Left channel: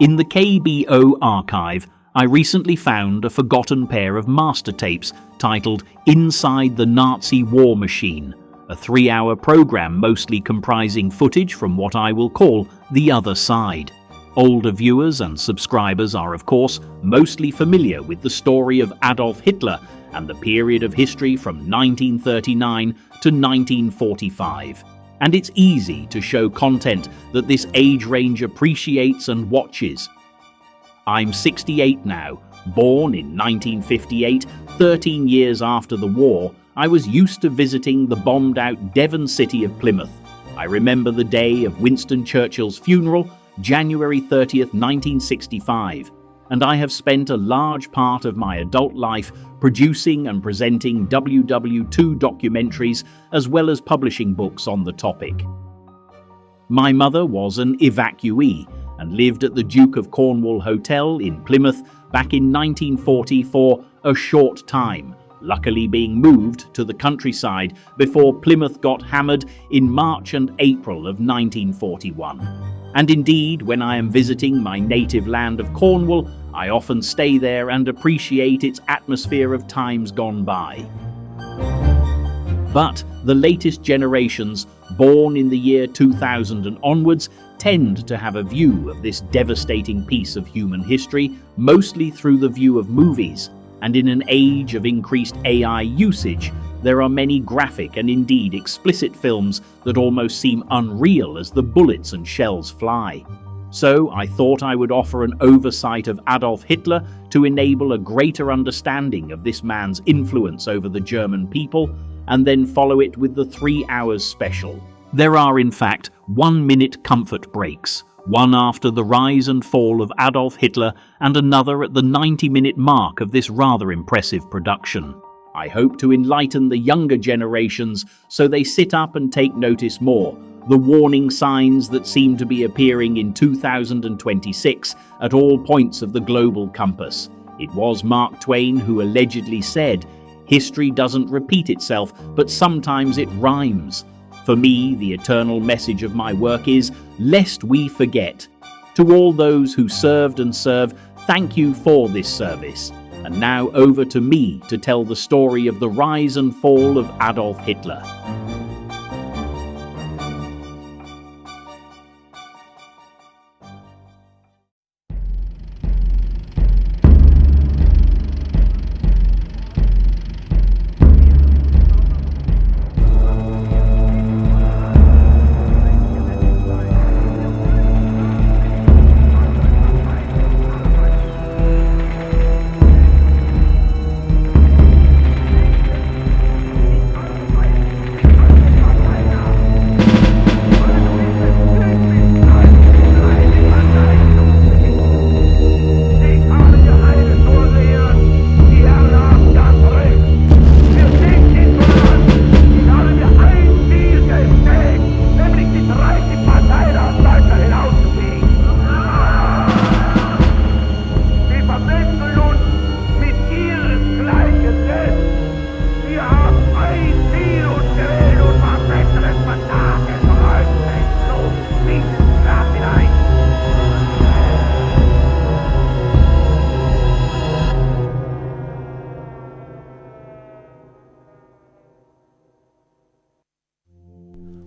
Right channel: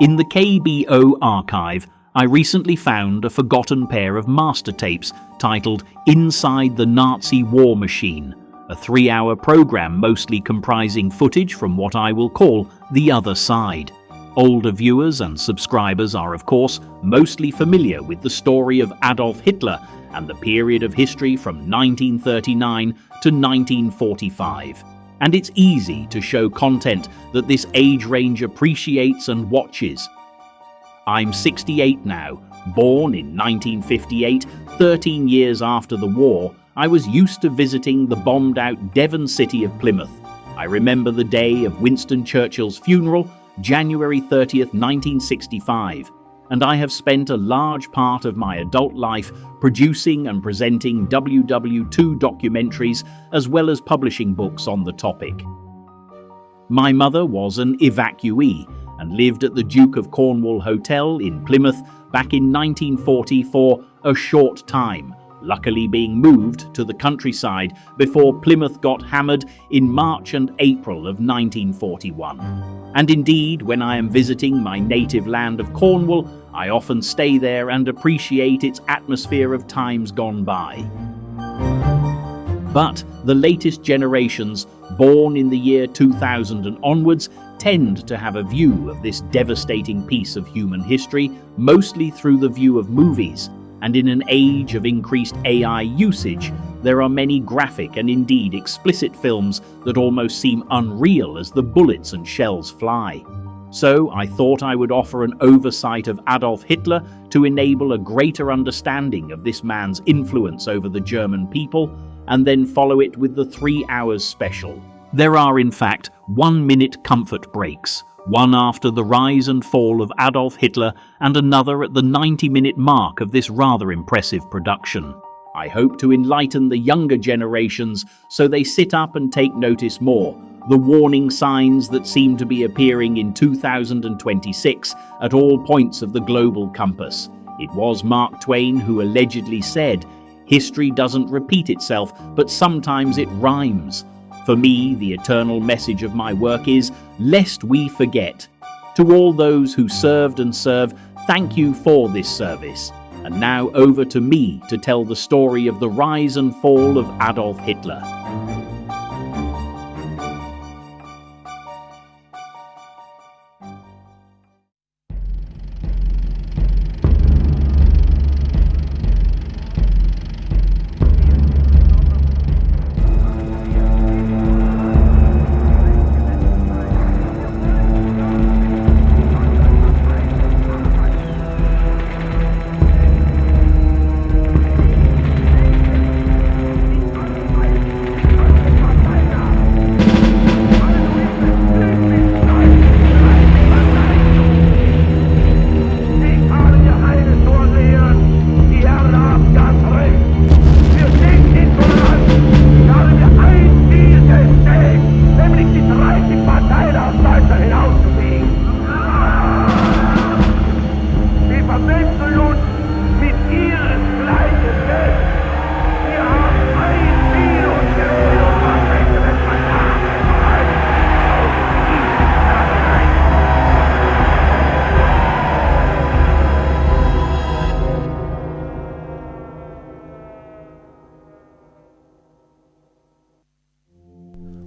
In the KBO archive, I recently found a forgotten pair of master tapes titled Inside the Nazi War Machine, a 3-hour program mostly comprising footage from what I will call the other side. Older viewers and subscribers are, of course, mostly familiar with the story of Adolf Hitler and the period of history from 1939 to 1945. And it's easy to show content that this age range appreciates and watches. I'm 68 now, born in 1958, 13 years after the war. I was used to visiting the bombed-out Devon city of Plymouth. I remember the day of Winston Churchill's funeral, January 30th, 1965, and I have spent a large part of my adult life producing and presenting WW2 documentaries as well as publishing books on the topic. My mother was an evacuee and lived at the Duke of Cornwall Hotel in Plymouth back in 1940 for a short time, luckily being moved to the countryside before Plymouth got hammered in March and April of 1941. And indeed, when I am visiting my native land of Cornwall, I often stay there and appreciate its atmosphere of times gone by. But the latest generations, born in the year 2000 and onwards, tend to have a view of this devastating piece of human history mostly through the view of movies, and in an age of increased AI usage, there are many graphic and indeed explicit films that almost seem unreal as the bullets and shells fly. So I thought I would offer an oversight of Adolf Hitler to enable a greater understanding of this man's influence over the German people, and then follow it with the 3 hours special. There are in fact 1-minute comfort breaks, one after the rise and fall of Adolf Hitler and another at the 90-minute mark of this rather impressive production. I hope to enlighten the younger generations so they sit up and take notice more, the warning signs that seem to be appearing in 2026 at all points of the global compass. It was Mark Twain who allegedly said, "History doesn't repeat itself, but sometimes it rhymes." For me, the eternal message of my work is, lest we forget. To all those who served and serve, thank you for this service. And now over to me to tell the story of the rise and fall of Adolf Hitler.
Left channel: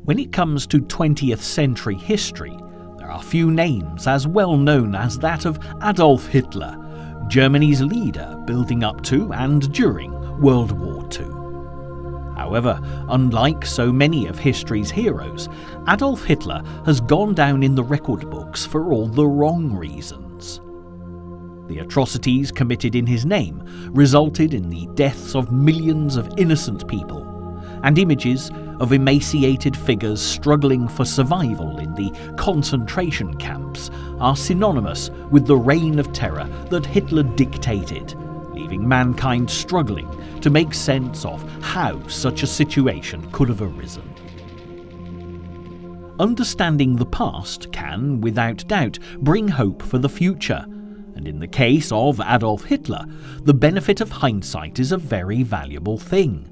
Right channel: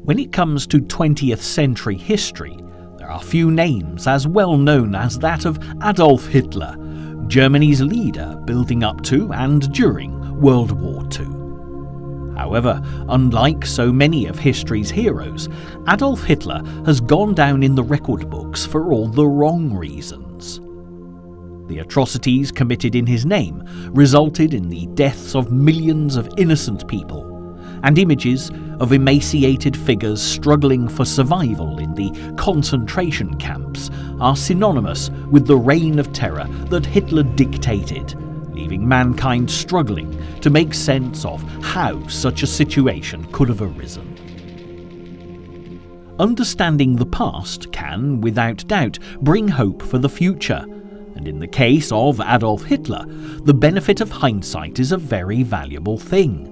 When it comes to 20th century history, there are few names as well known as that of Adolf Hitler, Germany's leader building up to and during World War II. However, unlike so many of history's heroes, Adolf Hitler has gone down in the record books for all the wrong reasons. The atrocities committed in his name resulted in the deaths of millions of innocent people, and images of emaciated figures struggling for survival in the concentration camps are synonymous with the reign of terror that Hitler dictated, leaving mankind struggling to make sense of how such a situation could have arisen. Understanding the past can, without doubt, bring hope for the future, and in the case of Adolf Hitler, the benefit of hindsight is a very valuable thing.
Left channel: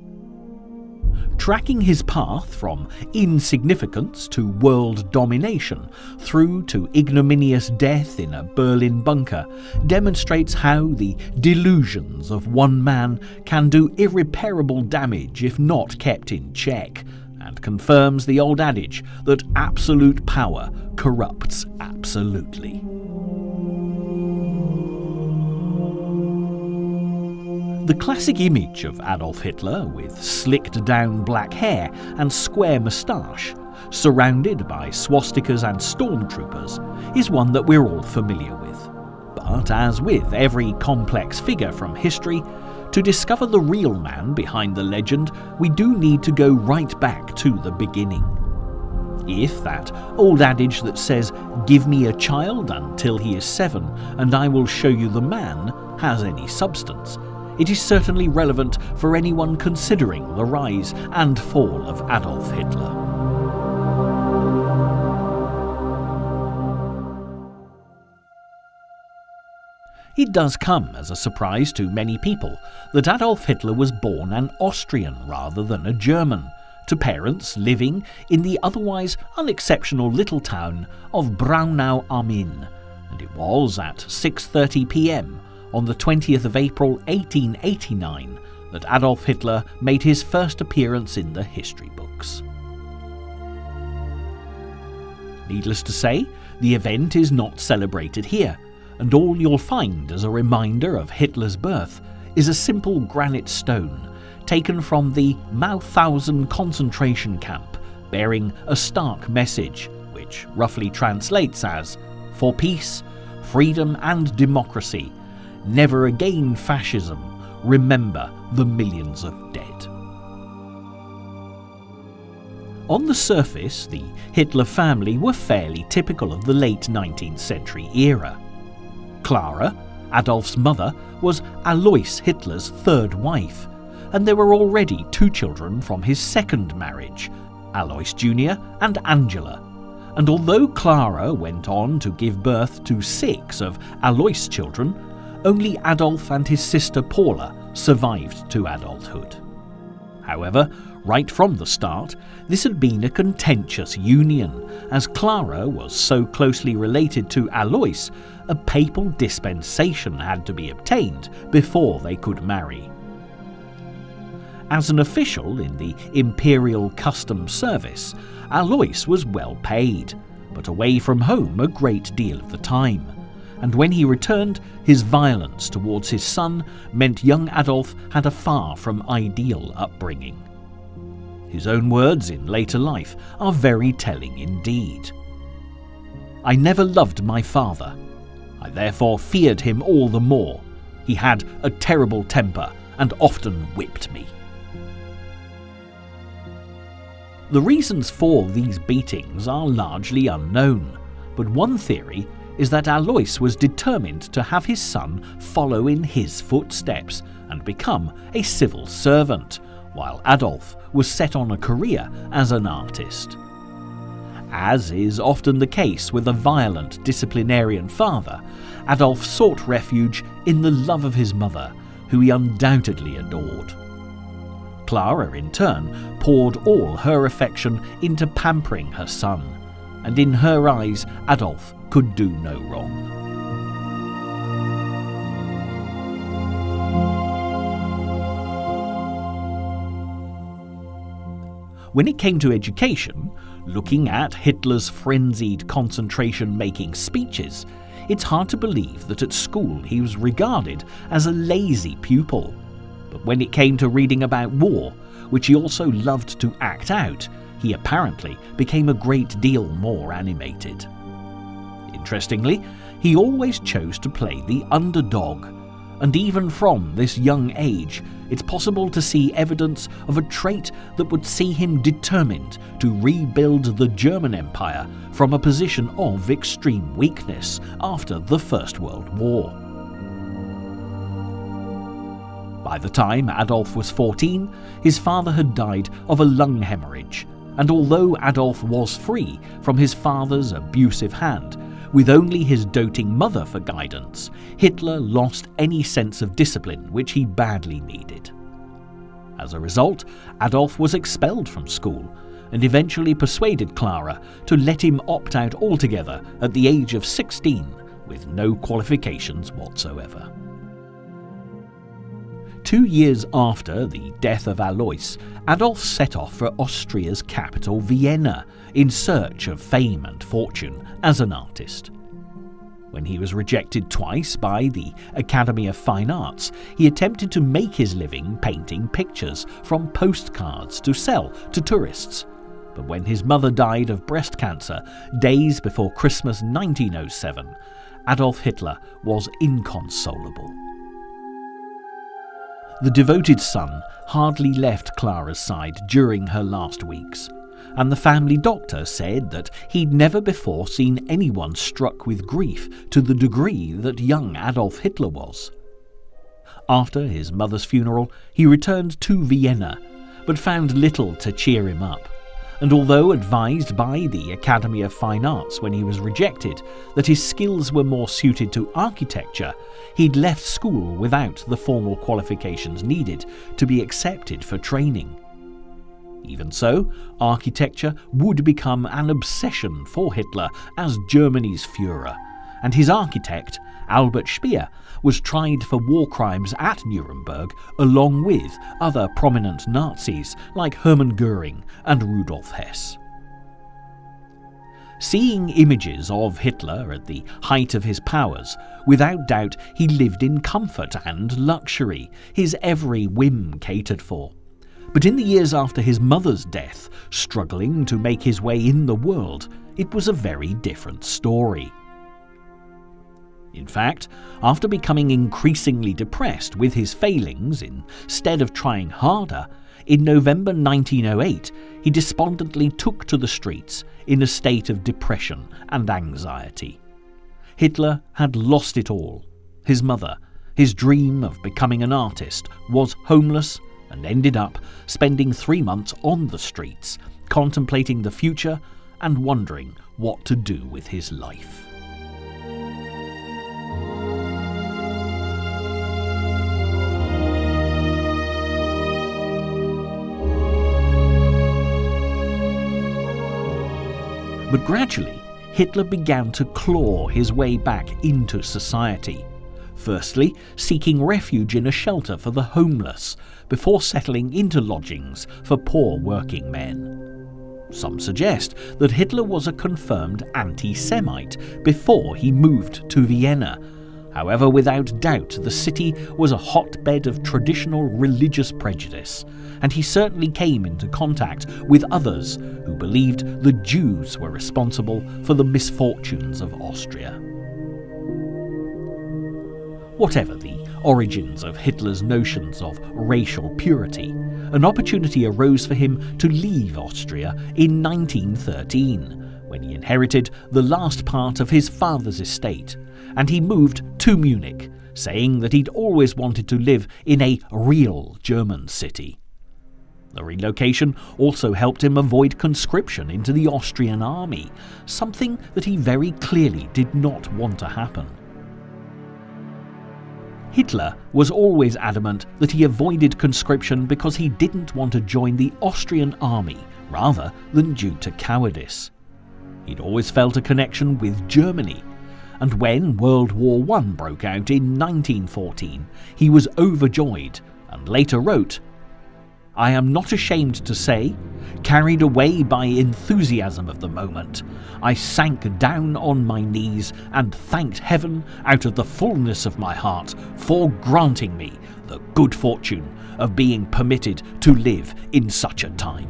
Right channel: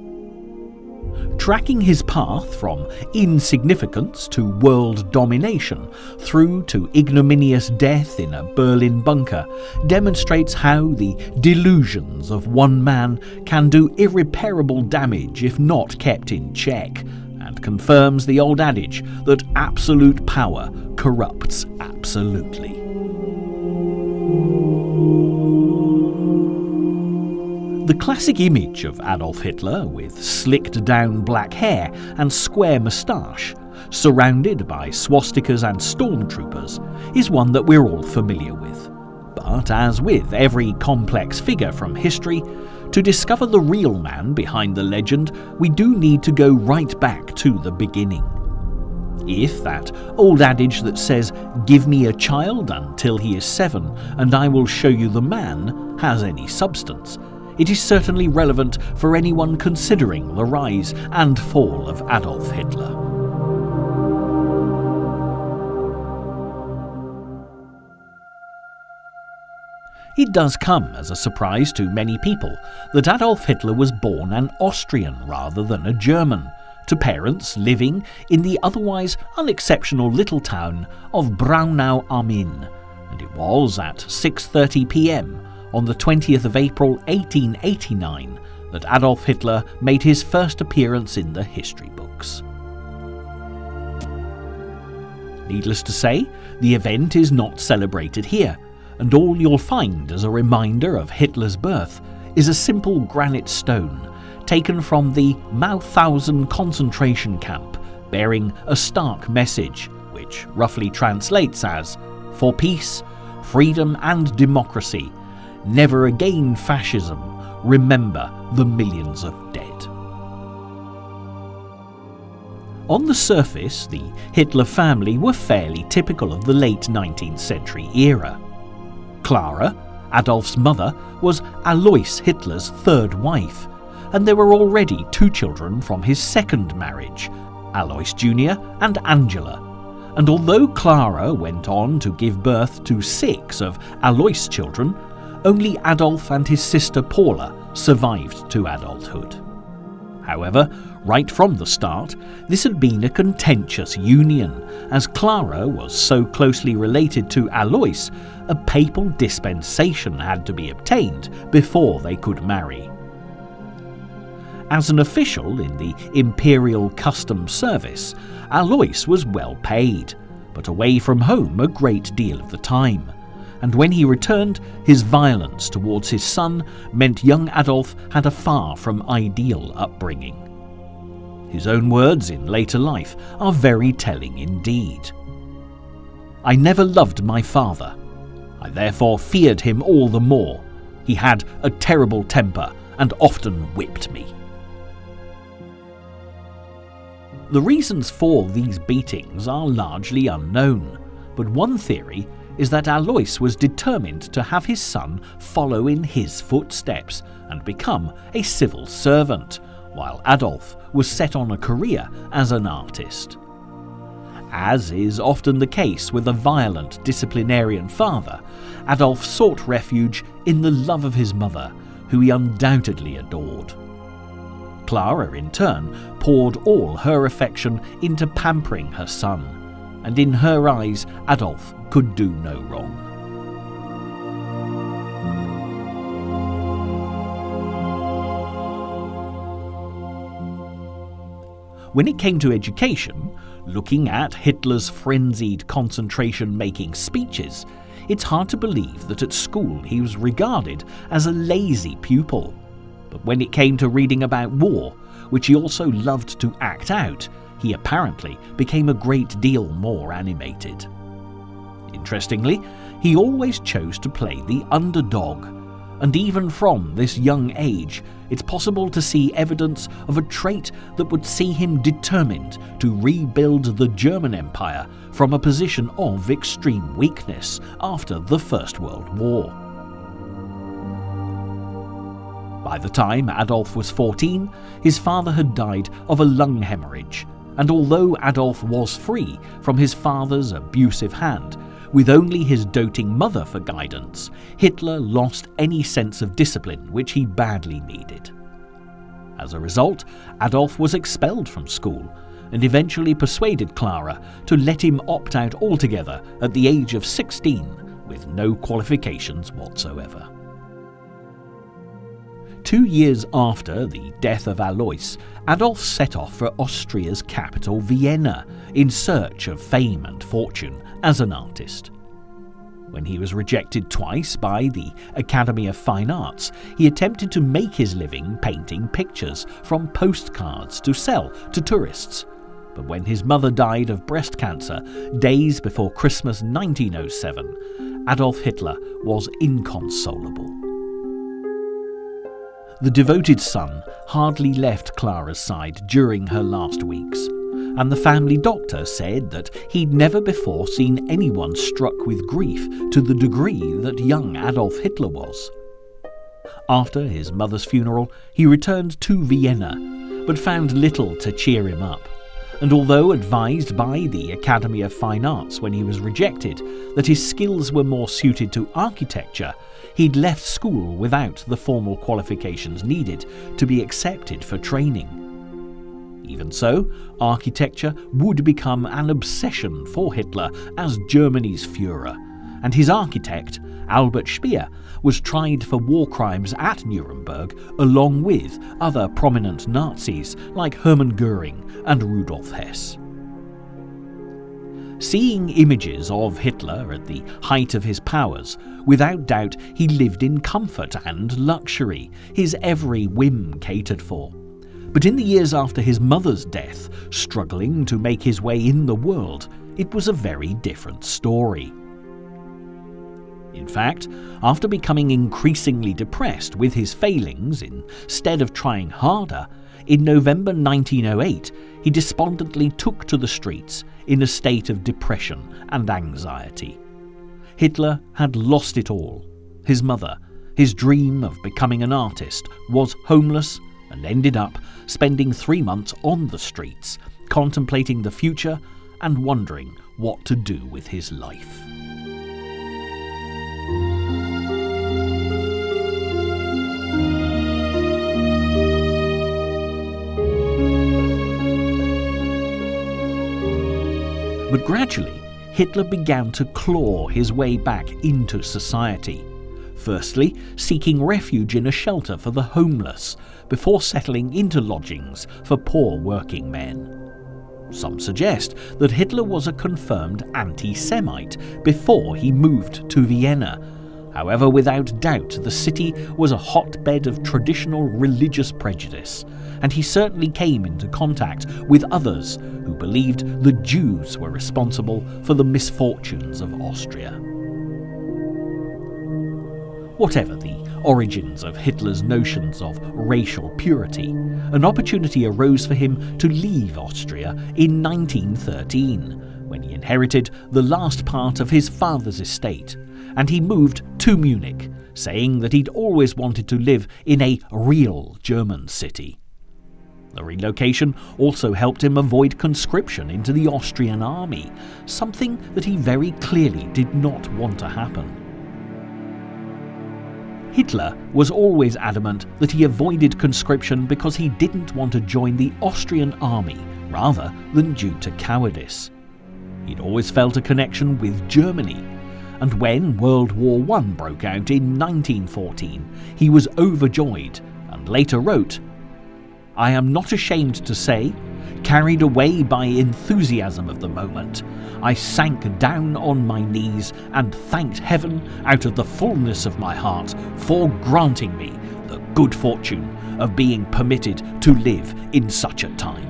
tracking his path from insignificance to world domination through to ignominious death in a Berlin bunker demonstrates how the delusions of one man can do irreparable damage if not kept in check, and confirms the old adage that absolute power corrupts absolutely. The classic image of Adolf Hitler, with slicked down black hair and square moustache, surrounded by swastikas and stormtroopers, is one that we're all familiar with. But as with every complex figure from history, to discover the real man behind the legend, we do need to go right back to the beginning. If that old adage that says, "Give me a child until he is 7 and I will show you the man," has any substance, it is certainly relevant for anyone considering the rise and fall of Adolf Hitler. It does come as a surprise to many people that Adolf Hitler was born an Austrian rather than a German, to parents living in the otherwise unexceptional little town of Braunau am Inn, and it was at 6:30 p.m. on the 20th of April 1889 that Adolf Hitler made his first appearance in the history books. Needless to say, the event is not celebrated here, and all you'll find as a reminder of Hitler's birth is a simple granite stone taken from the Mauthausen concentration camp, bearing a stark message which roughly translates as, "For peace, freedom and democracy, never again fascism, remember the millions of dead." On the surface, the Hitler family were fairly typical of the late 19th century era. Clara, Adolf's mother, was Alois Hitler's third wife, and there were already 2 children from his second marriage, Alois Jr. and Angela. And although Clara went on to give birth to 6 of Alois' children, only Adolf and his sister Paula survived to adulthood. However, right from the start, this had been a contentious union, as Clara was so closely related to Alois, a papal dispensation had to be obtained before they could marry. As an official in the Imperial Customs Service, Alois was well paid, but away from home a great deal of the time. And when he returned, his violence towards his son meant young Adolf had a far from ideal upbringing. His own words in later life are very telling indeed. "I never loved my father. I therefore feared him all the more. He had a terrible temper and often whipped me." The reasons for these beatings are largely unknown, but one theory is that Alois was determined to have his son follow in his footsteps and become a civil servant, while Adolf was set on a career as an artist. As is often the case with a violent disciplinarian father, Adolf sought refuge in the love of his mother, who he undoubtedly adored. Clara, in turn, poured all her affection into pampering her son, and in her eyes Adolf could do no wrong. When it came to education, looking at Hitler's frenzied concentration-making speeches, it's hard to believe that at school he was regarded as a lazy pupil. But when it came to reading about war, which he also loved to act out, he apparently became a great deal more animated. Interestingly, he always chose to play the underdog, and even from this young age, it's possible to see evidence of a trait that would see him determined to rebuild the German Empire from a position of extreme weakness after the First World War. By the time Adolf was 14, his father had died of a lung hemorrhage, and although Adolf was free from his father's abusive hand, with only his doting mother for guidance, Hitler lost any sense of discipline which he badly needed. As a result, Adolf was expelled from school and eventually persuaded Clara to let him opt out altogether at the age of 16 with no qualifications whatsoever. 2 years after the death of Alois, Adolf set off for Austria's capital Vienna in search of fame and fortune as an artist. When he was rejected twice by the Academy of Fine Arts, he attempted to make his living painting pictures from postcards to sell to tourists. But when his mother died of breast cancer days before Christmas 1907, Adolf Hitler was inconsolable. The devoted son hardly left Clara's side during her last weeks, and the family doctor said that he'd never before seen anyone struck with grief to the degree that young Adolf Hitler was. After his mother's funeral, he returned to Vienna, but found little to cheer him up. And although advised by the Academy of Fine Arts when he was rejected that his skills were more suited to architecture, he'd left school without the formal qualifications needed to be accepted for training. Even so, architecture would become an obsession for Hitler as Germany's Führer, and his architect, Albert Speer, was tried for war crimes at Nuremberg along with other prominent Nazis like Hermann Göring and Rudolf Hess. Seeing images of Hitler at the height of his powers, without doubt he lived in comfort and luxury, his every whim catered for. But in the years after his mother's death, struggling to make his way in the world, it was a very different story. In fact, after becoming increasingly depressed with his failings instead of trying harder, in November 1908 he despondently took to the streets in a state of depression and anxiety. Hitler had lost it all. His mother, his dream of becoming an artist, was homeless and ended up spending 3 months on the streets, contemplating the future and wondering what to do with his life. But gradually, Hitler began to claw his way back into society, firstly seeking refuge in a shelter for the homeless, before settling into lodgings for poor working men. Some suggest that Hitler was a confirmed anti-Semite before he moved to Vienna. However, without doubt, the city was a hotbed of traditional religious prejudice, and he certainly came into contact with others who believed the Jews were responsible for the misfortunes of Austria. Whatever the origins of Hitler's notions of racial purity, an opportunity arose for him to leave Austria in 1913, when he inherited the last part of his father's estate, and he moved to Munich, saying that he'd always wanted to live in a real German city. The relocation also helped him avoid conscription into the Austrian army, something that he very clearly did not want to happen. Hitler was always adamant that he avoided conscription because he didn't want to join the Austrian army rather than due to cowardice. He'd always felt a connection with Germany, and when World War I broke out in 1914, he was overjoyed and later wrote, "I am not ashamed to say, carried away by enthusiasm of the moment, I sank down on my knees and thanked heaven out of the fullness of my heart for granting me the good fortune of being permitted to live in such a time."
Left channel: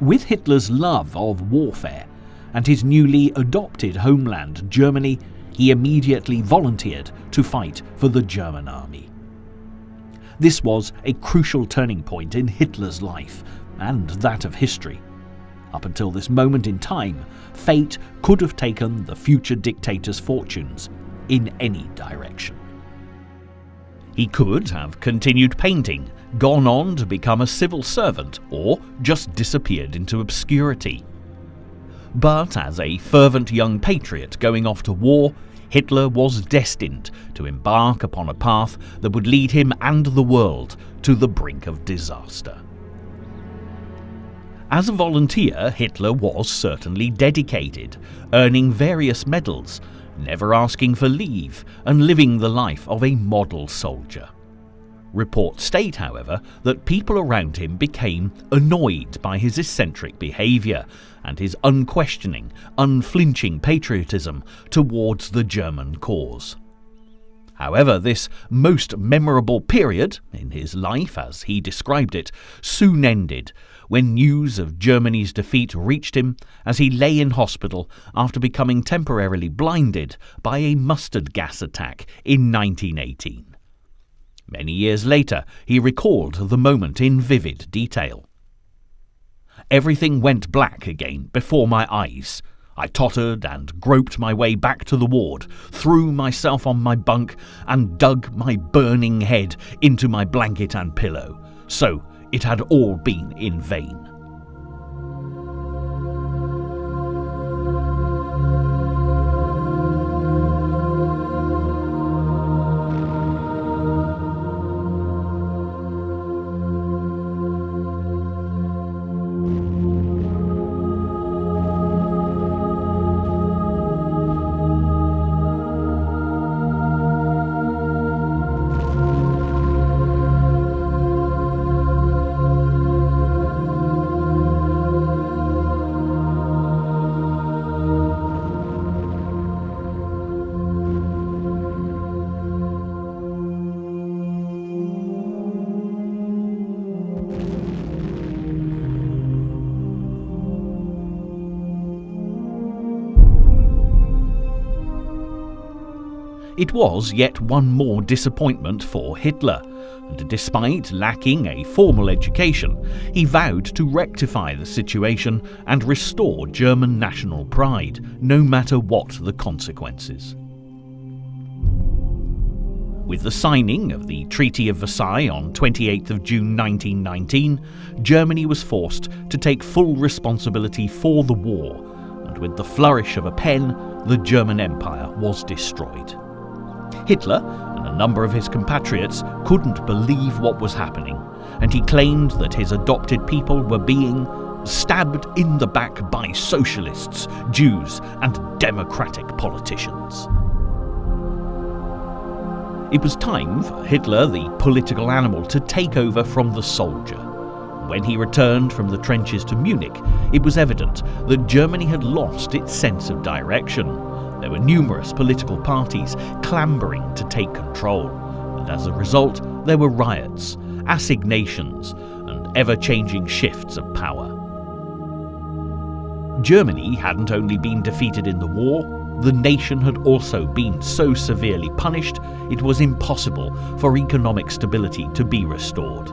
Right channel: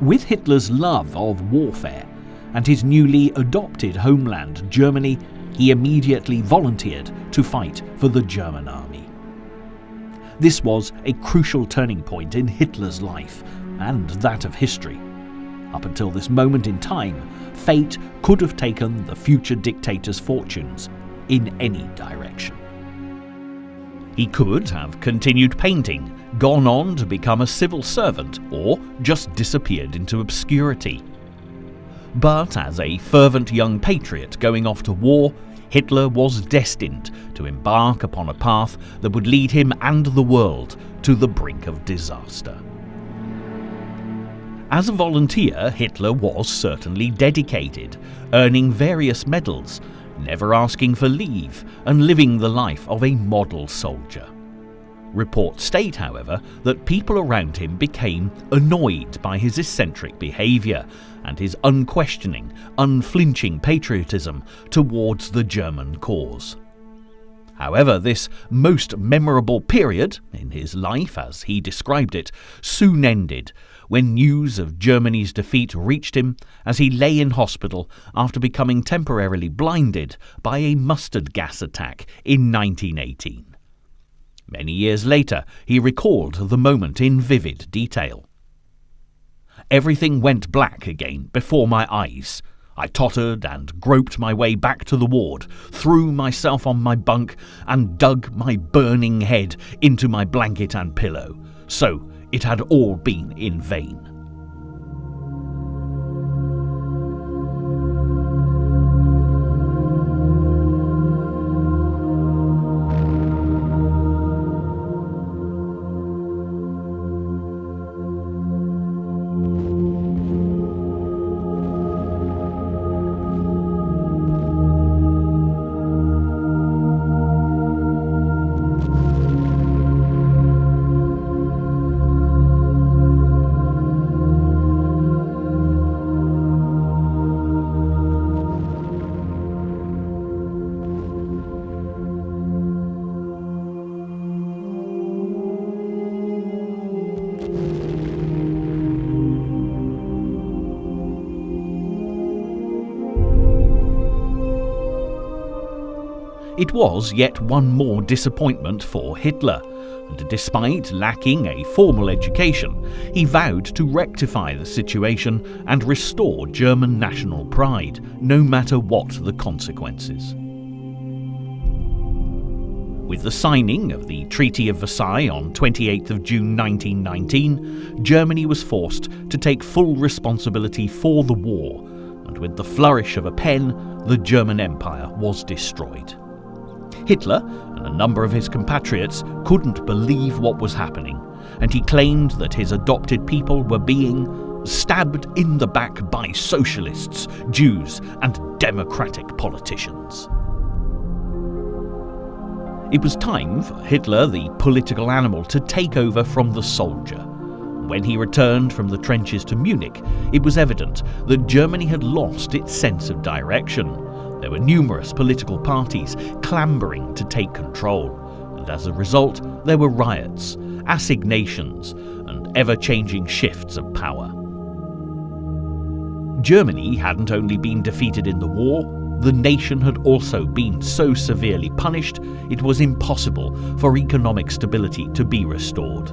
With Hitler's love of warfare and his newly adopted homeland, Germany, he immediately volunteered to fight for the German army. This was a crucial turning point in Hitler's life, and that of history. Up until this moment in time, fate could have taken the future dictator's fortunes in any direction. He could have continued painting, gone on to become a civil servant, or just disappeared into obscurity. But as a fervent young patriot going off to war, Hitler was destined to embark upon a path that would lead him and the world to the brink of disaster. As a volunteer, Hitler was certainly dedicated, earning various medals, never asking for leave, and living the life of a model soldier. Reports state, however, that people around him became annoyed by his eccentric behaviour and his unquestioning, unflinching patriotism towards the German cause. However, this most memorable period in his life, as he described it, soon ended when news of Germany's defeat reached him as he lay in hospital after becoming temporarily blinded by a mustard gas attack in 1918. Many years later, he recalled the moment in vivid detail. "Everything went black again before my eyes. I tottered and groped my way back to the ward, threw myself on my bunk and dug my burning head into my blanket and pillow. So it had all been in vain." It was yet one more disappointment for Hitler, and despite lacking a formal education, he vowed to rectify the situation and restore German national pride, no matter what the consequences. With the signing of the Treaty of Versailles on 28th of June 1919, Germany was forced to take full responsibility for the war, and with the flourish of a pen, the German Empire was destroyed. Hitler and a number of his compatriots couldn't believe what was happening, and he claimed that his adopted people were being stabbed in the back by socialists, Jews, and democratic politicians. It was time for Hitler, the political animal, to take over from the soldier. When he returned from the trenches to Munich, it was evident that Germany had lost its sense of direction. There were numerous political parties clambering to take control, and as a result, there were riots, assignations, and ever-changing shifts of power. Germany hadn't only been defeated in the war, the nation had also been so severely punished it was impossible for economic stability to be restored.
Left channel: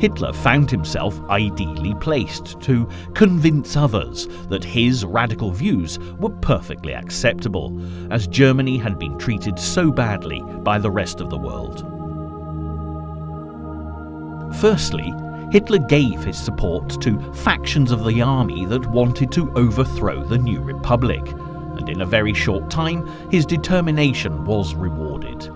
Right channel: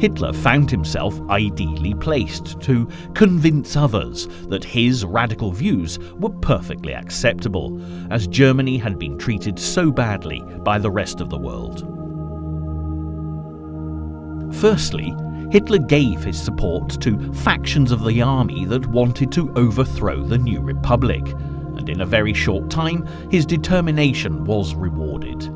Hitler found himself ideally placed to convince others that his radical views were perfectly acceptable, as Germany had been treated so badly by the rest of the world. Firstly, Hitler gave his support to factions of the army that wanted to overthrow the new republic, and in a very short time his determination was rewarded.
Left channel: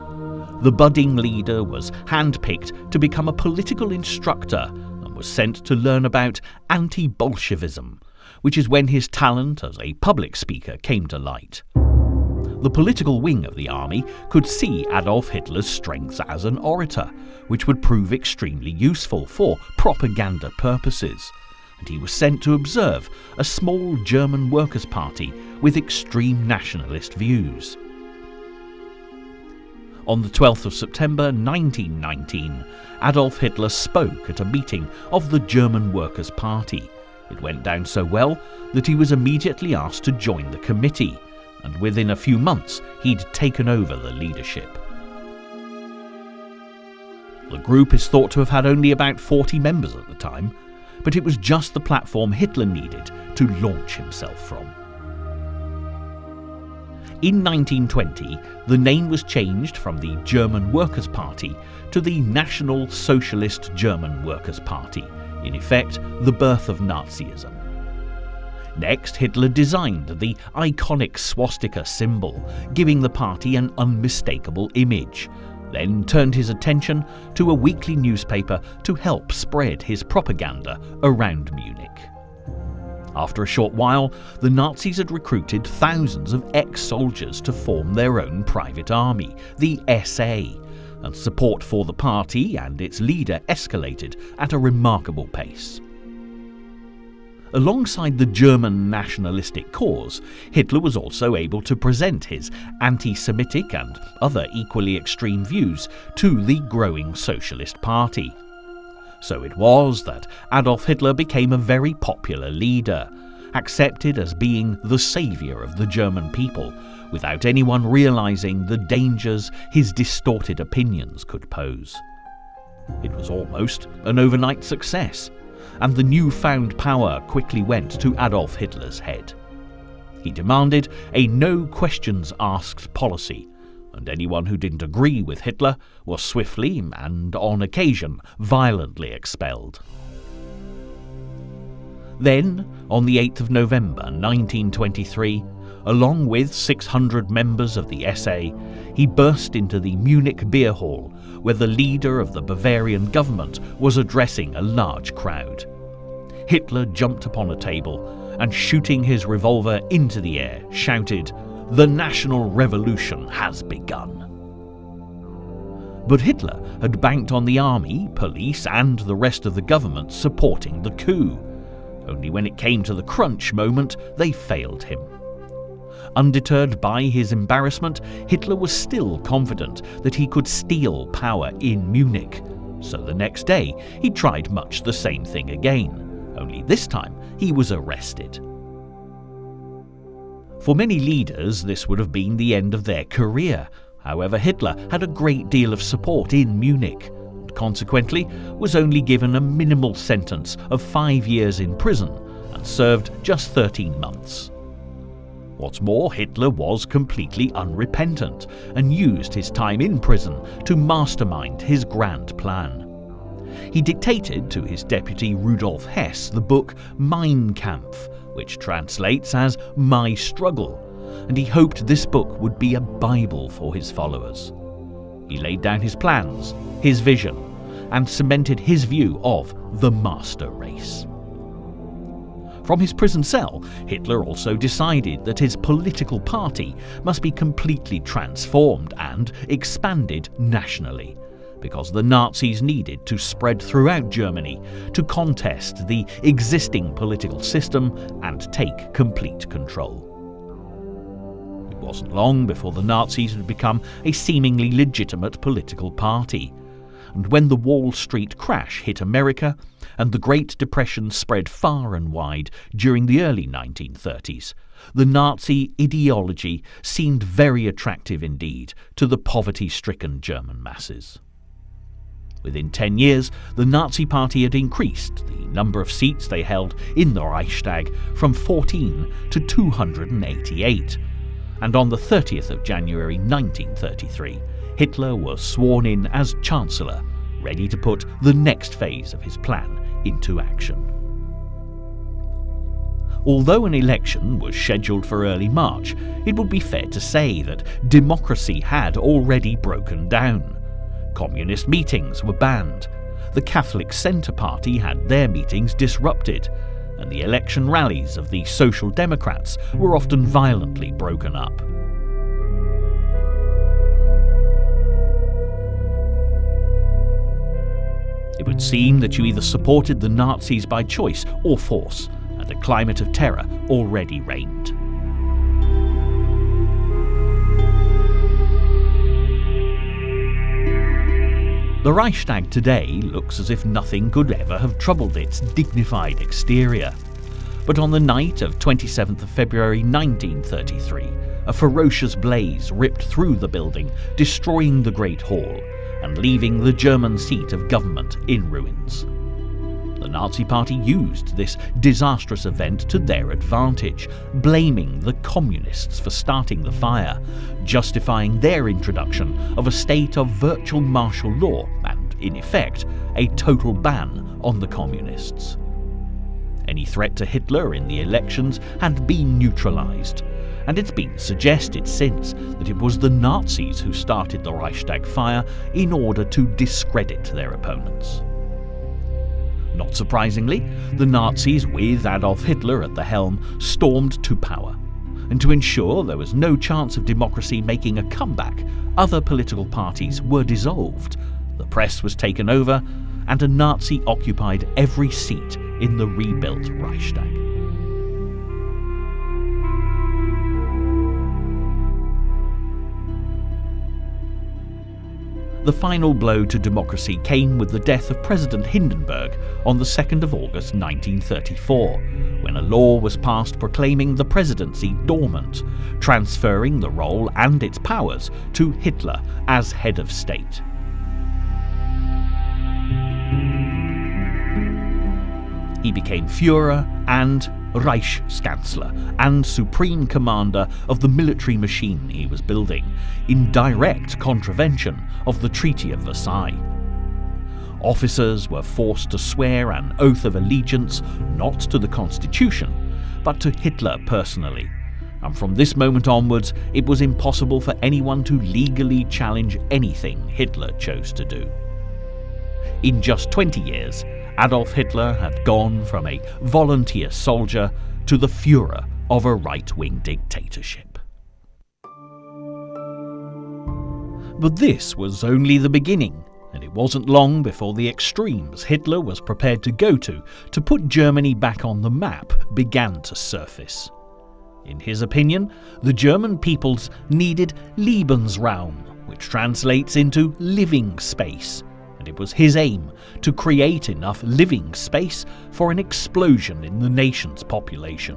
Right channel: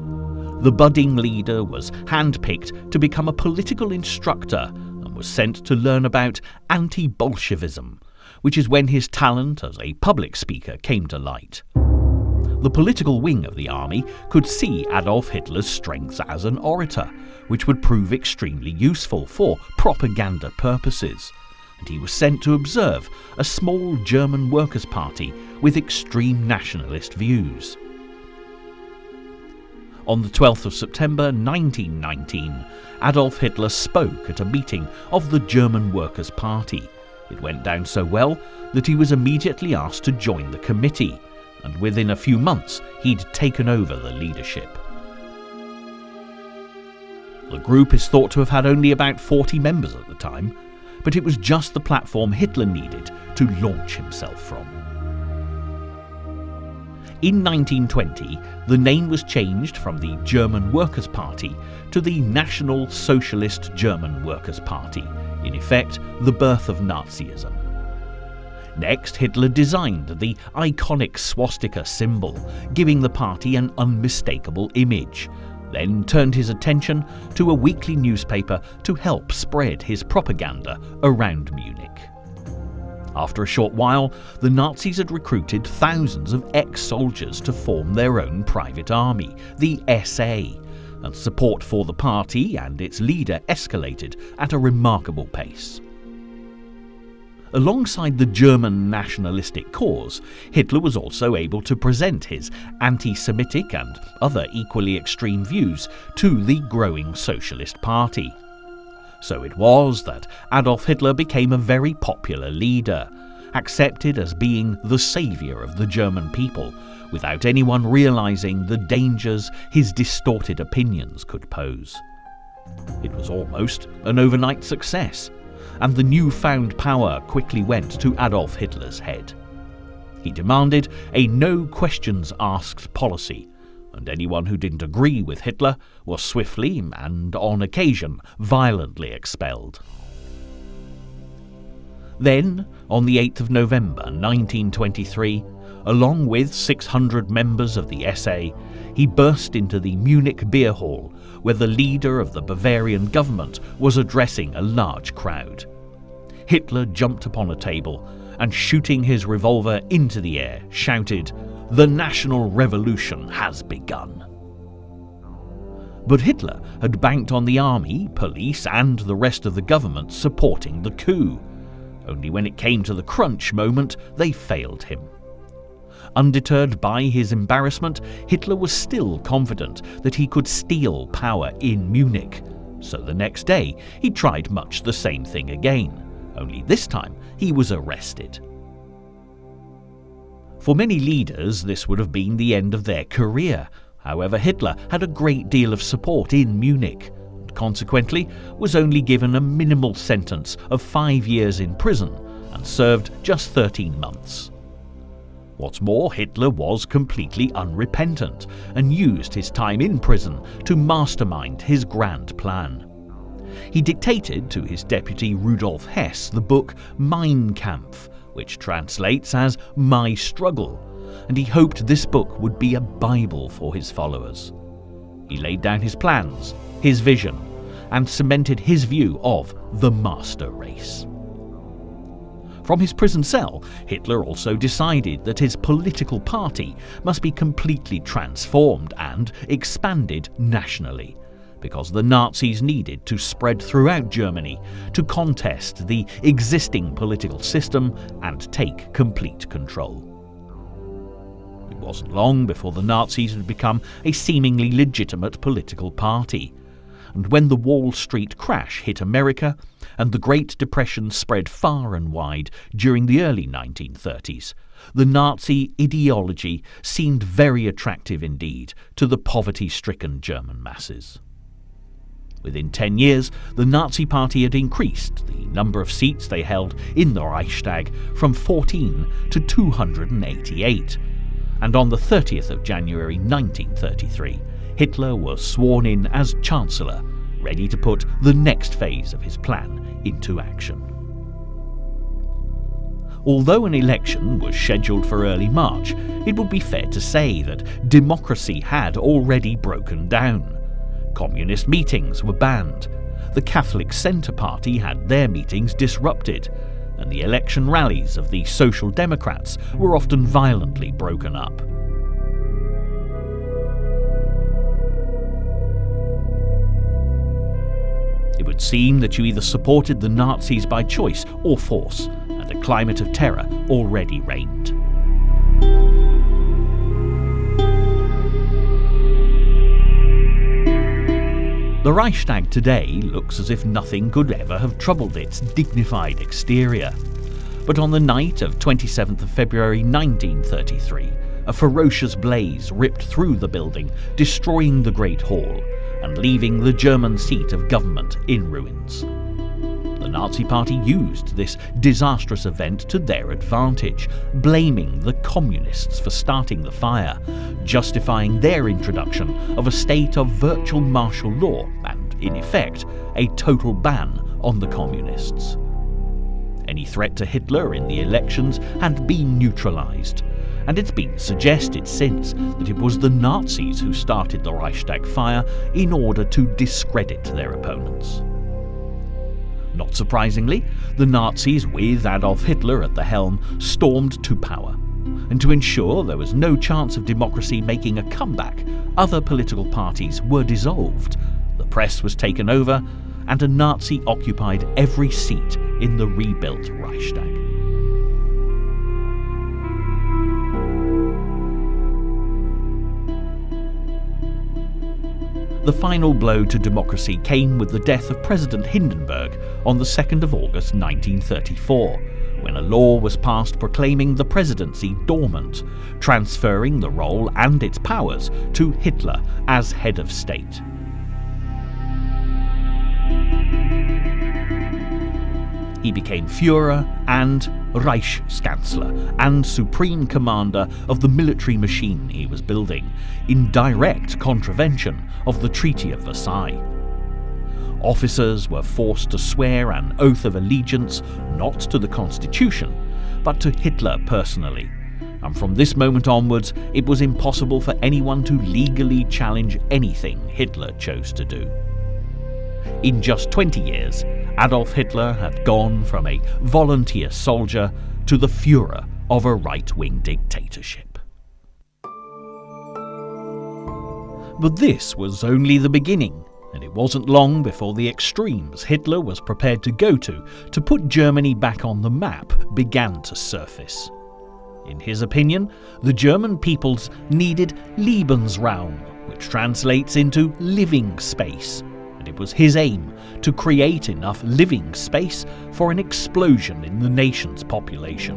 The budding leader was handpicked to become a political instructor and was sent to learn about anti-Bolshevism, which is when his talent as a public speaker came to light. The political wing of the army could see Adolf Hitler's strengths as an orator, which would prove extremely useful for propaganda purposes, and he was sent to observe a small German workers' party with extreme nationalist views. On the 12th of September 1919, Adolf Hitler spoke at a meeting of the German Workers' Party. It went down so well that he was immediately asked to join the committee, and within a few months he'd taken over the leadership. The group is thought to have had only about 40 members at the time, but it was just the platform Hitler needed to launch himself from. In 1920, the name was changed from the German Workers' Party to the National Socialist German Workers' Party, in effect the birth of Nazism. Next, Hitler designed the iconic swastika symbol, giving the party an unmistakable image, then turned his attention to a weekly newspaper to help spread his propaganda around Munich. After a short while, the Nazis had recruited thousands of ex-soldiers to form their own private army, the SA, and support for the party and its leader escalated at a remarkable pace. Alongside the German nationalistic cause, Hitler was also able to present his anti-Semitic and other equally extreme views to the growing Socialist Party. So it was that Adolf Hitler became a very popular leader, accepted as being the saviour of the German people, without anyone realising the dangers his distorted opinions could pose. It was almost an overnight success, and the newfound power quickly went to Adolf Hitler's head. He demanded a no-questions-asked policy, and anyone who didn't agree with Hitler was swiftly and, on occasion, violently expelled. Then, on the 8th of November 1923, along with 600 members of the SA, he burst into the Munich beer hall, where the leader of the Bavarian government was addressing a large crowd. Hitler jumped upon a table and, shooting his revolver into the air, shouted, "The National Revolution has begun." But Hitler had banked on the army, police and the rest of the government supporting the coup. Only when it came to the crunch moment, they failed him. Undeterred by his embarrassment, Hitler was still confident that he could steal power in Munich. So the next day, he tried much the same thing again. Only this time, he was arrested. For many leaders, this would have been the end of their career. However, Hitler had a great deal of support in Munich, and consequently was only given a minimal sentence of 5 years in prison and served just 13 months. What's more, Hitler was completely unrepentant and used his time in prison to mastermind his grand plan. He dictated to his deputy Rudolf Hess the book Mein Kampf, which translates as My Struggle, and he hoped this book would be a Bible for his followers. He laid down his plans, his vision, and cemented his view of the master race. From his prison cell, Hitler also decided that his political party must be completely transformed and expanded nationally, because the Nazis needed to spread throughout Germany to contest the existing political system and take complete control. It wasn't long before the Nazis had become a seemingly legitimate political party, and when the Wall Street crash hit America and the Great Depression spread far and wide during the early 1930s, the Nazi ideology seemed very attractive indeed to the poverty-stricken German masses. Within 10 years, the Nazi Party had increased the number of seats they held in the Reichstag from 14 to 288, and on the 30th of January 1933, Hitler was sworn in as Chancellor, ready to put the next phase of his plan into action. Although an election was scheduled for early March, it would be fair to say that democracy had already broken down. Communist meetings were banned, the Catholic Centre Party had their meetings disrupted, and the election rallies of the Social Democrats were often violently broken up. It would seem that you either supported the Nazis by choice or force, and a climate of terror already reigned. The Reichstag today looks as if nothing could ever have troubled its dignified exterior. But on the night of 27th of February 1933, a ferocious blaze ripped through the building, destroying the Great Hall and leaving the German seat of government in ruins. The Nazi Party used this disastrous event to their advantage, blaming the communists for starting the fire, justifying their introduction of a state of virtual martial law and, in effect, a total ban on the communists. Any threat to Hitler in the elections had been neutralised, and it's been suggested since that it was the Nazis who started the Reichstag fire in order to discredit their opponents. Not surprisingly, the Nazis, with Adolf Hitler at the helm, stormed to power. And to ensure there was no chance of democracy making a comeback, other political parties were dissolved, the press was taken over, and a Nazi occupied every seat in the rebuilt Reichstag. The final blow to democracy came with the death of President Hindenburg on the 2nd of August 1934, when a law was passed proclaiming the presidency dormant, transferring the role and its powers to Hitler as head of state. He became Führer and Reichskanzler and supreme commander of the military machine he was building, in direct contravention of the Treaty of Versailles. Officers were forced to swear an oath of allegiance not to the Constitution, but to Hitler personally, and from this moment onwards it was impossible for anyone to legally challenge anything Hitler chose to do. In just 20 years, Adolf Hitler had gone from a volunteer soldier to the Führer of a right-wing dictatorship. But this was only the beginning, and it wasn't long before the extremes Hitler was prepared to go to put Germany back on the map began to surface. In his opinion, the German peoples needed Lebensraum, which translates into living space, and it was his aim to create enough living space for an explosion in the nation's population.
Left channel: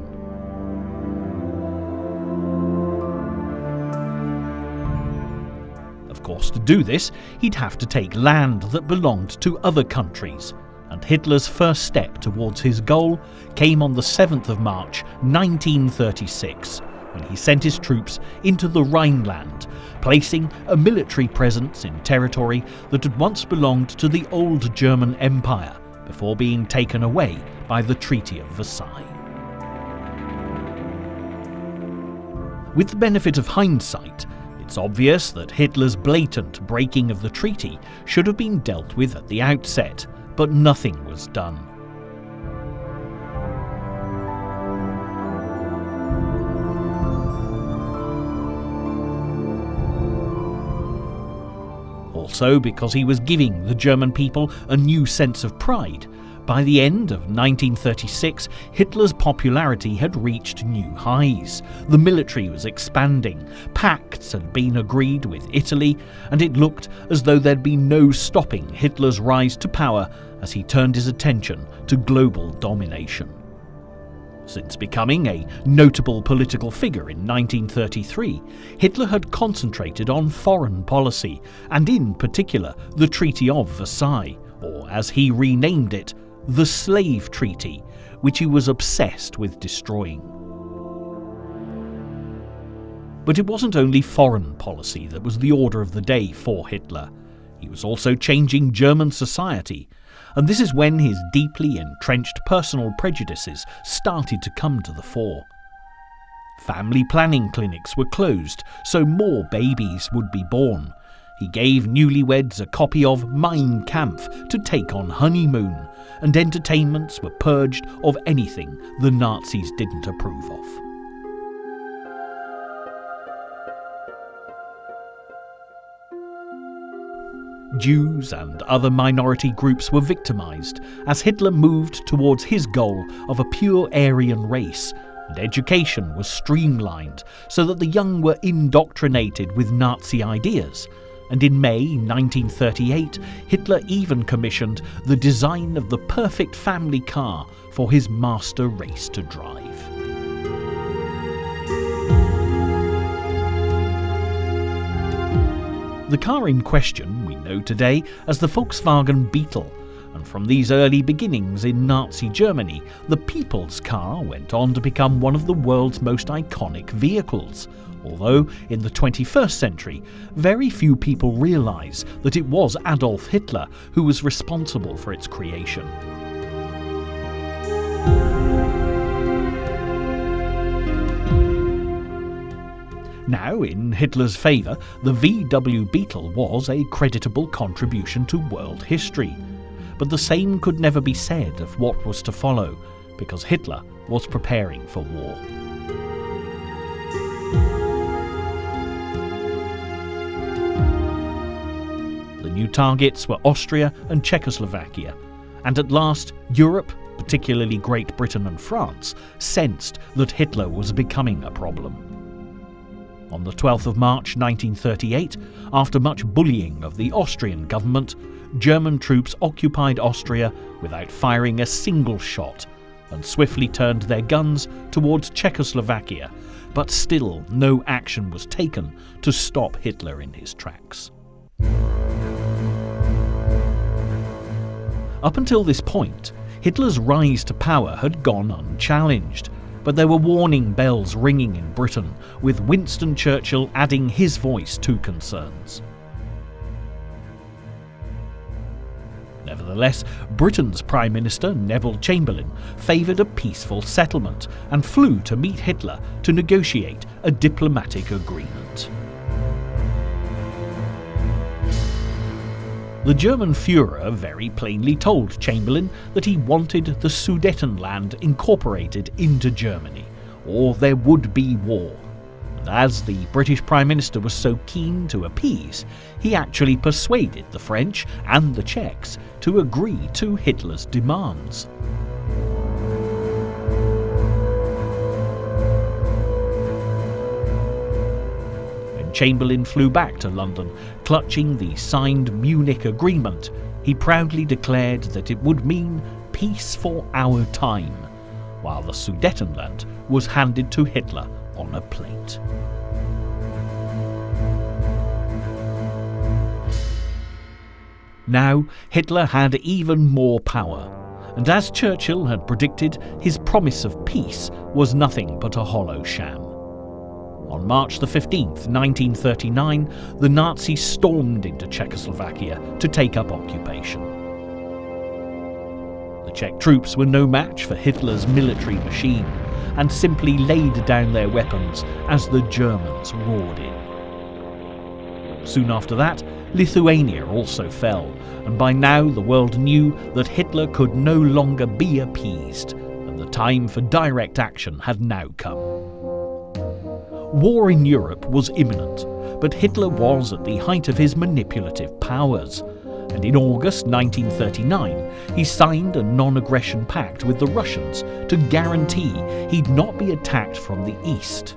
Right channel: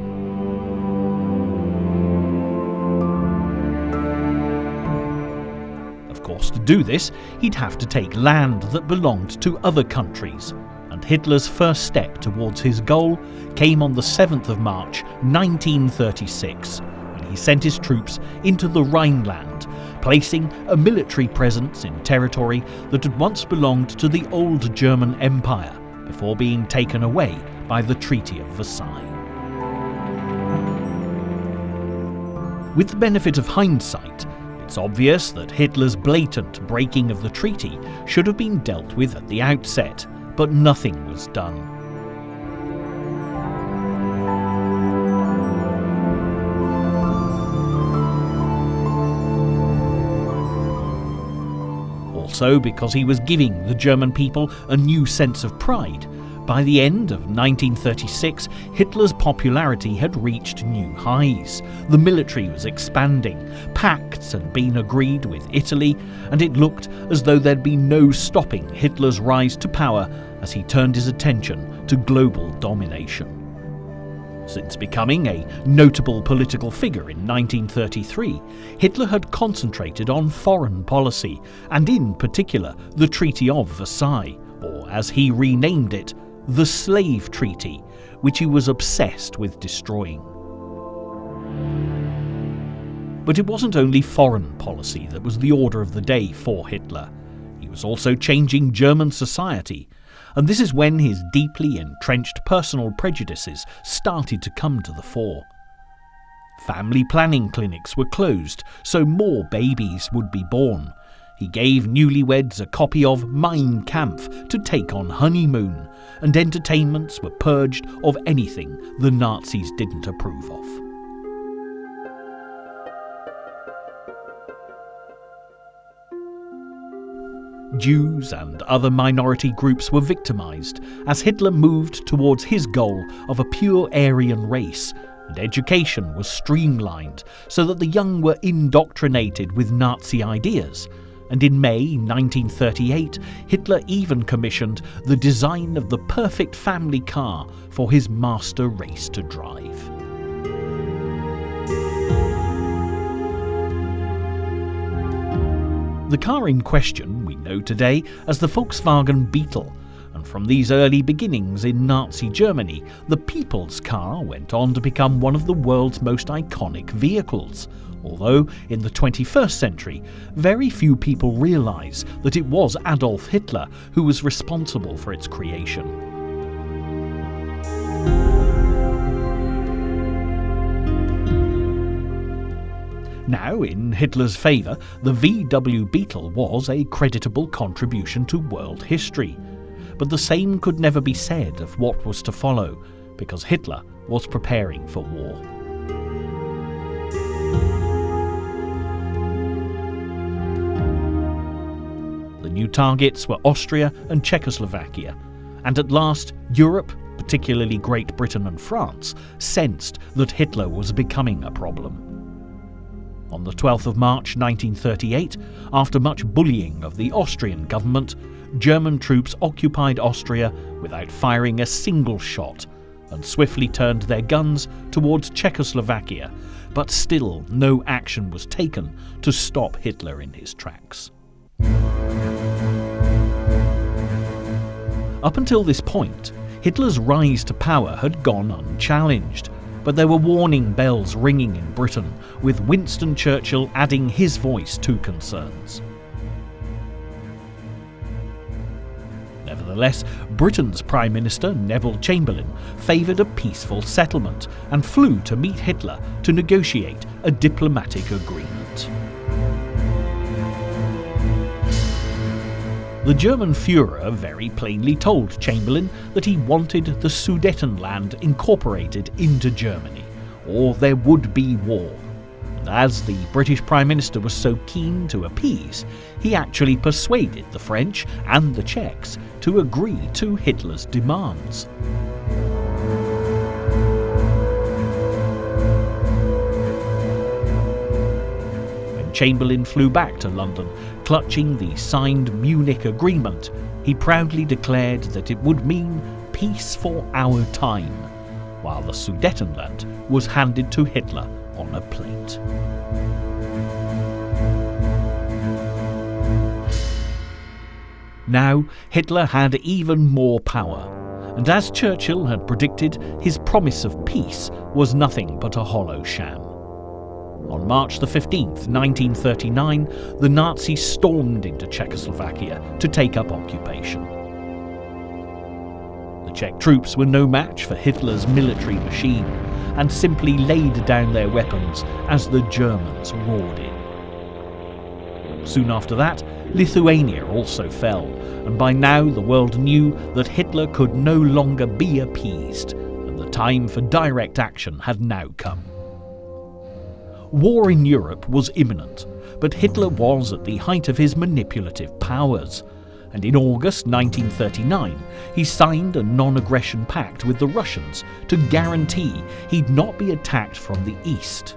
Of course, to do this, he'd have to take land that belonged to other countries, and Hitler's first step towards his goal came on the 7th of March 1936, when he sent his troops into the Rhineland, placing a military presence in territory that had once belonged to the old German Empire before being taken away by the Treaty of Versailles. With the benefit of hindsight, it's obvious that Hitler's blatant breaking of the treaty should have been dealt with at the outset, but nothing was done. Also, because he was giving the German people a new sense of pride, by the end of 1936, Hitler's popularity had reached new highs. The military was expanding, pacts had been agreed with Italy, and it looked as though there'd be no stopping Hitler's rise to power as he turned his attention to global domination. Since becoming a notable political figure in 1933, Hitler had concentrated on foreign policy, and in particular the Treaty of Versailles, or as he renamed it, the Slave Treaty, which he was obsessed with destroying. But it wasn't only foreign policy that was the order of the day for Hitler. He was also changing German society, and this is when his deeply entrenched personal prejudices started to come to the fore. Family planning clinics were closed, so more babies would be born. He gave newlyweds a copy of Mein Kampf to take on honeymoon, and entertainments were purged of anything the Nazis didn't approve of. Jews and other minority groups were victimized as Hitler moved towards his goal of a pure Aryan race, and education was streamlined so that the young were indoctrinated with Nazi ideas. And in May 1938, Hitler even commissioned the design of the perfect family car for his master race to drive. The car in question we know today as the Volkswagen Beetle, and from these early beginnings in Nazi Germany, the people's car went on to become one of the world's most iconic vehicles. Although, in the 21st century, very few people realise that it was Adolf Hitler who was responsible for its creation. Now, in Hitler's favour, the VW Beetle was a creditable contribution to world history. But the same could never be said of what was to follow, because Hitler was preparing for war. The new targets were Austria and Czechoslovakia, and at last Europe, particularly Great Britain and France, sensed that Hitler was becoming a problem. On the 12th of March 1938, after much bullying of the Austrian government, German troops occupied Austria without firing a single shot and swiftly turned their guns towards Czechoslovakia, but still no action was taken to stop Hitler in his tracks. Up until this point, Hitler's rise to power had gone unchallenged, but there were warning bells ringing in Britain, with Winston Churchill adding his voice to concerns. Nevertheless, Britain's Prime Minister, Neville Chamberlain, favoured a peaceful settlement and flew to meet Hitler to negotiate a diplomatic agreement. The German Führer very plainly told Chamberlain that he wanted the Sudetenland incorporated into Germany, or there would be war. And as the British Prime Minister was so keen to appease, he actually persuaded the French and the Czechs to agree to Hitler's demands. Chamberlain flew back to London, clutching the signed Munich Agreement. He proudly declared that it would mean peace for our time, while the Sudetenland was handed to Hitler on a plate. Now, Hitler had even more power, and as Churchill had predicted, his promise of peace was nothing but a hollow sham. On March the 15th, 1939, the Nazis stormed into Czechoslovakia to take up occupation. The Czech troops were no match for Hitler's military machine and simply laid down their weapons as the Germans roared in. Soon after that, Lithuania also fell, and by now the world knew that Hitler could no longer be appeased, and the time for direct action had now come. War in Europe was imminent, but Hitler was at the height of his manipulative powers, and in August 1939 he signed a non-aggression pact with the Russians to guarantee he'd not be attacked from the east.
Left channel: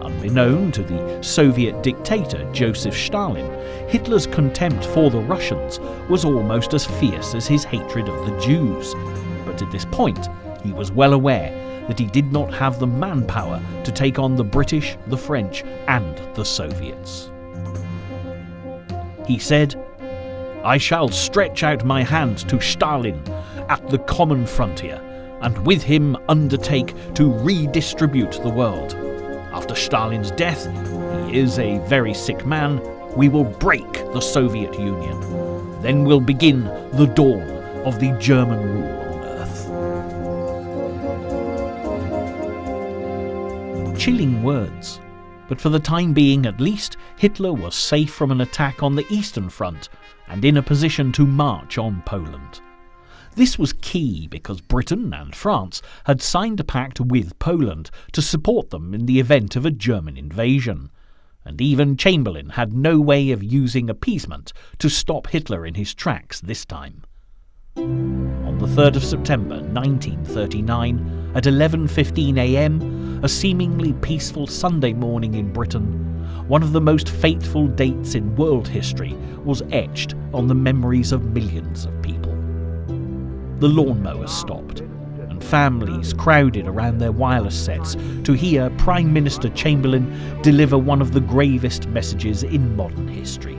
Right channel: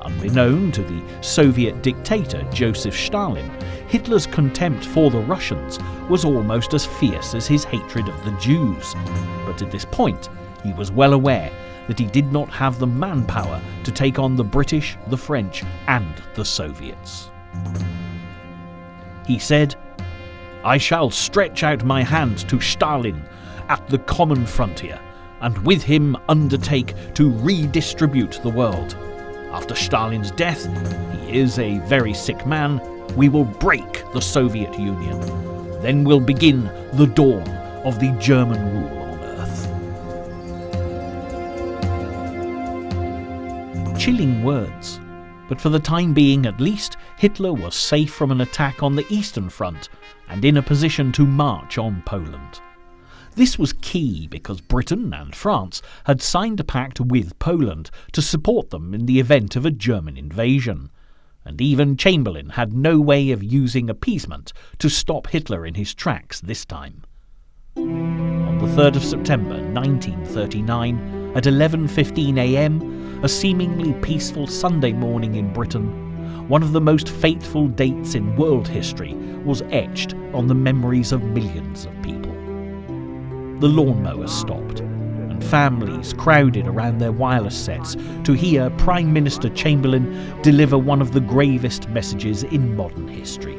Unbeknown to the Soviet dictator Joseph Stalin, Hitler's contempt for the Russians was almost as fierce as his hatred of the Jews, but at this point he was well aware that he did not have the manpower to take on the British, the French, and the Soviets. He said, "I shall stretch out my hand to Stalin at the common frontier, and with him undertake to redistribute the world. After Stalin's death, he is a very sick man, we will break the Soviet Union. Then will begin the dawn of the German rule on earth." Chilling words, but for the time being at least, Hitler was safe from an attack on the Eastern Front and in a position to march on Poland. This was key because Britain and France had signed a pact with Poland to support them in the event of a German invasion, and even Chamberlain had no way of using appeasement to stop Hitler in his tracks this time. On the 3rd of September 1939, at 11:15 a.m, a seemingly peaceful Sunday morning in Britain, one of the most fateful dates in world history was etched on the memories of millions of people. The lawnmowers stopped, and families crowded around their wireless sets to hear Prime Minister Chamberlain deliver one of the gravest messages in modern history.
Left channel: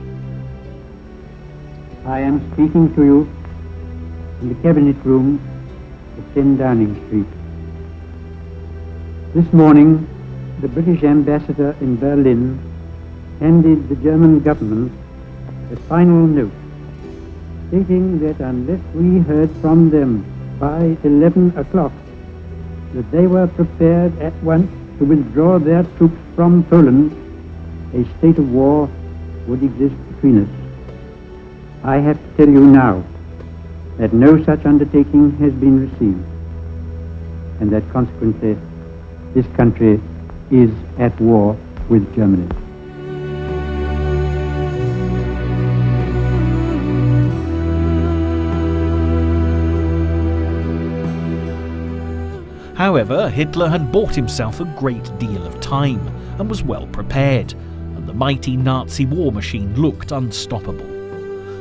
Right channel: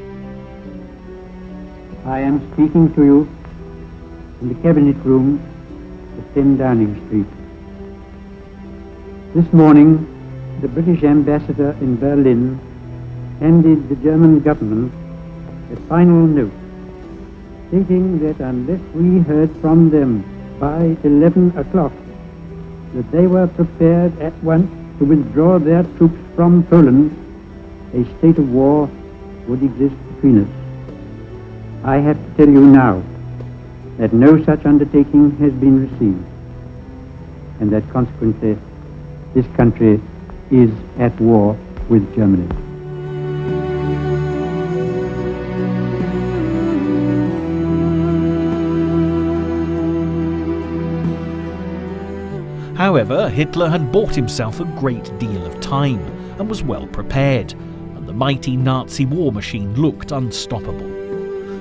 I am speaking to you in the Cabinet Room at 10 Downing Street. This morning, the British ambassador in Berlin handed the German government a final note, stating that unless we heard from them by 11 o'clock, that they were prepared at once to to withdraw their troops from Poland, a state of war would exist between us. I have to tell you now that no such undertaking has been received, and that consequently this country is at war with Germany. However, Hitler had bought himself a great deal of time and was well prepared, and the mighty Nazi war machine looked unstoppable.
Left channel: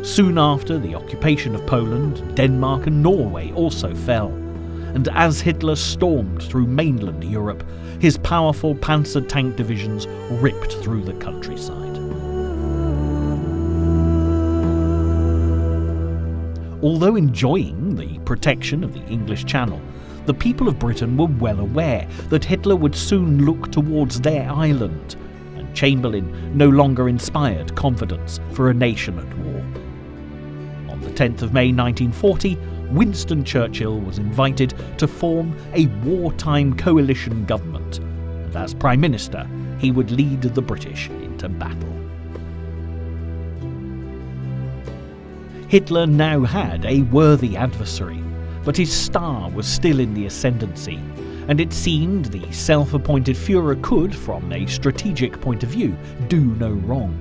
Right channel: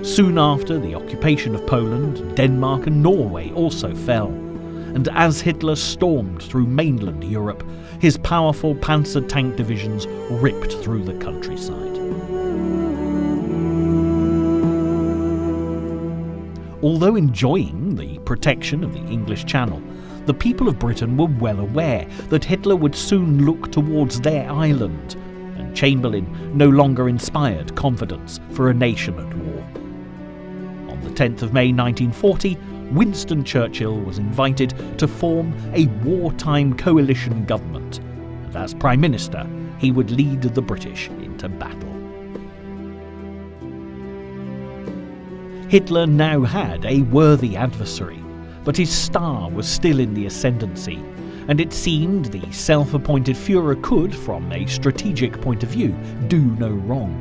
Soon after the occupation of Poland, Denmark and Norway also fell, and as Hitler stormed through mainland Europe, his powerful panzer tank divisions ripped through the countryside. Although enjoying the protection of the English Channel, the people of Britain were well aware that Hitler would soon look towards their island, and Chamberlain no longer inspired confidence for a nation at war. On the 10th of May 1940, Winston Churchill was invited to form a wartime coalition government, and as Prime Minister, he would lead the British into battle. Hitler now had a worthy adversary, but his star was still in the ascendancy, and it seemed the self-appointed Führer could, from a strategic point of view, do no wrong.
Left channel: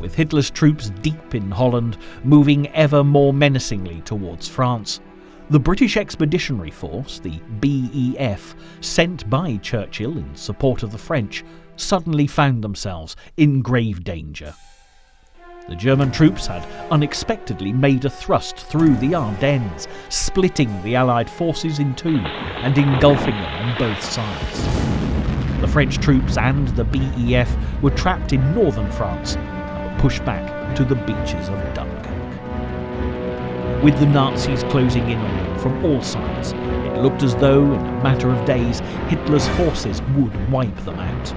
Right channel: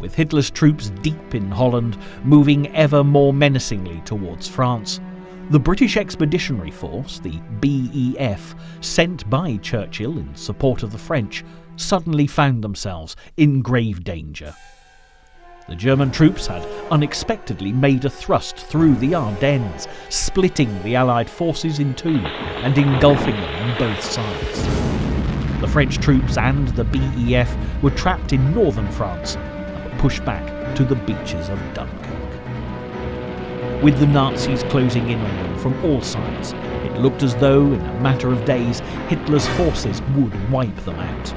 With Hitler's troops deep in Holland, moving ever more menacingly towards France, the British Expeditionary Force, the BEF, sent by Churchill in support of the French, suddenly found themselves in grave danger. The German troops had unexpectedly made a thrust through the Ardennes, splitting the Allied forces in two and engulfing them on both sides. The French troops and the BEF were trapped in northern France and were pushed back to the beaches of Dunkirk. With the Nazis closing in on them from all sides, it looked as though, in a matter of days, Hitler's forces would wipe them out.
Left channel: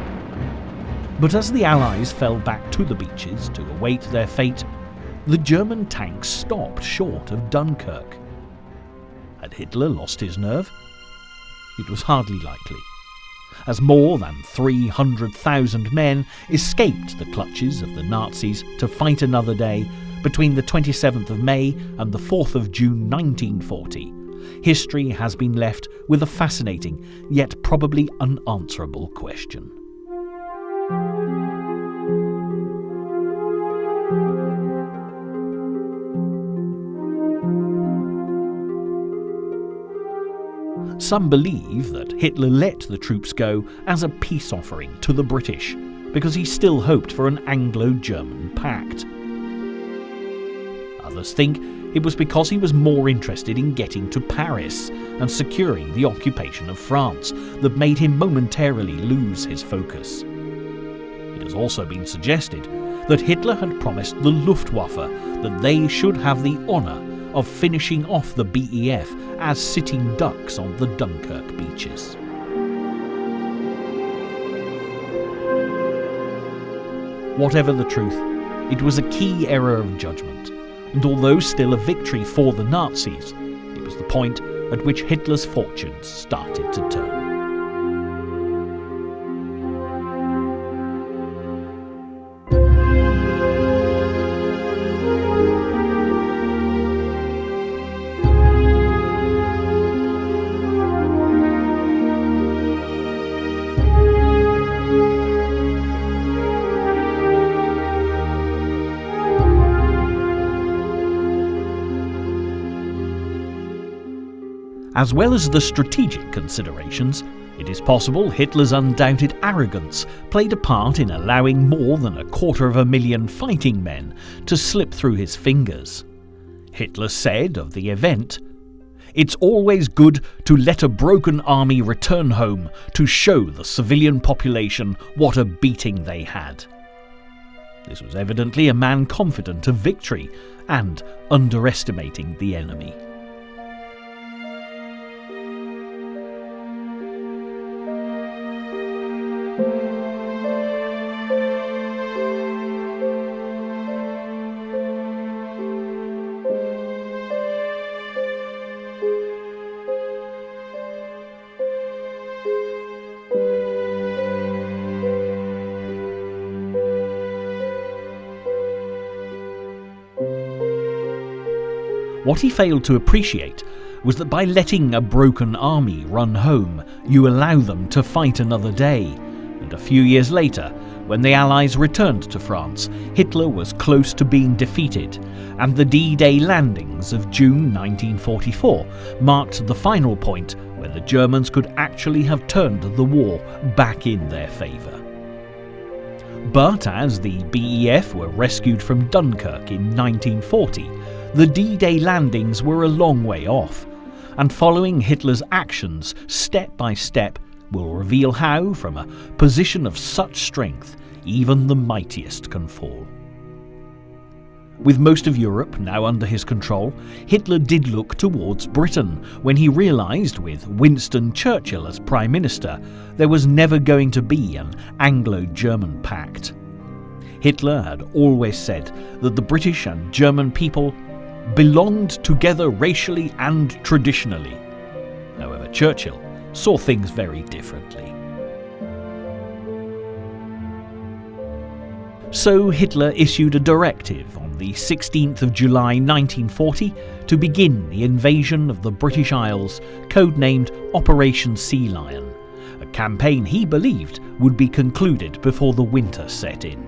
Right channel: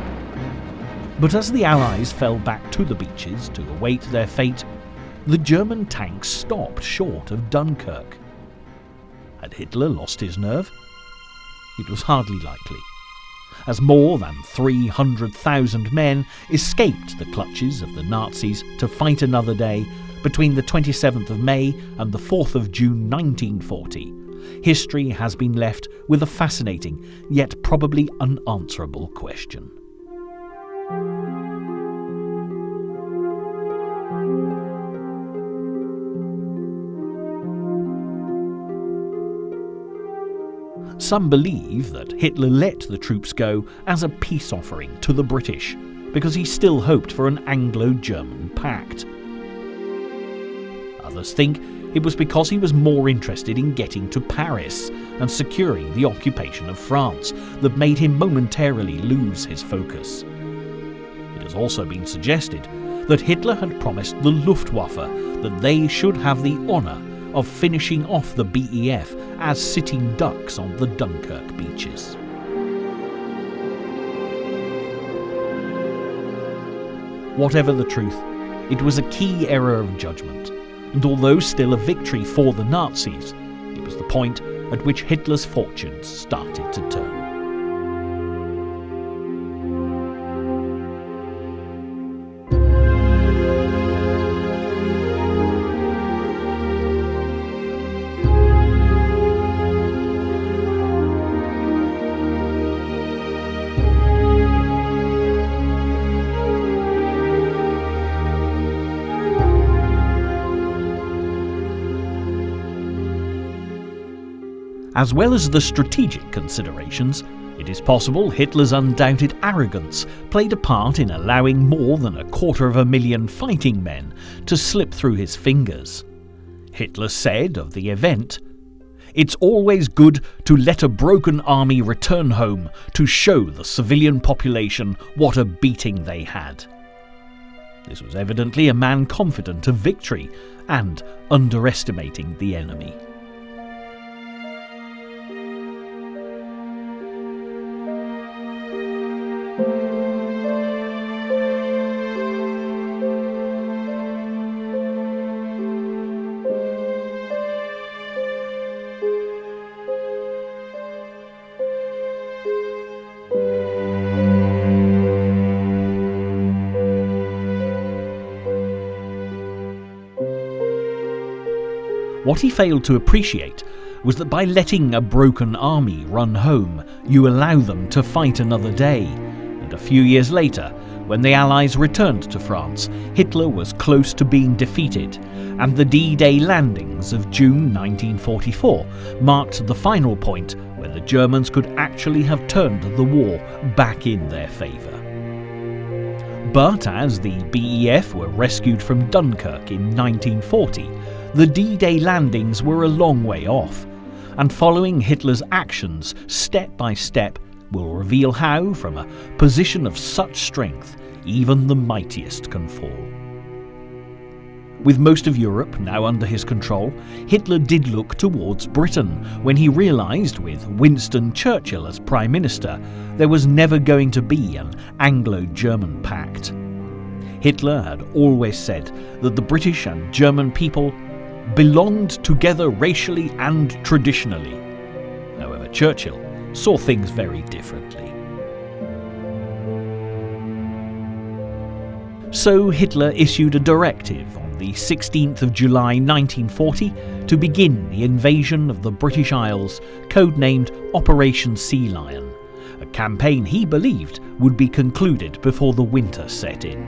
But as the Allies fell back to the beaches to await their fate, the German tanks stopped short of Dunkirk. Had Hitler lost his nerve? It was hardly likely, as more than 300,000 men escaped the clutches of the Nazis to fight another day between the 27th of May and the 4th of June 1940. History has been left with a fascinating, yet probably unanswerable question. Some believe that Hitler let the troops go as a peace offering to the British, because he still hoped for an Anglo-German pact. Others think it was because he was more interested in getting to Paris and securing the occupation of France that made him momentarily lose his focus. It has also been suggested that Hitler had promised the Luftwaffe that they should have the honour of finishing off the BEF as sitting ducks on the Dunkirk beaches. Whatever the truth, it was a key error of judgment, and although still a victory for the Nazis, it was the point at which Hitler's fortunes started to turn. As well as the strategic considerations, it is possible Hitler's undoubted arrogance played a part in allowing more than 250,000 fighting men to slip through his fingers. Hitler said of the event, "It's always good to let a broken army return home to show the civilian population what a beating they had." This was evidently a man confident of victory and underestimating the enemy. What he failed to appreciate was that by letting a broken army run home, you allow them to fight another day. And a few years later, when the Allies returned to France, Hitler was close to being defeated, and the D-Day landings of June 1944 marked the final point where the Germans could actually have turned the war back in their favour. But as the BEF were rescued from Dunkirk in 1940, the D-Day landings were a long way off, and following Hitler's actions step by step will reveal how, from a position of such strength, even the mightiest can fall. With most of Europe now under his control, Hitler did look towards Britain when he realised, with Winston Churchill as Prime Minister, there was never going to be an Anglo-German pact. Hitler had always said that the British and German people belonged together racially and traditionally. However, Churchill saw things very differently. So Hitler issued a directive on the 16th of July 1940 to begin the invasion of the British Isles, codenamed Operation Sea Lion, a campaign he believed would be concluded before the winter set in.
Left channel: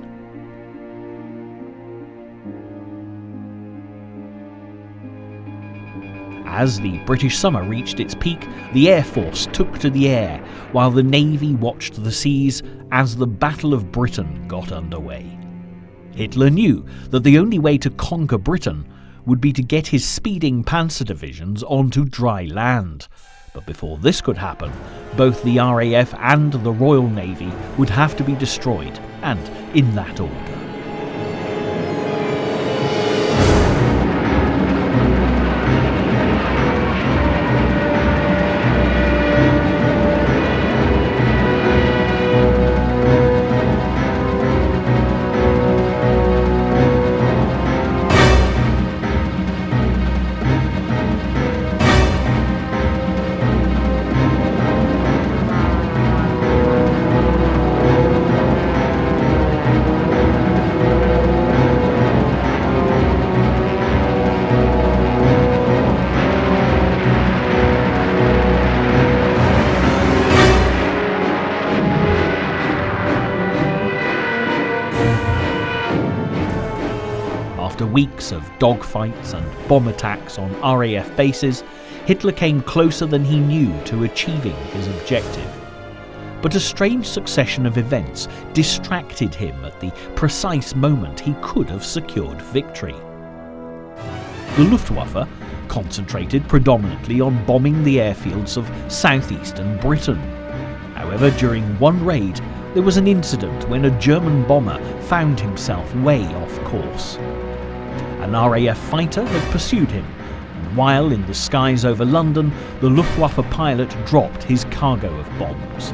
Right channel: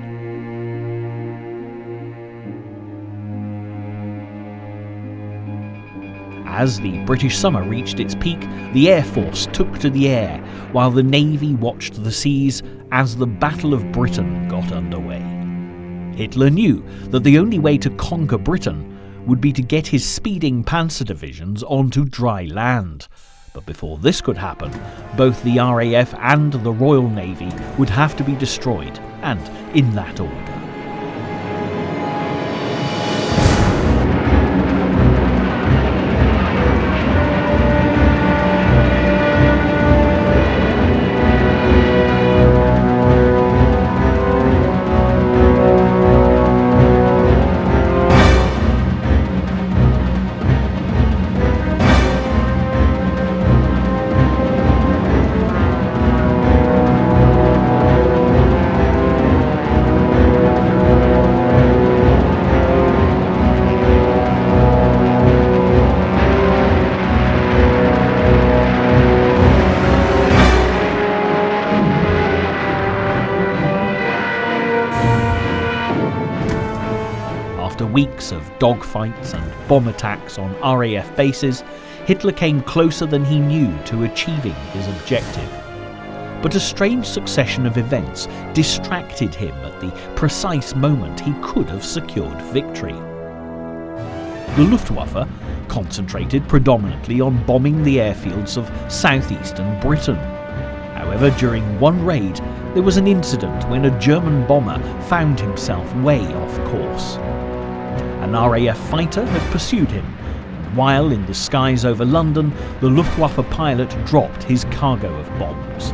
As the British summer reached its peak, the Air Force took to the air, while the Navy watched the seas as the Battle of Britain got underway. Hitler knew that the only way to conquer Britain would be to get his speeding panzer divisions onto dry land. But before this could happen, both the RAF and the Royal Navy would have to be destroyed, and in that order. After weeks of dogfights and bomb attacks on RAF bases, Hitler came closer than he knew to achieving his objective. But a strange succession of events distracted him at the precise moment he could have secured victory. The Luftwaffe concentrated predominantly on bombing the airfields of southeastern Britain. However, during one raid, there was an incident when a German bomber found himself way off course. An RAF fighter had pursued him, and while in the skies over London, the Luftwaffe pilot dropped his cargo of bombs.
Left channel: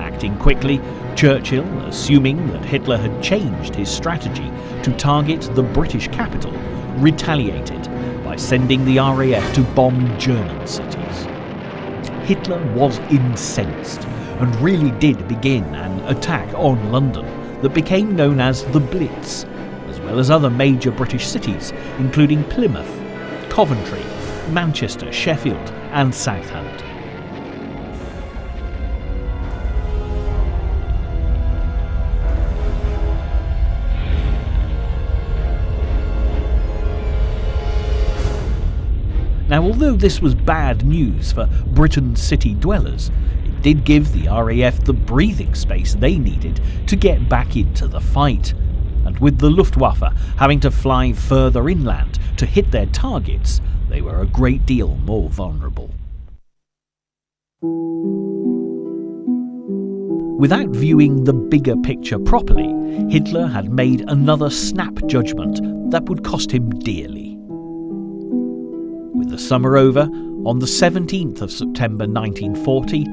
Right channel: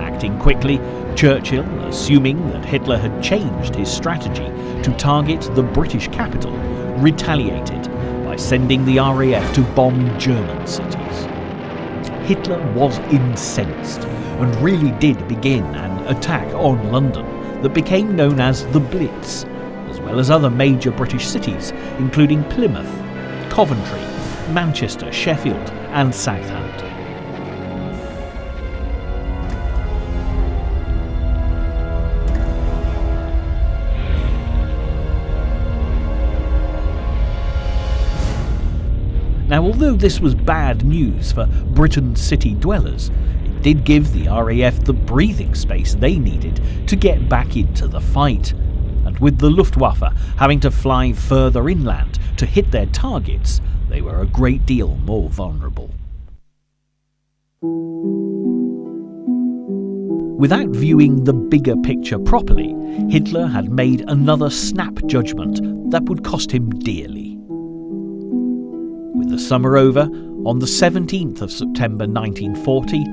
Acting quickly, Churchill, assuming that Hitler had changed his strategy to target the British capital, retaliated by sending the RAF to bomb German cities. Hitler was incensed and really did begin an attack on London that became known as the Blitz, as well as other major British cities, including Plymouth, Coventry, Manchester, Sheffield, and Southampton. Now, although this was bad news for Britain's city dwellers, it did give the RAF the breathing space they needed to get back into the fight. And with the Luftwaffe having to fly further inland to hit their targets, they were a great deal more vulnerable. Without viewing the bigger picture properly, Hitler had made another snap judgment that would cost him dearly. With the summer over, on the 17th of September 1940,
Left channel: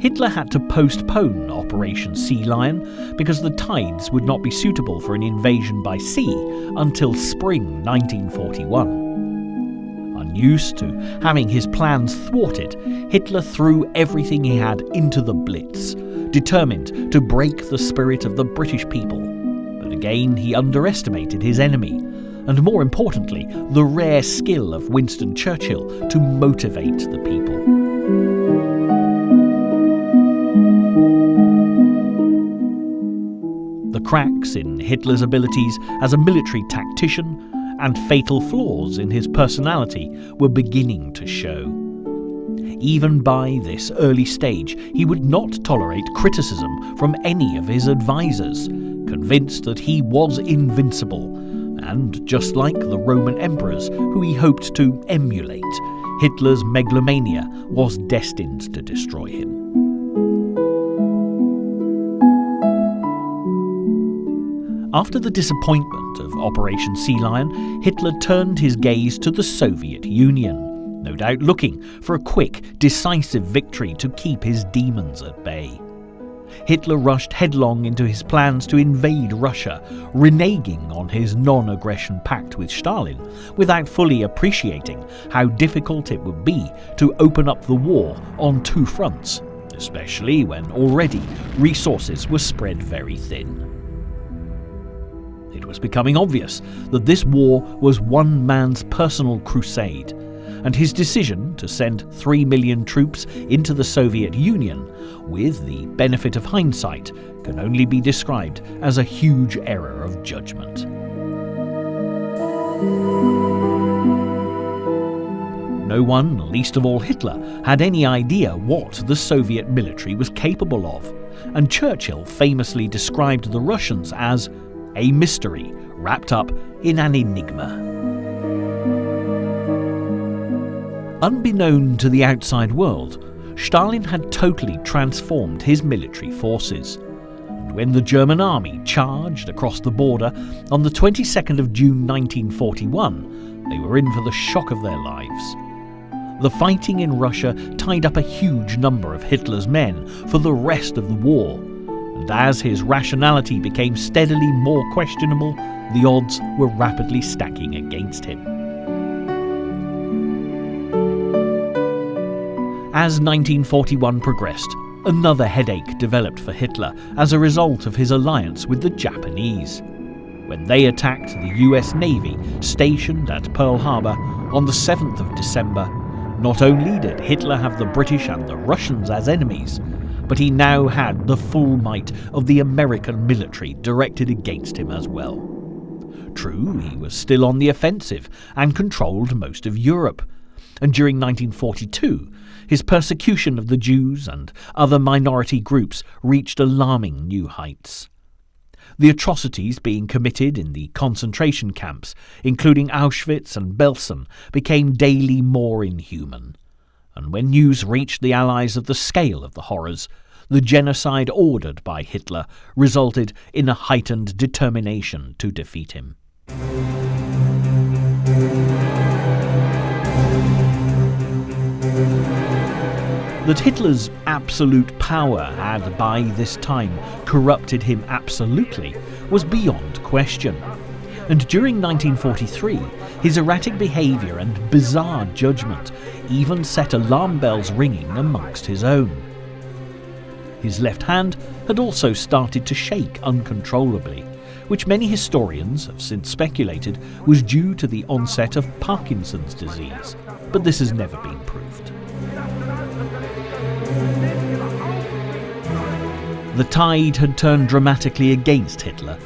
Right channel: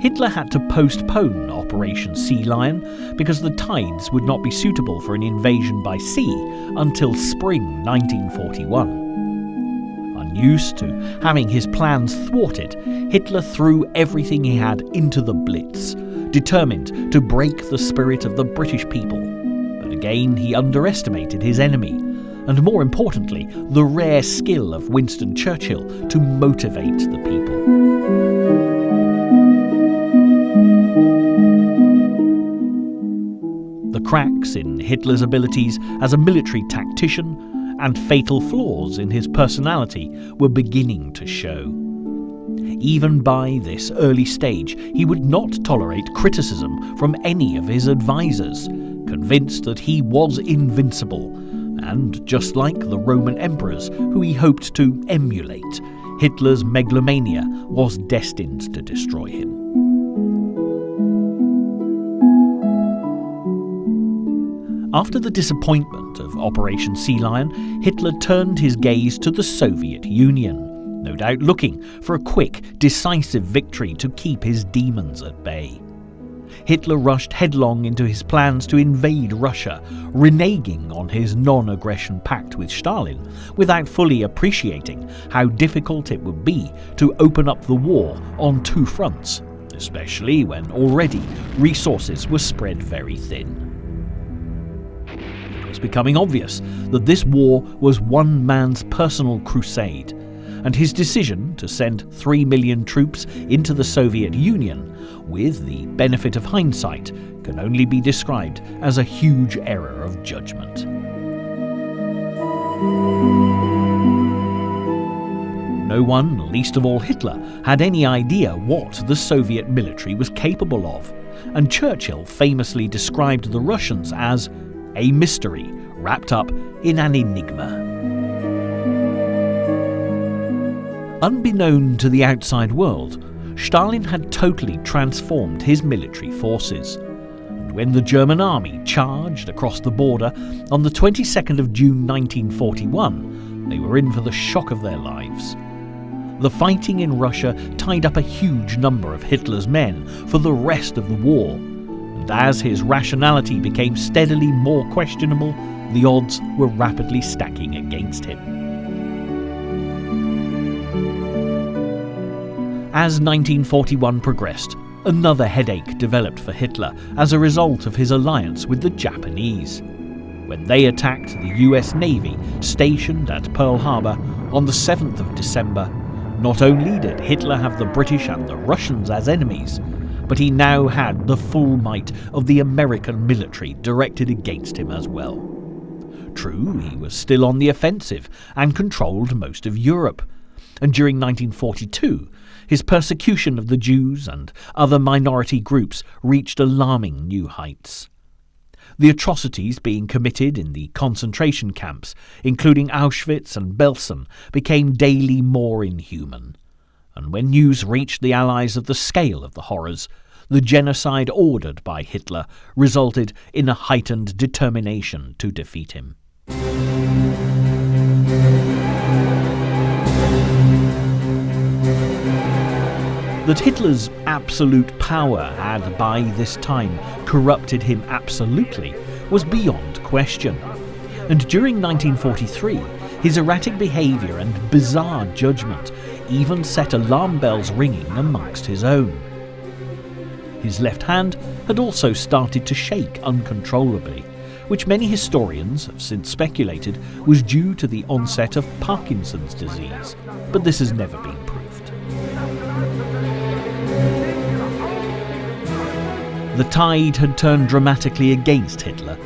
Hitler had to postpone Operation Sea Lion because the tides would not be suitable for an invasion by sea until spring 1941. Unused to having his plans thwarted, Hitler threw everything he had into the Blitz, determined to break the spirit of the British people But again, he underestimated his enemy, and more importantly, the rare skill of Winston Churchill to motivate the people. The cracks in Hitler's abilities as a military tactician and fatal flaws in his personality were beginning to show. Even by this early stage, he would not tolerate criticism from any of his advisors, convinced that he was invincible, and just like the Roman emperors who he hoped to emulate, Hitler's megalomania was destined to destroy him. After the disappointment of Operation Sea Lion, Hitler turned his gaze to the Soviet Union, no doubt looking for a quick, decisive victory to keep his demons at bay. Hitler rushed headlong into his plans to invade Russia, reneging on his non-aggression pact with Stalin, without fully appreciating how difficult it would be to open up the war on two fronts, especially when already resources were spread very thin. It was becoming obvious that this war was one man's personal crusade, and his decision to send 3 million troops into the Soviet Union, with the benefit of hindsight, can only be described as a huge error of judgment. No one, least of all Hitler, had any idea what the Soviet military was capable of, and Churchill famously described the Russians as a mystery wrapped up in an enigma. Unbeknown to the outside world, Stalin had totally transformed his military forces. And when the German army charged across the border on the 22nd of June 1941, they were in for the shock of their lives. The fighting in Russia tied up a huge number of Hitler's men for the rest of the war, and as his rationality became steadily more questionable, the odds were rapidly stacking against him. As 1941 progressed, another headache developed for Hitler as a result of his alliance with the Japanese. When they attacked the US Navy stationed at Pearl Harbor on the 7th of December, not only did Hitler have the British and the Russians as enemies, but he now had the full might of the American military directed against him as well. True, he was still on the offensive and controlled most of Europe, and during 1942, his persecution of the Jews and other minority groups reached alarming new heights. The atrocities being committed in the concentration camps, including Auschwitz and Belsen, became daily more inhuman. And when news reached the Allies of the scale of the horrors, the genocide ordered by Hitler resulted in a heightened determination to defeat him. That Hitler's absolute power had by this time corrupted him absolutely was beyond question. And during 1943, his erratic behaviour and bizarre judgment even set alarm bells ringing amongst his own. His left hand had also started to shake uncontrollably, which many historians have since speculated was due to the onset of Parkinson's disease, but this has never been proved. The tide had turned dramatically against Hitler,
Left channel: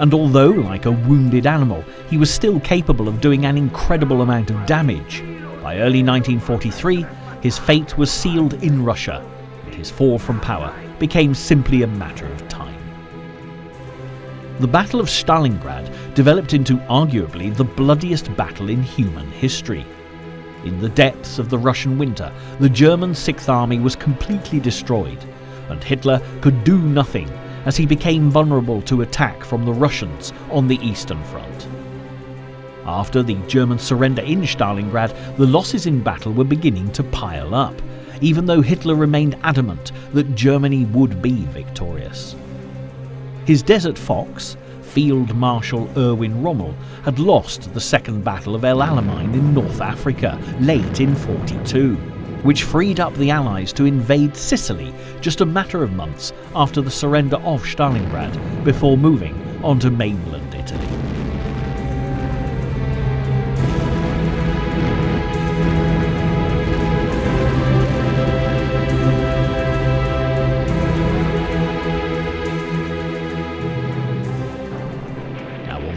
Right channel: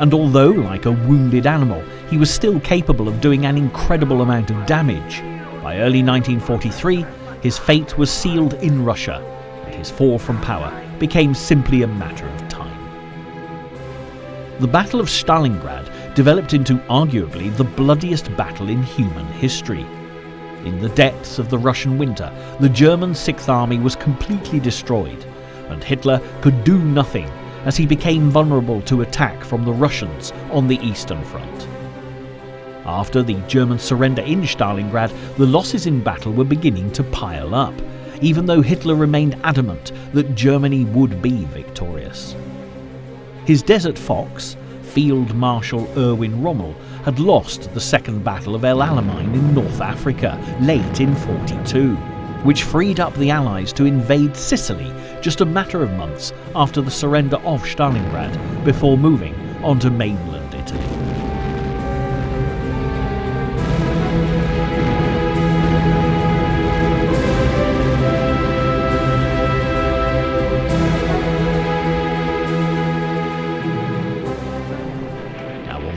and although, like a wounded animal, he was still capable of doing an incredible amount of damage, by early 1943 his fate was sealed in Russia, and his fall from power became simply a matter of time. The Battle of Stalingrad developed into arguably the bloodiest battle in human history. In the depths of the Russian winter, the German Sixth Army was completely destroyed, and Hitler could do nothing as he became vulnerable to attack from the Russians on the Eastern Front. After the German surrender in Stalingrad, the losses in battle were beginning to pile up, even though Hitler remained adamant that Germany would be victorious. His Desert Fox, Field Marshal Erwin Rommel, had lost the Second Battle of El Alamein in North Africa late in 1942, which freed up the Allies to invade Sicily just a matter of months after the surrender of Stalingrad, before moving onto mainland Italy.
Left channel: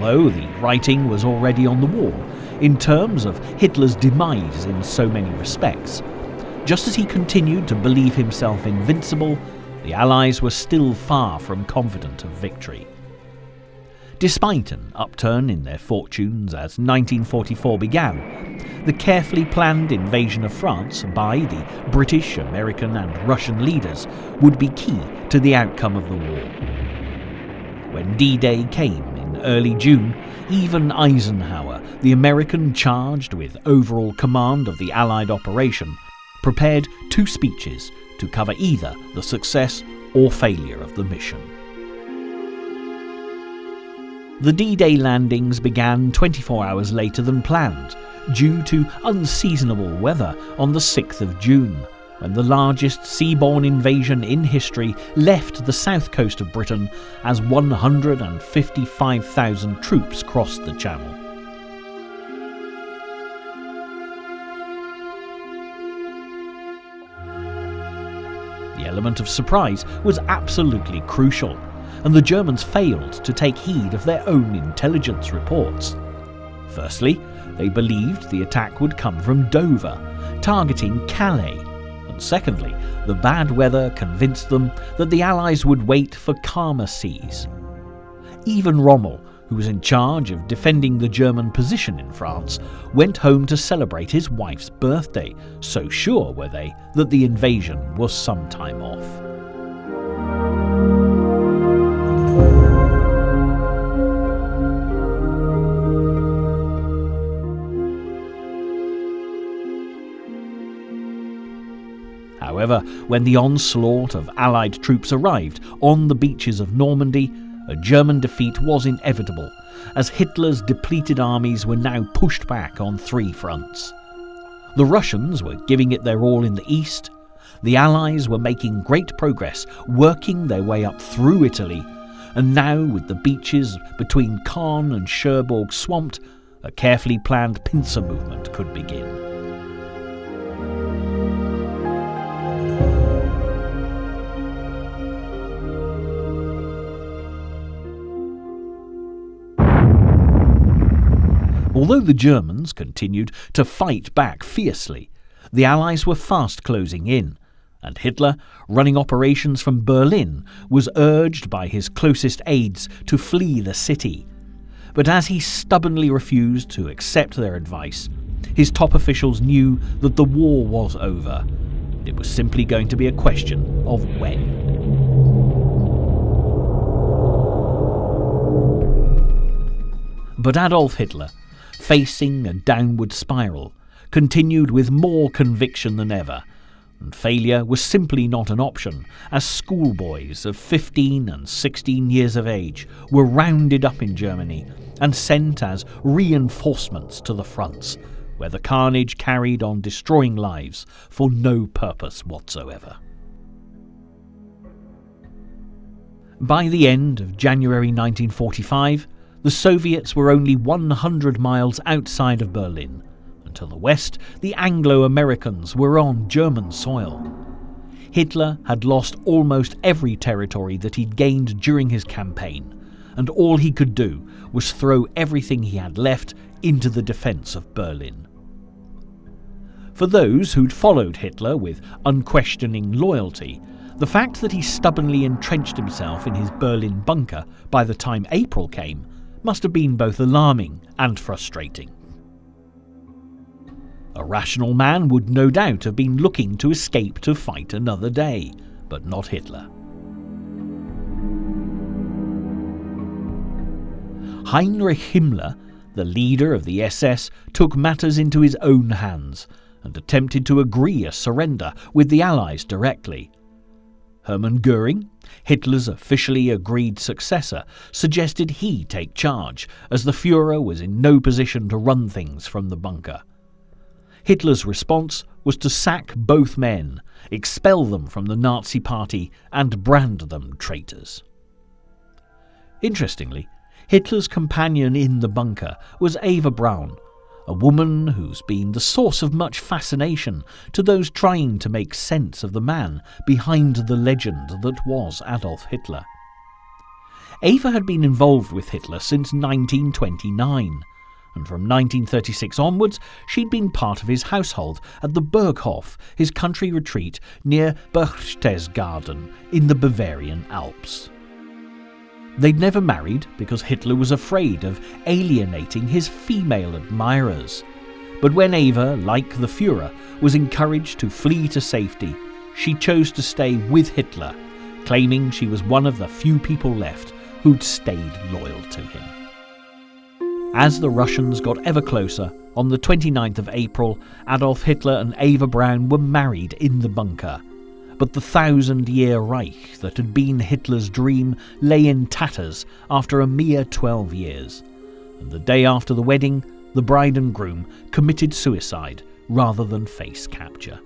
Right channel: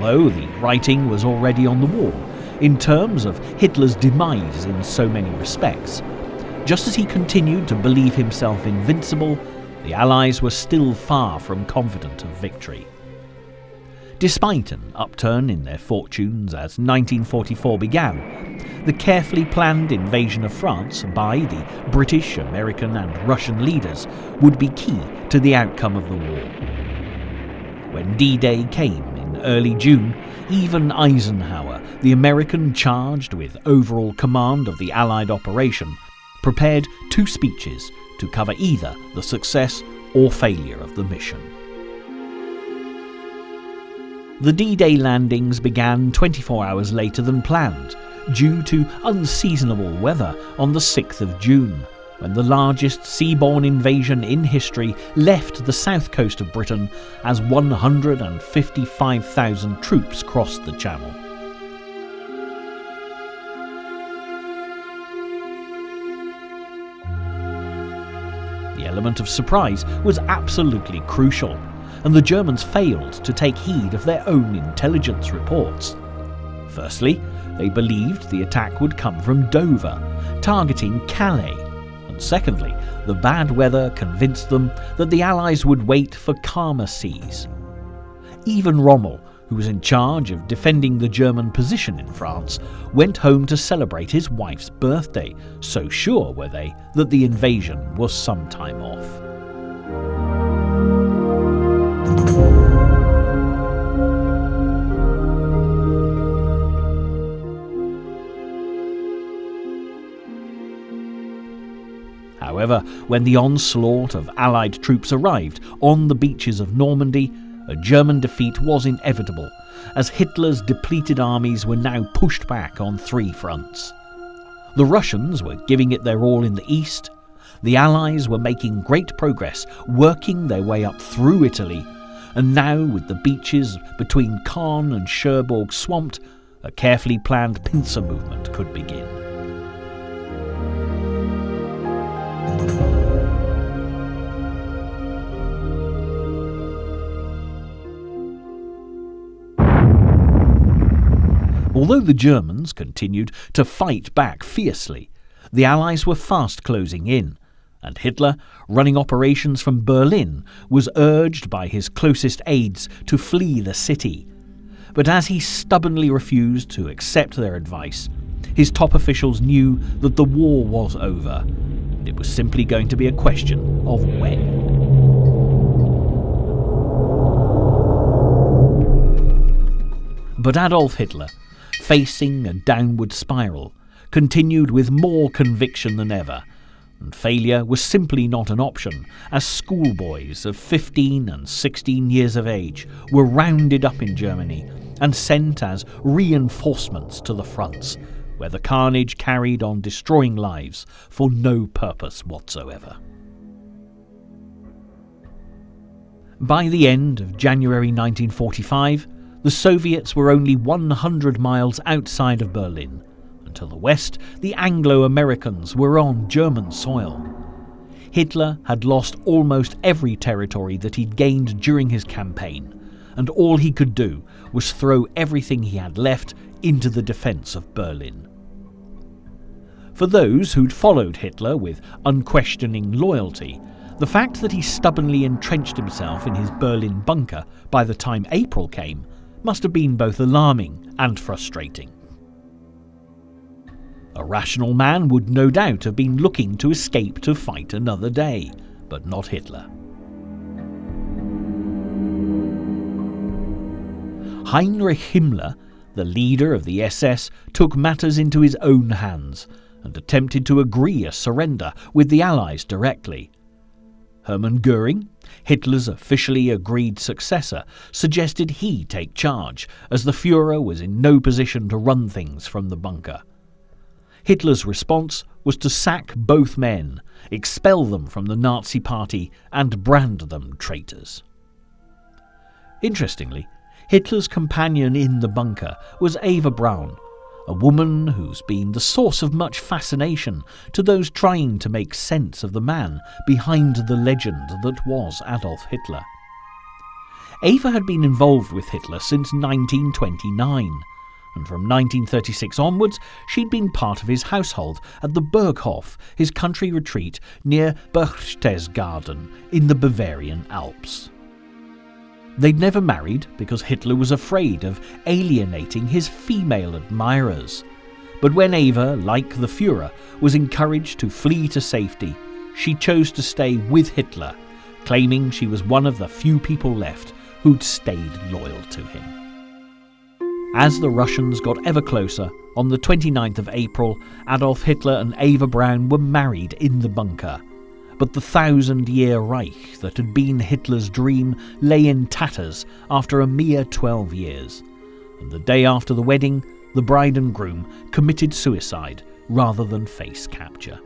Although the writing was already on the wall in terms of Hitler's demise in so many respects, just as he continued to believe himself invincible, the Allies were still far from confident of victory. Despite an upturn in their fortunes as 1944 began, the carefully planned invasion of France by the British, American and Russian leaders would be key to the outcome of the war. When D-Day came in early June, even Eisenhower, the American charged with overall command of the Allied operation, prepared 2 speeches to cover either the success or failure of the mission. The D-Day landings began 24 hours later than planned, due to unseasonable weather on the 6th of June, when the largest seaborne invasion in history left the south coast of Britain as 155,000 troops crossed the Channel. The element of surprise was absolutely crucial, and the Germans failed to take heed of their own intelligence reports. Firstly, they believed the attack would come from Dover, targeting Calais. And secondly, the bad weather convinced them that the Allies would wait for calmer seas. Even Rommel, who was in charge of defending the German position in France, went home to celebrate his wife's birthday, so sure were they that the invasion was some time off. However, when the onslaught of Allied troops arrived on the beaches of Normandy, a German defeat was inevitable, as Hitler's depleted armies were now pushed back on 3 fronts. The Russians were giving it their all in the east, the Allies were making great progress, working their way up through Italy, and now, with the beaches between Caen and Cherbourg swamped, a carefully planned pincer movement could begin. Although the Germans continued to fight back fiercely, the Allies were fast closing in, and Hitler, running operations from Berlin, was urged by his closest aides to flee the city. But as he stubbornly refused to accept their advice, his top officials knew that the war was over. It was simply going to be a question of when. But Adolf Hitler, facing a downward spiral, continued with more conviction than ever, and failure was simply not an option, as schoolboys of 15 and 16 years of age were rounded up in Germany and sent as reinforcements to the fronts, where the carnage carried on destroying lives for no purpose whatsoever. By the end of January 1945, the Soviets were only 100 miles outside of Berlin, and to the west, the Anglo-Americans were on German soil. Hitler had lost almost every territory that he'd gained during his campaign, and all he could do was throw everything he had left into the defence of Berlin. For those who'd followed Hitler with unquestioning loyalty, the fact that he stubbornly entrenched himself in his Berlin bunker by the time April came must have been both alarming and frustrating. A rational man would no doubt have been looking to escape to fight another day, but not Hitler. Heinrich Himmler, the leader of the SS, took matters into his own hands and attempted to agree a surrender with the Allies directly. Hermann Göring, Hitler's officially agreed successor, suggested he take charge, as the Führer was in no position to run things from the bunker. Hitler's response was to sack both men, expel them from the Nazi Party, and brand them traitors. Interestingly, Hitler's companion in the bunker was Eva Braun, a woman who's been the source of much fascination to those trying to make sense of the man behind the legend that was Adolf Hitler. Eva had been involved with Hitler since 1929, and from 1936 onwards she'd been part of his household at the Berghof, his country retreat near Berchtesgaden in the Bavarian Alps. They'd never married because Hitler was afraid of alienating his female admirers. But when Eva, like the Führer, was encouraged to flee to safety, she chose to stay with Hitler, claiming she was one of the few people left who'd stayed loyal to him. As the Russians got ever closer, on the 29th of April, Adolf Hitler and Eva Braun were married in the bunker. But the 1,000-year Reich that had been Hitler's dream lay in tatters after a mere 12 years. And the day after the wedding, the bride and groom committed suicide rather than face capture.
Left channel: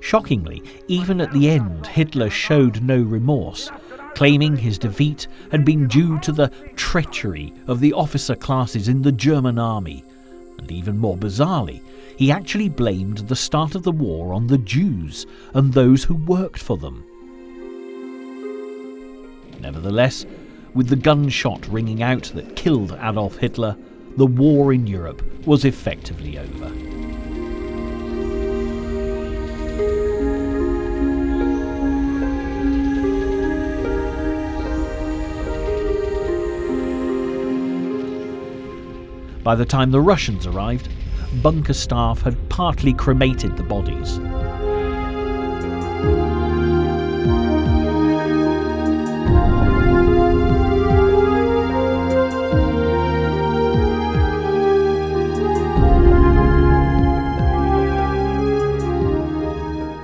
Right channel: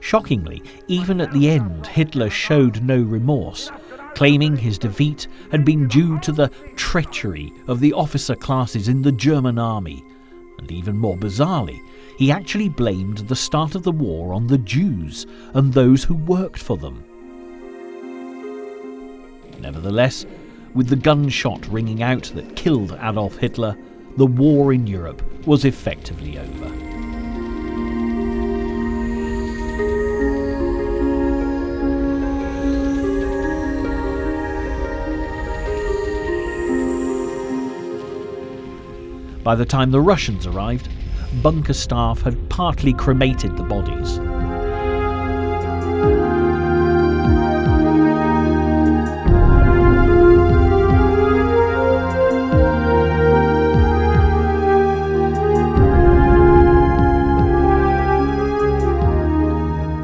Shockingly, even at the end, Hitler showed no remorse, claiming his defeat had been due to the treachery of the officer classes in the German army. And even more bizarrely, he actually blamed the start of the war on the Jews and those who worked for them. Nevertheless, with the gunshot ringing out that killed Adolf Hitler, the war in Europe was effectively over. By the time the Russians arrived, bunker staff had partly cremated the bodies.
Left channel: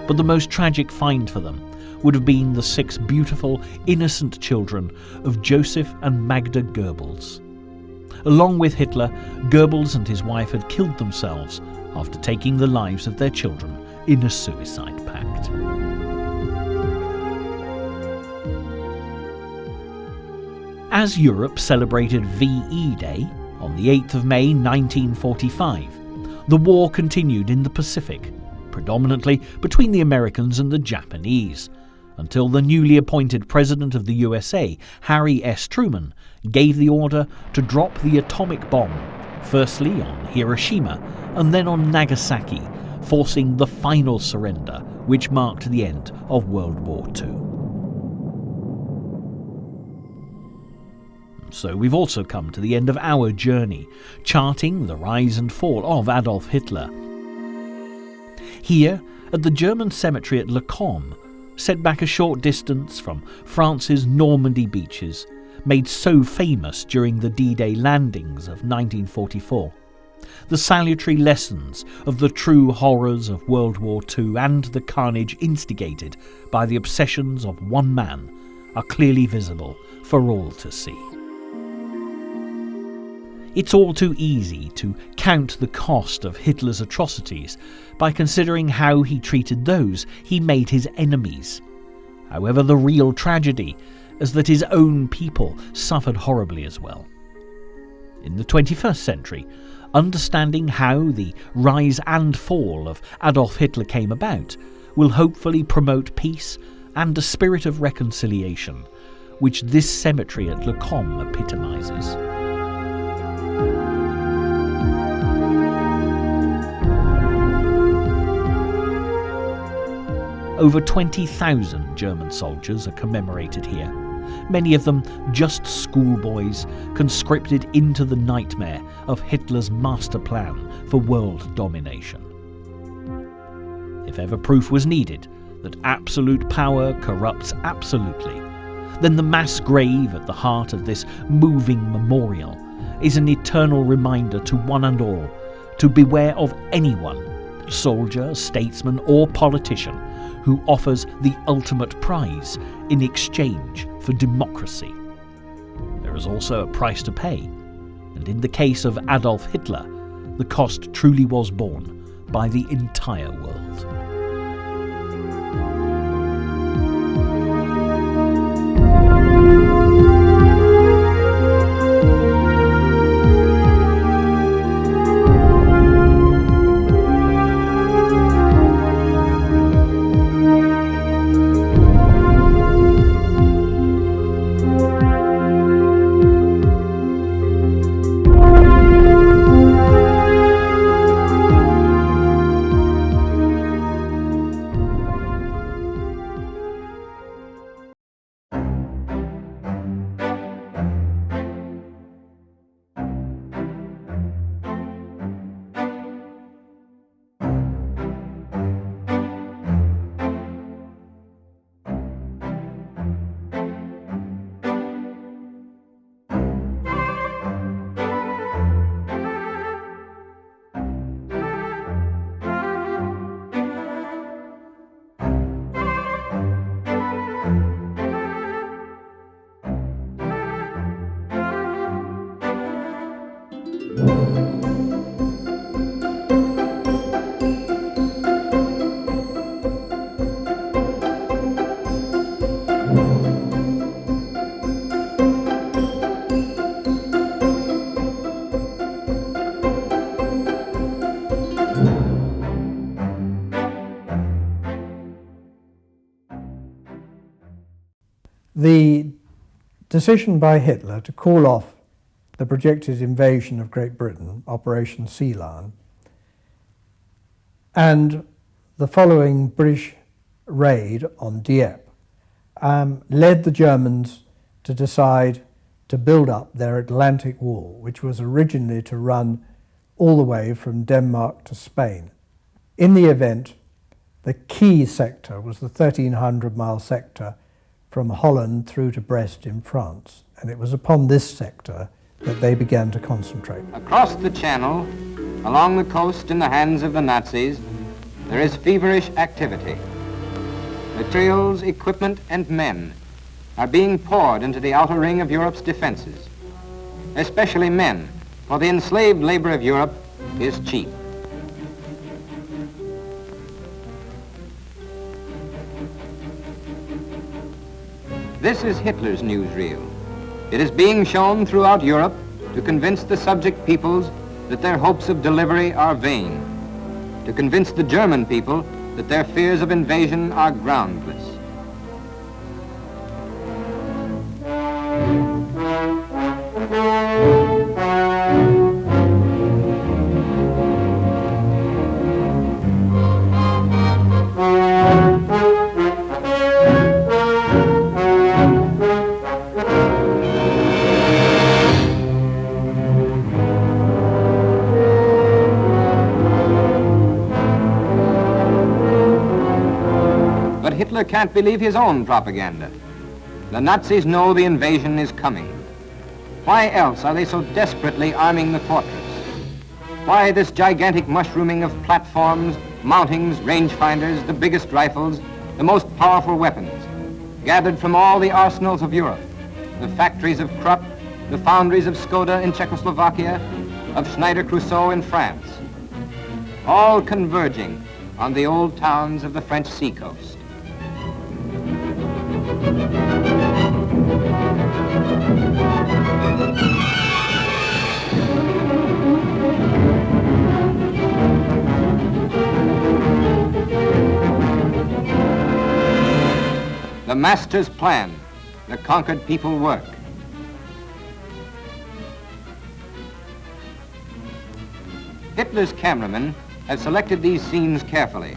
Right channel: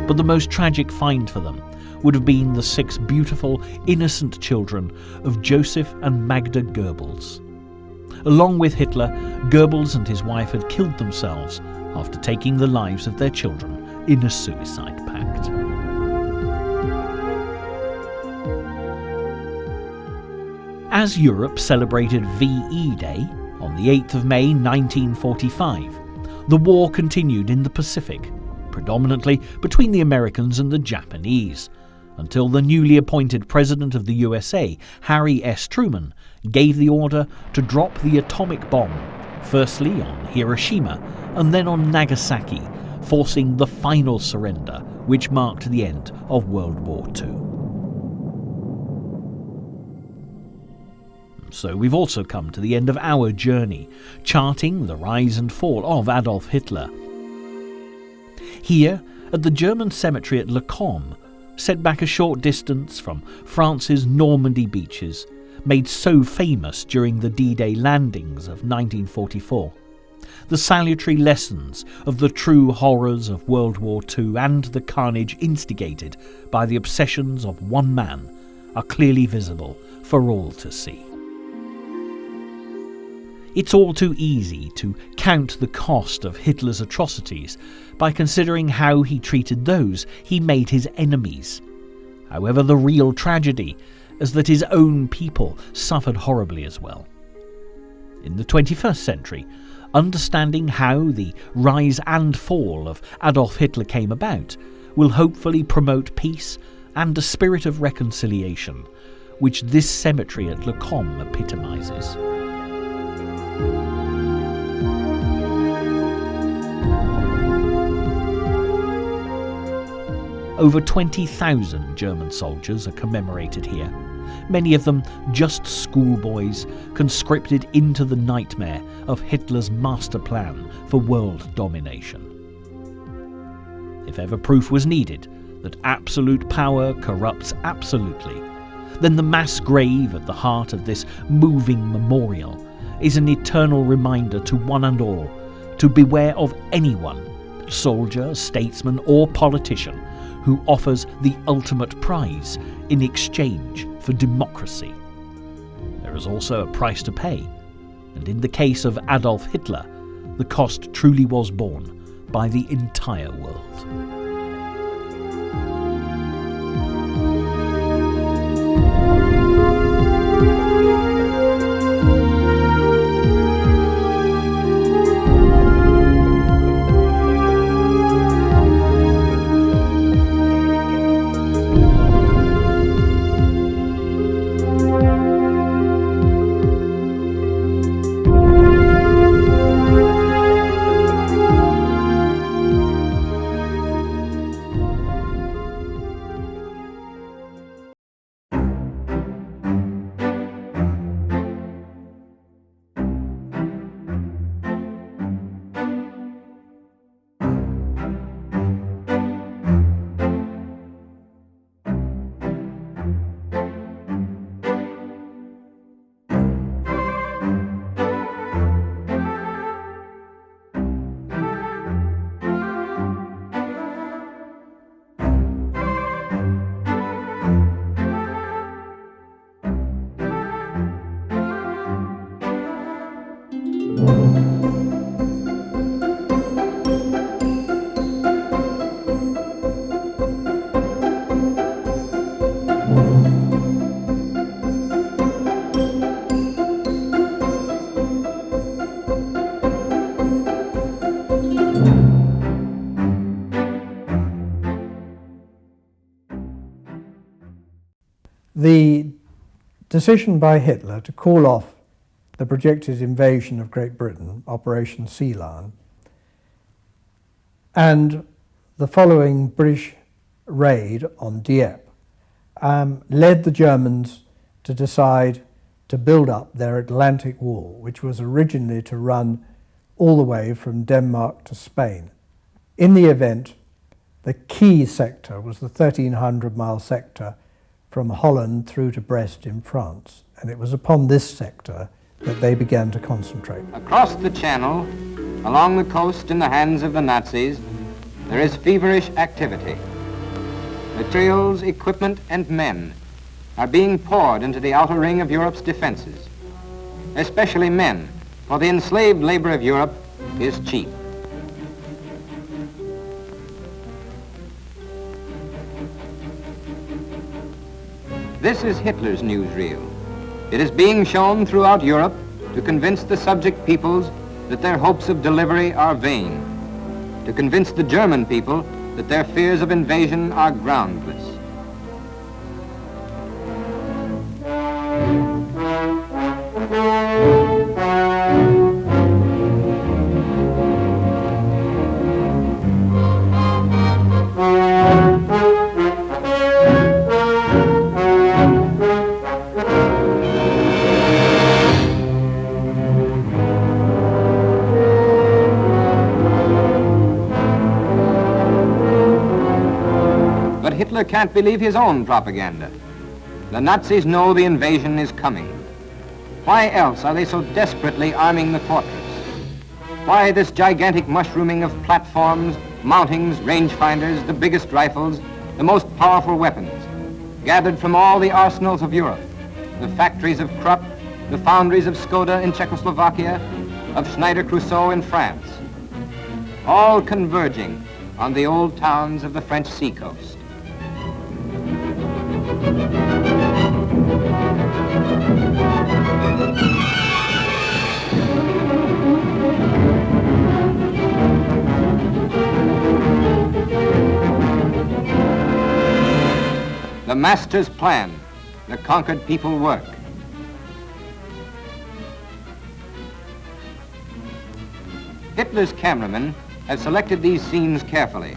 But the most tragic find for them would have been the 6 beautiful, innocent children of Joseph and Magda Goebbels. Along with Hitler, Goebbels and his wife had killed themselves after taking the lives of their children in a suicide pact. As Europe celebrated VE Day on the 8th of May 1945, the war continued in the Pacific, predominantly between the Americans and the Japanese, until the newly appointed President of the USA, Harry S. Truman, gave the order to drop the atomic bomb, firstly on Hiroshima and then on Nagasaki, forcing the final surrender, which marked the end of World War II. So we've also come to the end of our journey, charting the rise and fall of Adolf Hitler. Here, at the German cemetery at Le Combe, set back a short distance from France's Normandy beaches, made so famous during the D-Day landings of 1944. The salutary lessons of the true horrors of World War II and the carnage instigated by the obsessions of one man are clearly visible for all to see. It's all too easy to count the cost of Hitler's atrocities by considering how he treated those he made his enemies. However, the real tragedy is that his own people suffered horribly as well. In the 21st century, understanding how the rise and fall of Adolf Hitler came about will hopefully promote peace and a spirit of reconciliation, which this cemetery at Le Combe epitomizes. Over 20,000 German soldiers are commemorated here, many of them just schoolboys conscripted into the nightmare of Hitler's master plan for world domination. If ever proof was needed that absolute power corrupts absolutely, then the mass grave at the heart of this moving memorial is an eternal reminder to one and all to beware of anyone, soldier, statesman or politician, who offers the ultimate prize in exchange for democracy. There is also a price to pay, and in the case of Adolf Hitler, the cost truly was borne by the entire world. The decision by Hitler to call off the projected invasion of Great Britain, Operation Sea Lion, and the following British raid on Dieppe led the Germans to decide to build up their Atlantic Wall, which was originally to run all the way from Denmark to Spain. In the event, the key sector was the 1,300-mile sector from Holland through to Brest in France, and it was upon this sector that they began to concentrate. Across the Channel, along the coast in the hands of the Nazis, there is feverish activity. Materials, equipment, and men are being poured into the outer ring of Europe's defenses, especially men, for the enslaved labor of Europe is cheap. This is Hitler's newsreel. It is being shown throughout Europe to convince the subject peoples that their hopes of delivery are vain, to convince the German people that their fears of invasion are groundless. Hitler can't believe his own propaganda. The Nazis know the invasion is coming. Why else are they so desperately arming the fortress? Why this gigantic mushrooming of platforms, mountings, rangefinders, the biggest rifles, the most powerful weapons, gathered from all the arsenals of Europe, the factories of Krupp, the foundries of Skoda in Czechoslovakia, of Schneider-Crusoe in France, all converging on the old towns of the French seacoast. The master's plan, the conquered people work. Hitler's cameramen have selected these scenes carefully.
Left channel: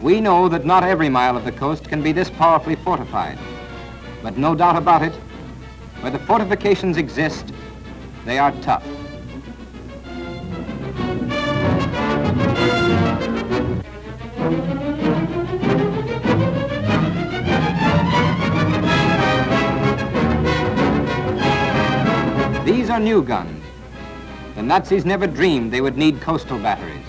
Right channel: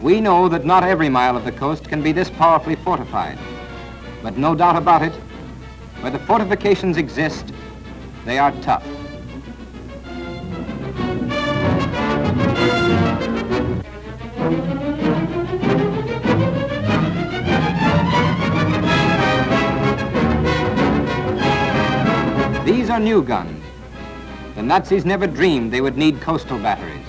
We know that not every mile of the coast can be this powerfully fortified, but no doubt about it, where the fortifications exist, they are tough. These are new guns. The Nazis never dreamed they would need coastal batteries.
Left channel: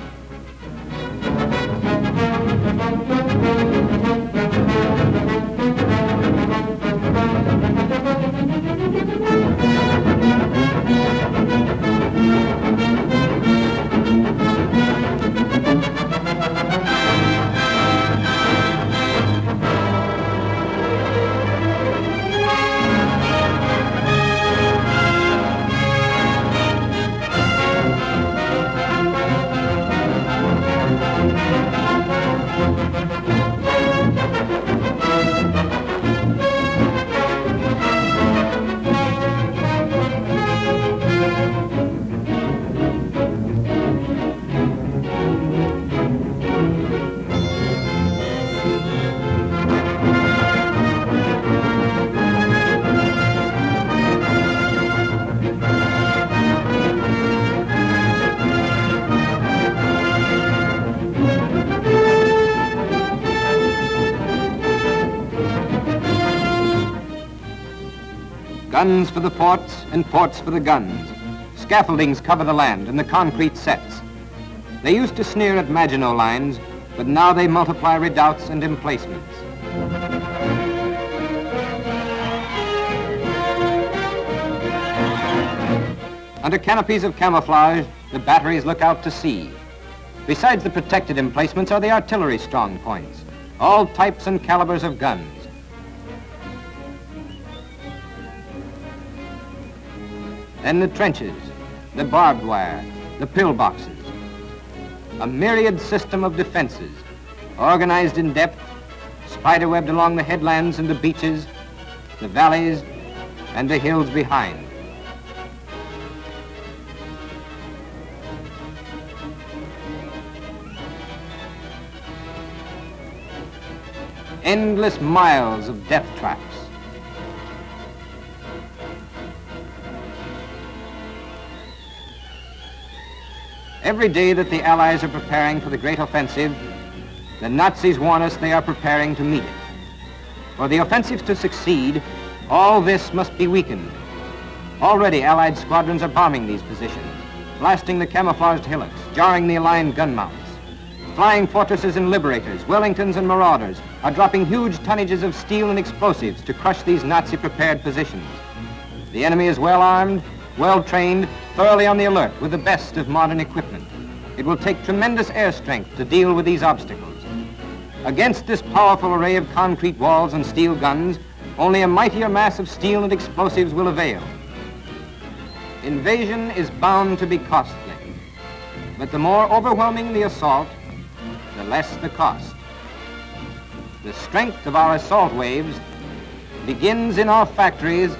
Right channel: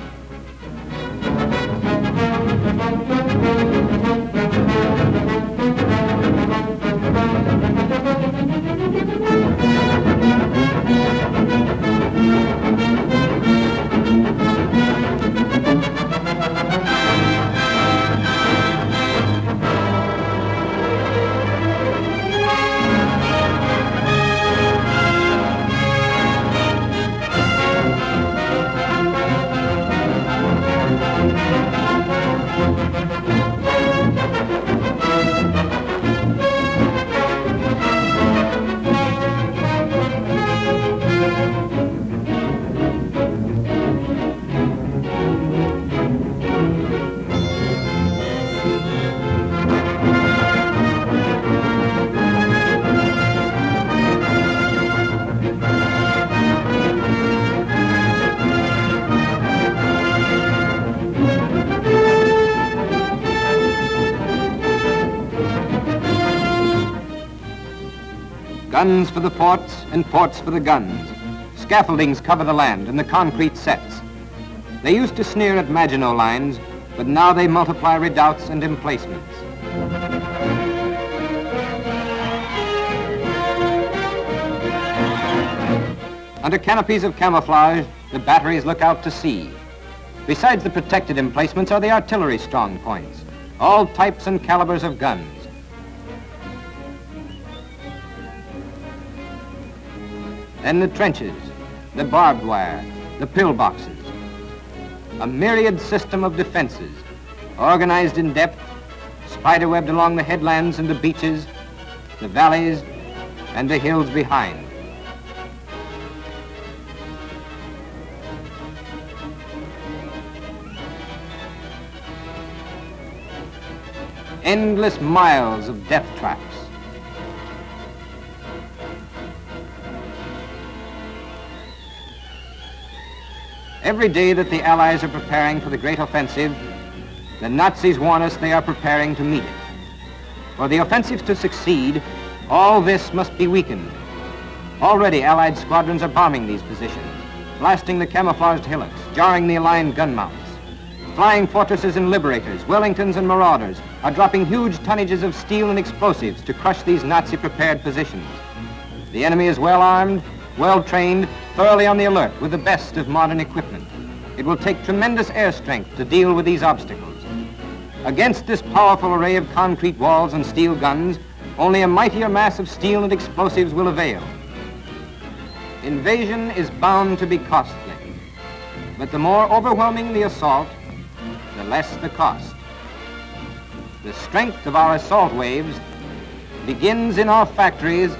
Guns for the ports and ports for the guns. Scaffoldings cover the land and the concrete sets. They used to sneer at Maginot Lines, but now they multiply redoubts and emplacements. Under canopies of camouflage, the batteries look out to sea. Besides the protected emplacements are the artillery strong points, all types and calibers of guns. Then the trenches, the barbed wire, the pillboxes. A myriad system of defenses, organized in depth, spiderwebbed along the headlands and the beaches, the valleys, and the hills behind. Endless miles of death traps. Every day that the Allies are preparing for the great offensive, the Nazis warn us they are preparing to meet it. For the offensive to succeed, all this must be weakened. Already Allied squadrons are bombing these positions, blasting the camouflaged hillocks, jarring the aligned gun mounts. Flying fortresses and liberators, Wellingtons and marauders are dropping huge tonnages of steel and explosives to crush these Nazi-prepared positions. The enemy is well armed, well trained, thoroughly on the alert with the best of modern equipment. It will take tremendous air strength to deal with these obstacles. Against this powerful array of concrete walls and steel guns, only a mightier mass of steel and explosives will avail. Invasion is bound to be costly, but the more overwhelming the assault, the less the cost. The strength of our assault waves begins in our factories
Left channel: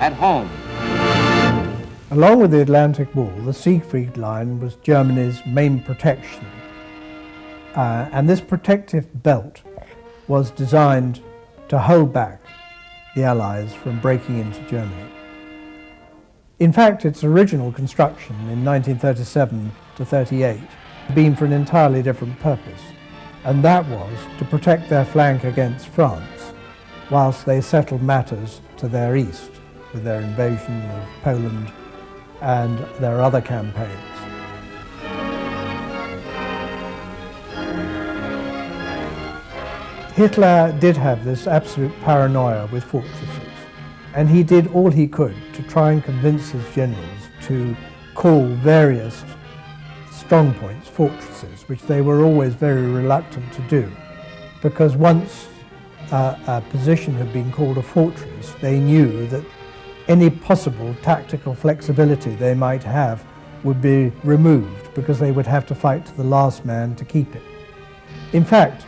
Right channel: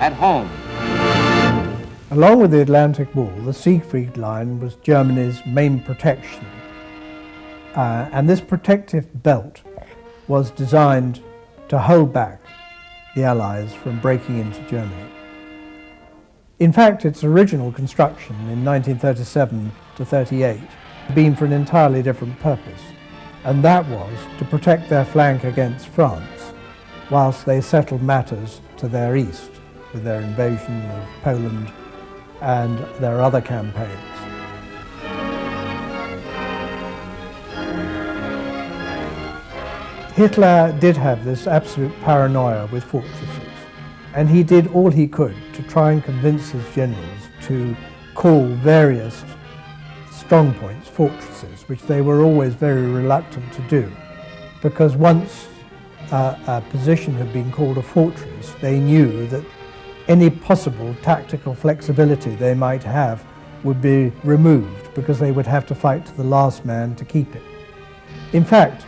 at home. Along with the Atlantic Wall, the Siegfried Line was Germany's main protection. And this protective belt was designed to hold back the Allies from breaking into Germany. In fact, its original construction in 1937 to 38 had been for an entirely different purpose, and that was to protect their flank against France whilst they settled matters to their east with their invasion of Poland and their other campaigns. Hitler did have this absolute paranoia with fortresses, and he did all he could to try and convince his generals to call various strong points fortresses, which they were always very reluctant to do, because once a position had been called a fortress, they knew that any possible tactical flexibility they might have would be removed, because they would have to fight to the last man to keep it. In fact,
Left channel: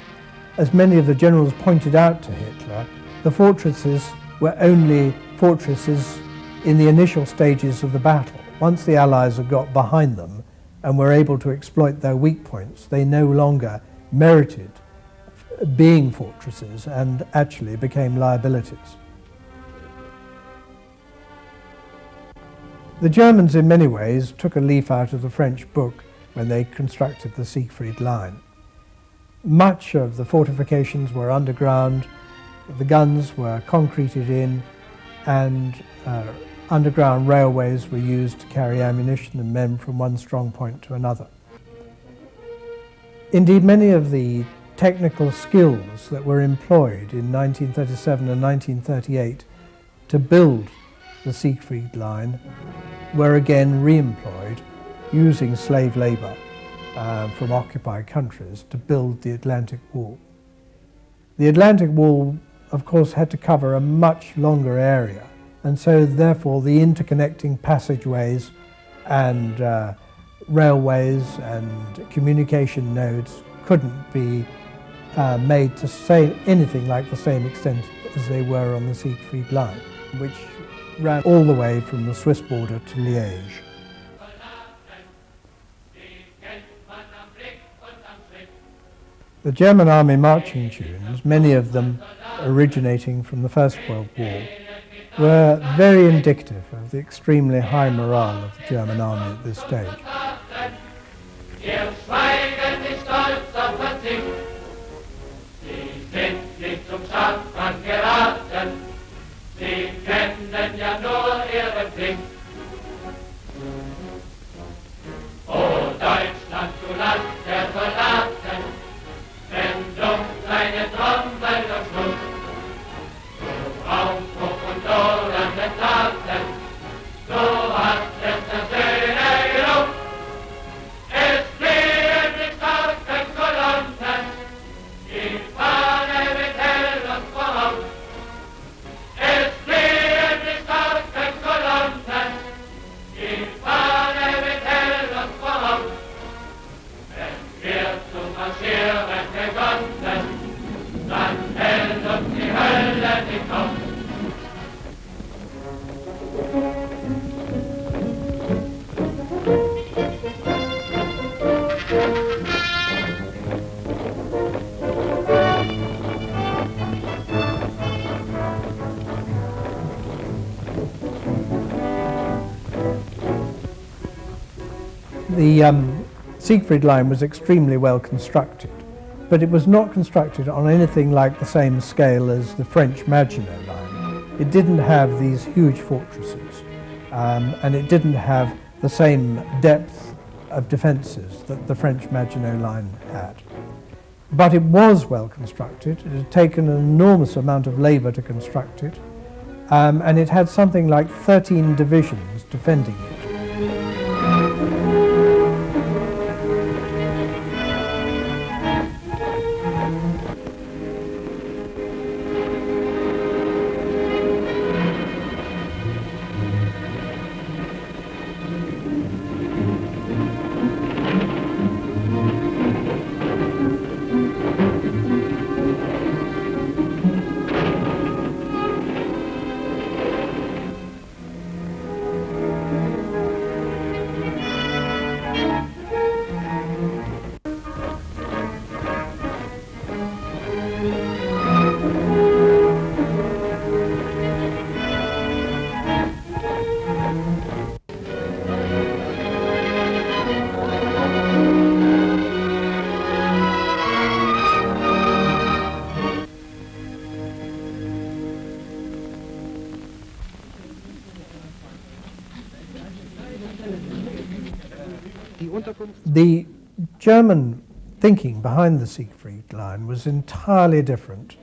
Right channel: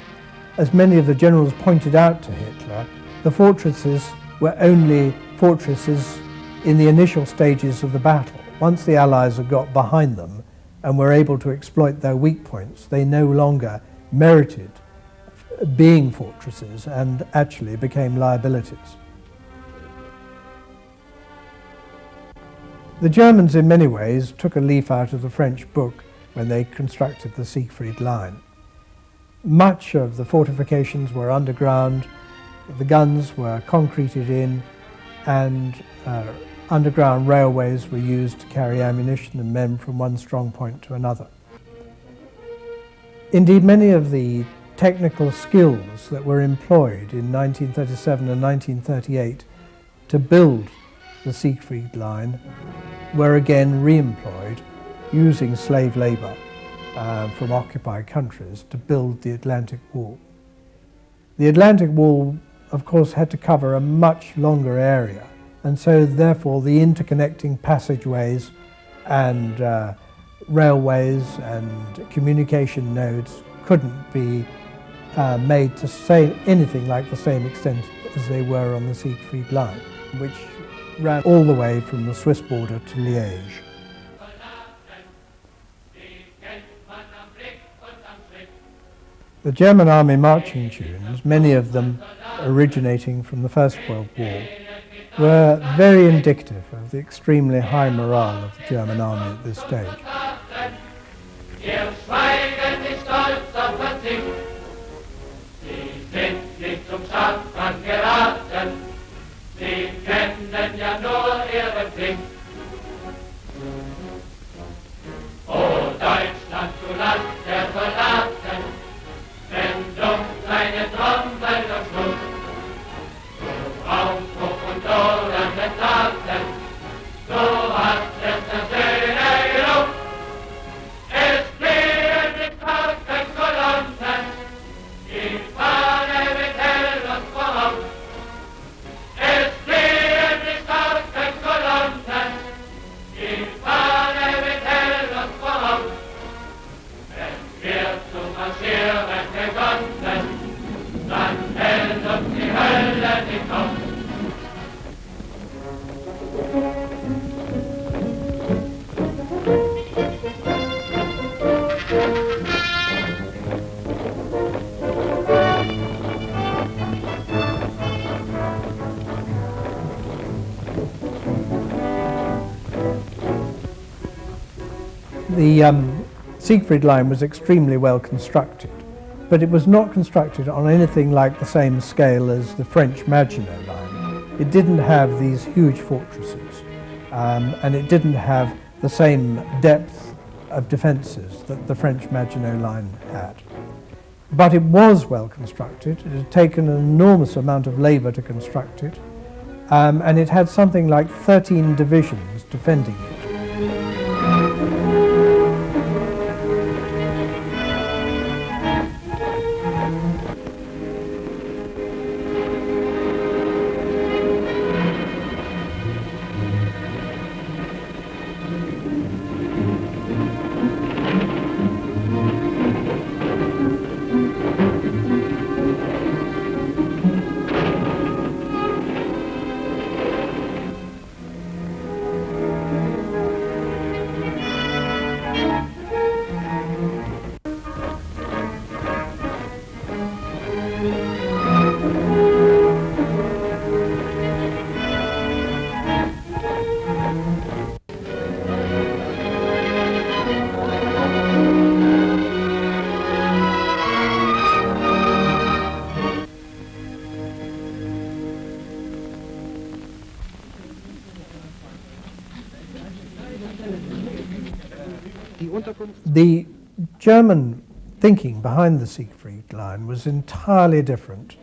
as many of the generals pointed out to Hitler, the fortresses were only fortresses in the initial stages of the battle. Once the Allies had got behind them and were able to exploit their weak points, they no longer merited being fortresses and actually became liabilities. The Germans in many ways took a leaf out of the French book when they constructed the Siegfried Line. Much of the fortifications were underground, the guns were concreted in, and underground railways were used to carry ammunition and men from one strong point to another. Indeed, many of the technical skills that were employed in 1937 and 1938 to build the Siegfried Line were again re-employed using slave labour from occupied countries to build the Atlantic Wall. The Atlantic Wall, of course, had to cover a much longer area, and so therefore the interconnecting passageways and railways and communication nodes couldn't be made to say anything like the same extent as they were on the Siegfried Line, which ran all the way from the Swiss border to Liège. The German army marching tunes, many of them originating from the First World War, were very indicative of the extremely high morale of the German army at this stage. Ihr Schweigen ist stolz auf das Ding. Sie sind nicht zum Schandfang geraten. Sie kennen ja nur ihren Pflicht. O Deutschland, du Land der Soldaten, wenn dumpf deine Trommel durchschlug. Du Aufbruch und lodernden Taten, so hat es das The Siegfried Line was extremely well constructed, but it was not constructed on anything like the same scale as the French Maginot Line. It didn't have these huge fortresses, and it didn't have the same depth of defences that the French Maginot Line had. But it was well constructed. It had taken an enormous amount of labour to construct it, and it had something like 13 divisions defending it. The German thinking behind the Siegfried Line was entirely different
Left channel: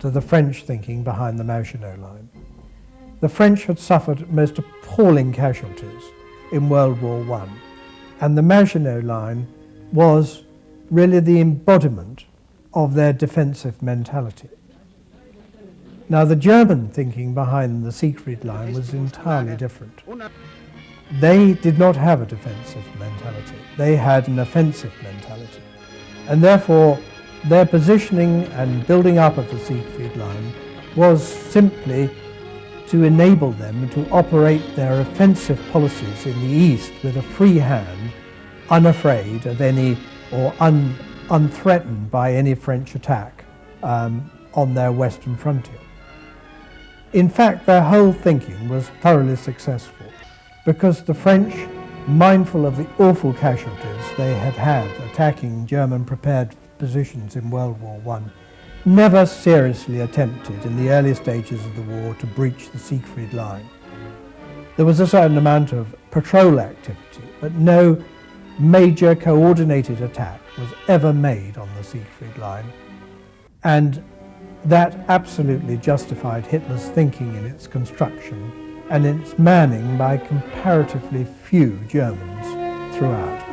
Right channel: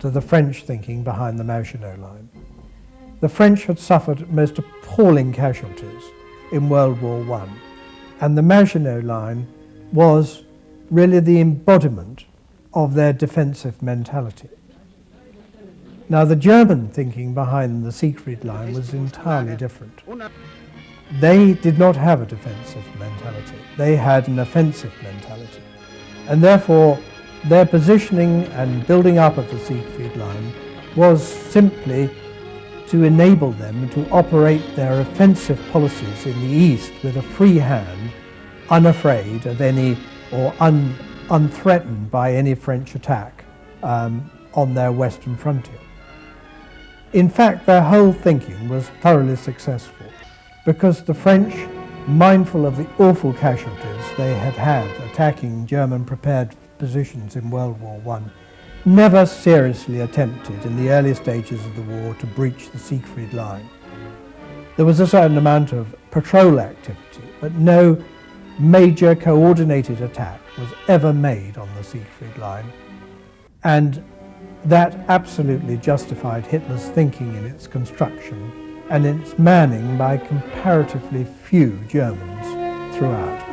to the French thinking behind the Maginot Line. The French had suffered most appalling casualties in World War I, and the Maginot Line was really the embodiment of their defensive mentality. Now, the German thinking behind the Siegfried Line was entirely different. They did not have a defensive mentality. They had an offensive mentality. And therefore, their positioning and building up of the Siegfried Line was simply to enable them to operate their offensive policies in the east with a free hand, unafraid of any or unthreatened by any French attack on their western frontier. In fact, their whole thinking was thoroughly successful, because the French, mindful of the awful casualties they had had attacking German prepared positions in World War I, never seriously attempted in the early stages of the war to breach the Siegfried Line. There was a certain amount of patrol activity, but no major coordinated attack was ever made on the Siegfried Line, and that absolutely justified Hitler's thinking in its construction and its manning by comparatively few Germans throughout.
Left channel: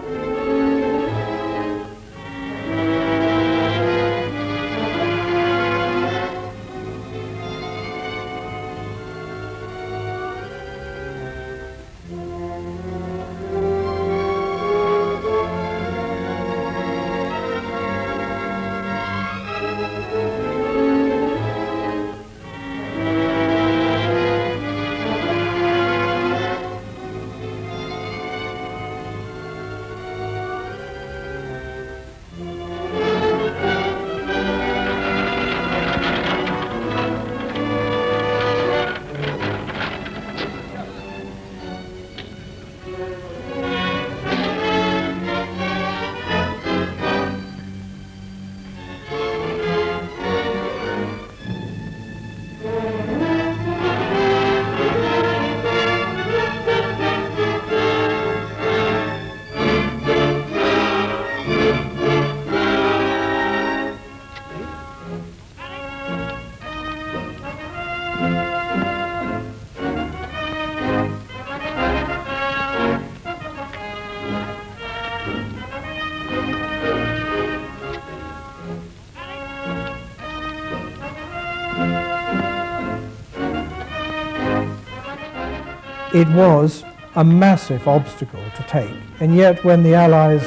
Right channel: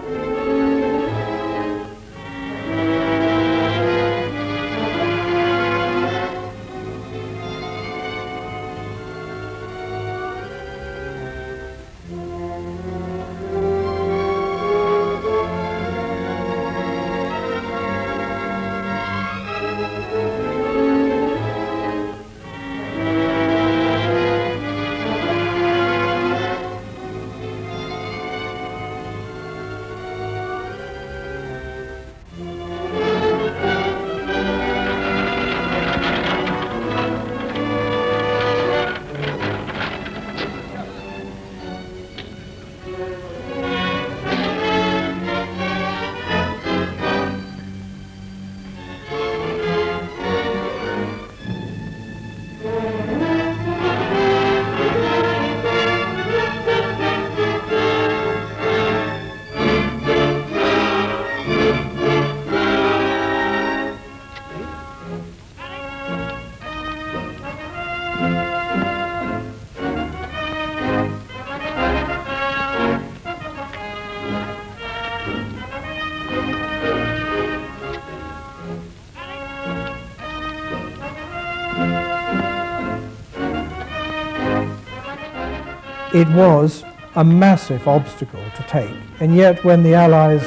It was a massive obstacle to take, and yet when the Allies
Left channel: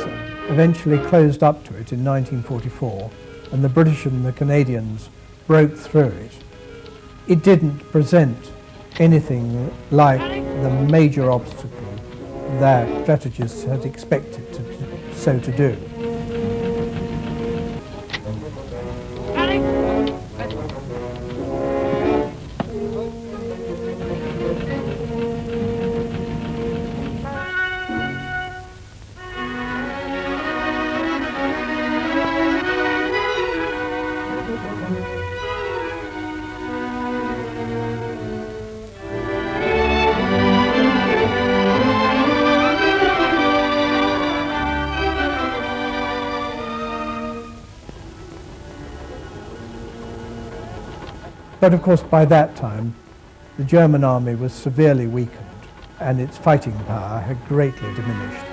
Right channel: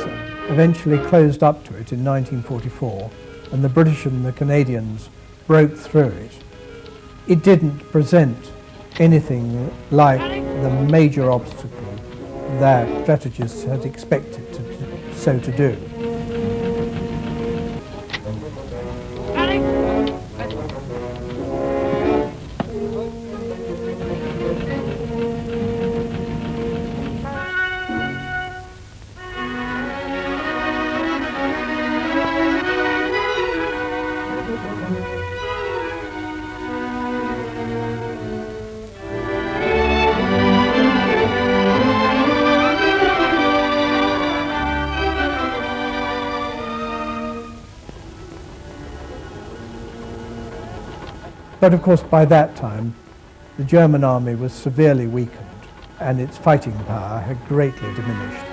eventually closed up to it in 1944 and the British and the Canadians broke through it, it didn't present anything like the major obstacle that strategists had expected to do. But of course by that time the German army was severely weakened and its fighting power had greatly diminished.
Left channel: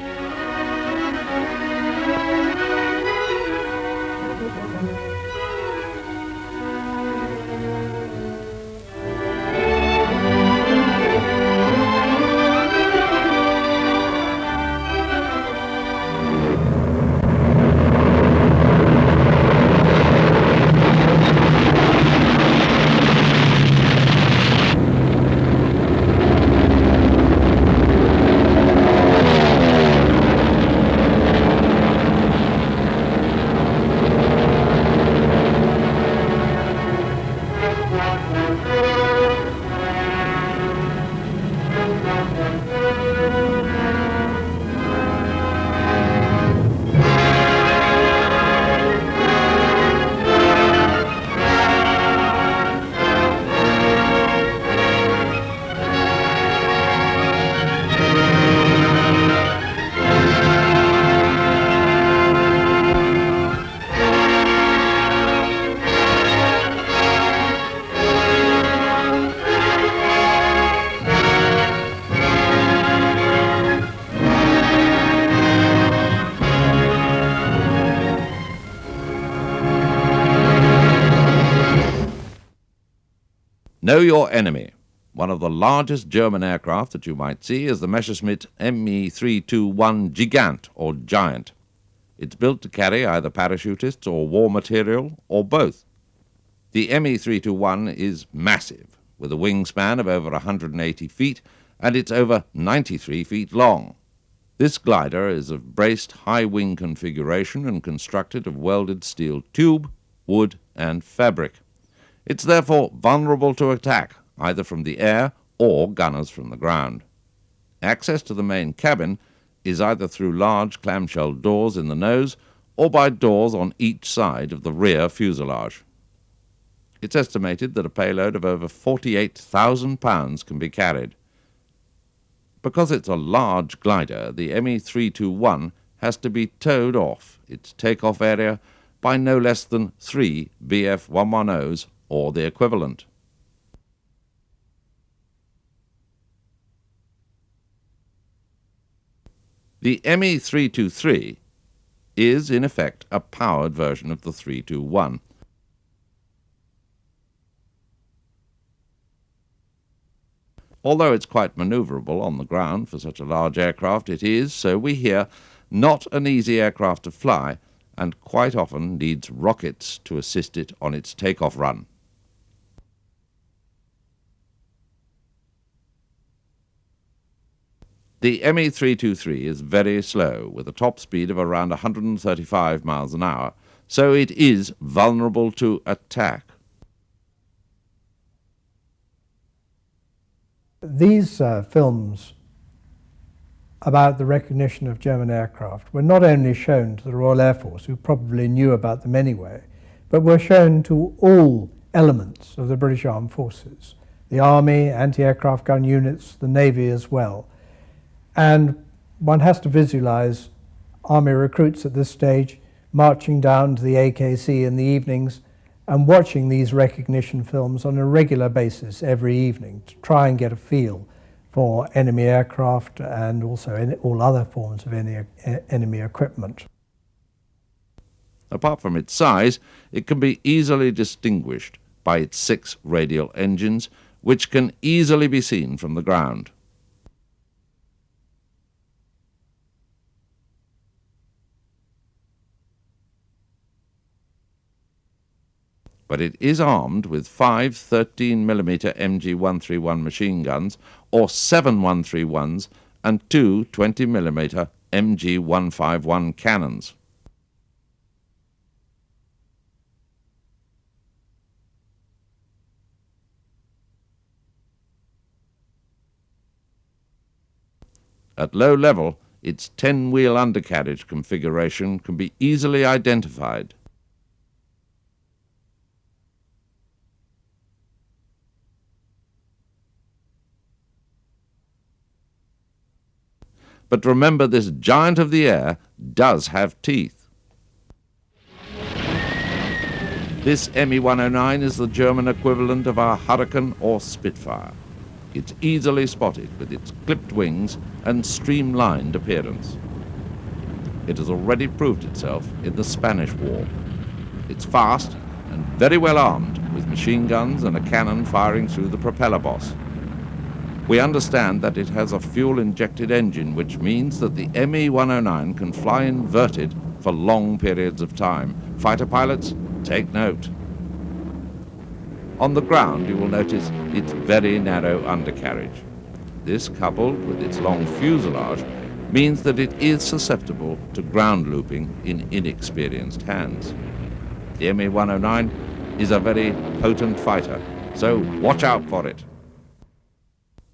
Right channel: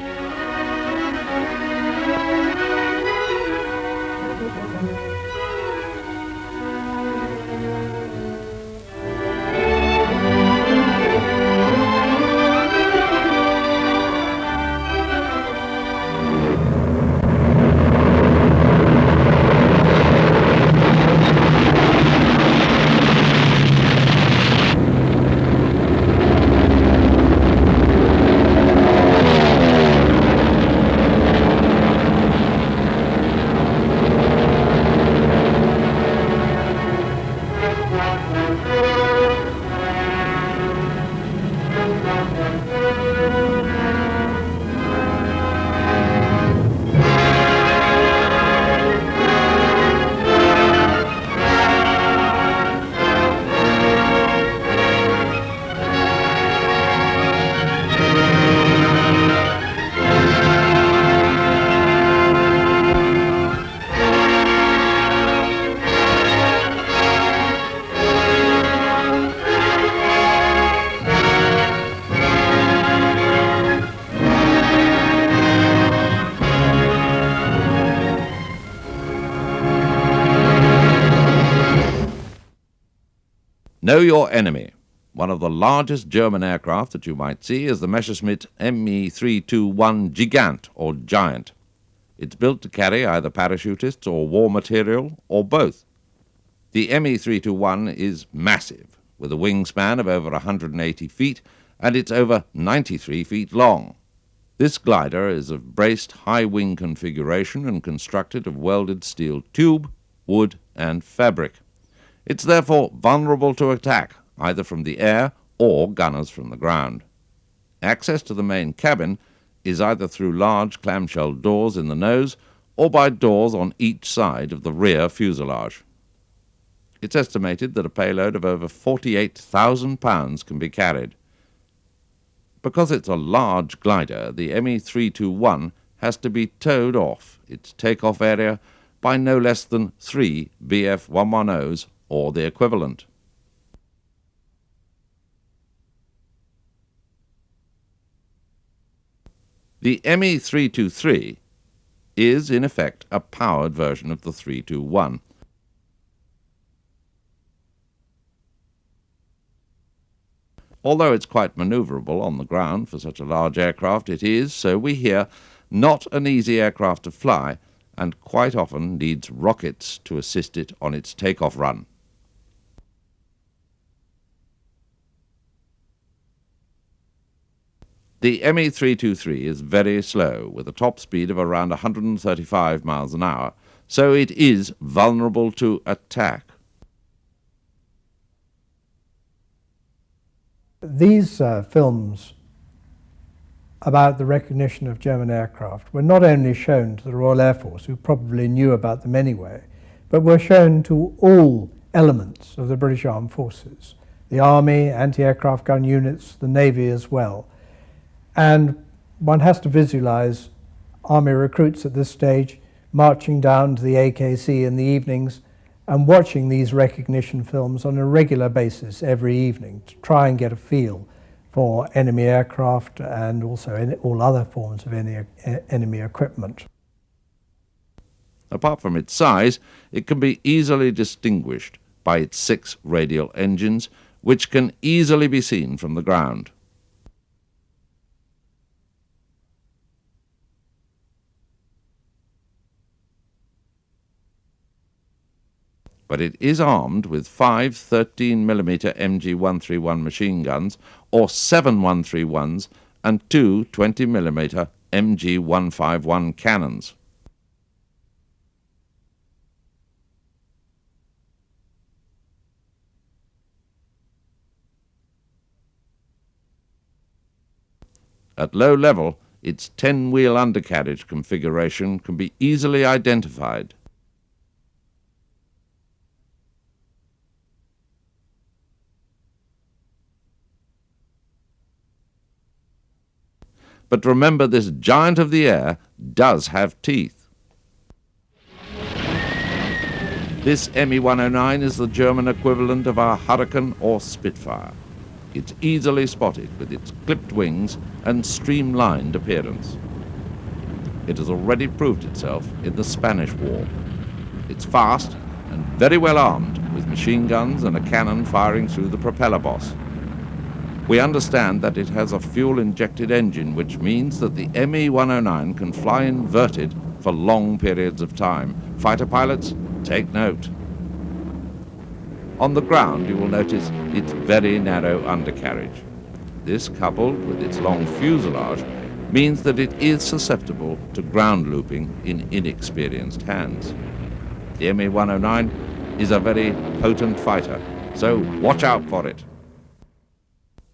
Know your enemy. One of the largest German aircraft that you might see is the Messerschmitt Me-321 Gigant, or Giant. It's built to carry either parachutists or war material, or both. The Me-321 is massive, with a wingspan of over 180 feet, and it's over 93 feet long. This glider is of braced high-wing configuration and constructed of welded steel tube, wood, and fabric. It's therefore vulnerable to attack, either from the air or gunners from the ground. Access to the main cabin is either through large clamshell doors in the nose or by doors on each side of the rear fuselage. It's estimated that a payload of over 48,000 pounds can be carried. Because it's a large glider, the Me-321 has to be towed off its takeoff area by no less than 3 Bf-110s or the equivalent. The Me-323 is, in effect, a powered version of the 321. Although it's quite manoeuvrable on the ground for such a large aircraft, it is, so we hear, not an easy aircraft to fly, and quite often needs rockets to assist it on its takeoff run. The Me-323 is very slow, with a top speed of around 135 miles an hour, so it is vulnerable to attack. These films about the recognition of German aircraft were not only shown to the Royal Air Force, who probably knew about them anyway, but were shown to all elements of the British Armed Forces, the Army, anti-aircraft gun units, the Navy as well. And one has to visualize Army recruits at this stage marching down to the AKC in the evenings and watching these recognition films on a regular basis every evening to try and get a feel for enemy aircraft and also all other forms of enemy equipment. Apart from its size, it can be easily distinguished by its 6 radial engines, which can easily be seen from the ground. But it is armed with 5 13mm MG131 machine guns, or 7 131s, and 2 20mm MG151 cannons. At low level, its 10-wheel undercarriage configuration can be easily identified. But remember, this giant of the air does have teeth. This Me-109 is the German equivalent of our Hurricane or Spitfire. It's easily spotted with its clipped wings and streamlined appearance. It has already proved itself in the Spanish War. It's fast and very well armed with machine guns and a cannon firing through the propeller boss. We understand that it has a fuel-injected engine, which means that the Me-109 can fly inverted for long periods of time. Fighter pilots, take note. On the ground, you will notice its very narrow undercarriage. This, coupled with its long fuselage, means that it is susceptible to ground looping in inexperienced hands. The Me-109 is a very potent fighter, so watch out for it.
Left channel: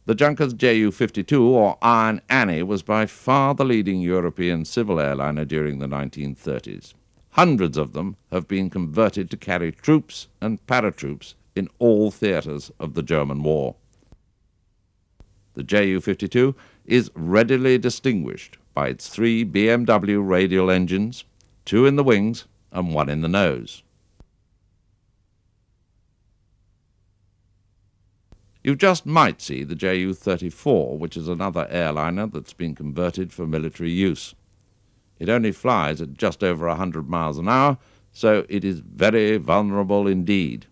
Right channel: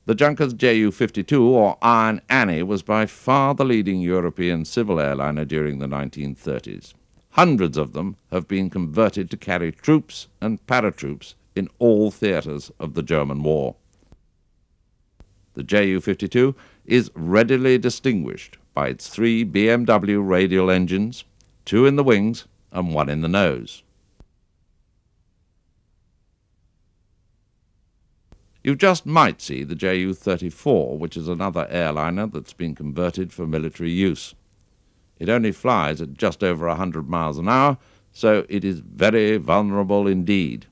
The Junkers Ju-52, or Iron Annie, was by far the leading European civil airliner during the 1930s. Hundreds of them have been converted to carry troops and paratroops in all theatres of the German war. The Ju-52 is readily distinguished by its 3 BMW radial engines, 2 in the wings and 1 in the nose. You just might see the Ju-34, which is another airliner that's been converted for military use. It only flies at just over 100 miles an hour, so it is very vulnerable indeed.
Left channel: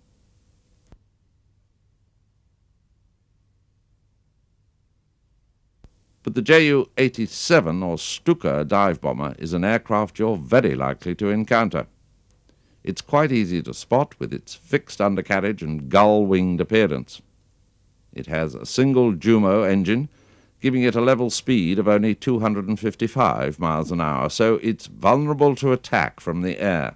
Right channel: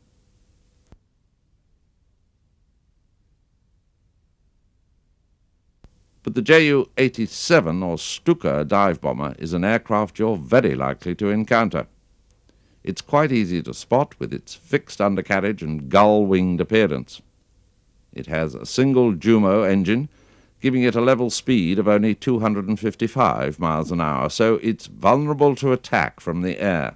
But the Ju-87, or Stuka dive bomber, is an aircraft you're very likely to encounter. It's quite easy to spot with its fixed undercarriage and gull-winged appearance. It has a single Jumo engine, giving it a level speed of only 255 miles an hour, so it's vulnerable to attack from the air.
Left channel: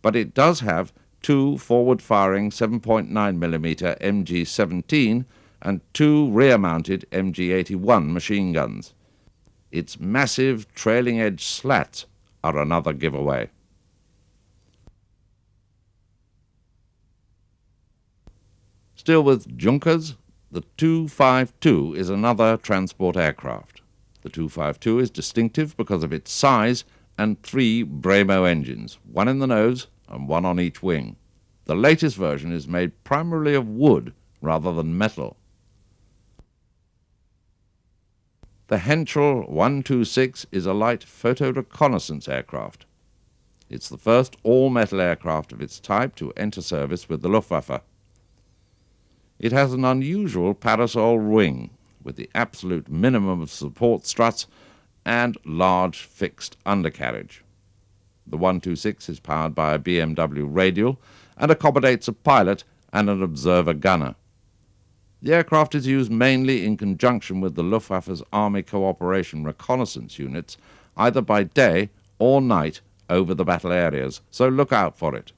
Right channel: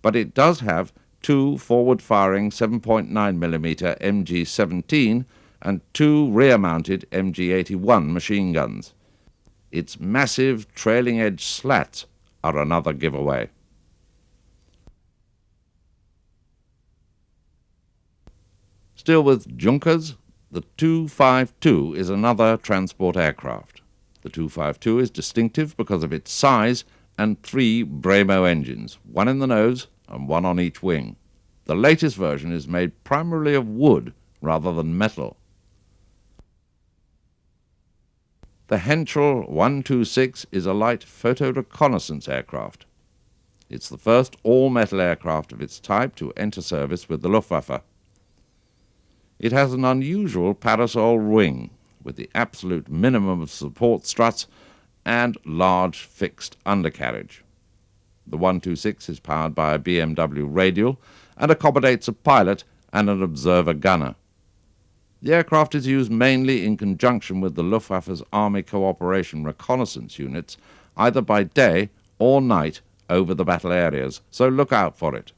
But it does have 2 forward-firing 7.9mm MG-17 and 2 rear-mounted MG-81 machine guns. Its massive trailing-edge slats are another giveaway. Still with Junkers, the Tu-52 is another transport aircraft. The Tu-52 is distinctive because of its size and 3 Bremo engines, 1 in the nose and 1 on each wing. The latest version is made primarily of wood rather than metal. The Henschel 126 is a light photo reconnaissance aircraft. It's the first all-metal aircraft of its type to enter service with the Luftwaffe. It has an unusual parasol wing with the absolute minimum of support struts and large fixed undercarriage. The 126 is powered by a BMW radial and accommodates a pilot and an observer gunner. The aircraft is used mainly in conjunction with the Luftwaffe's Army Cooperation Reconnaissance units, either by day or night over the battle areas, so look out for it.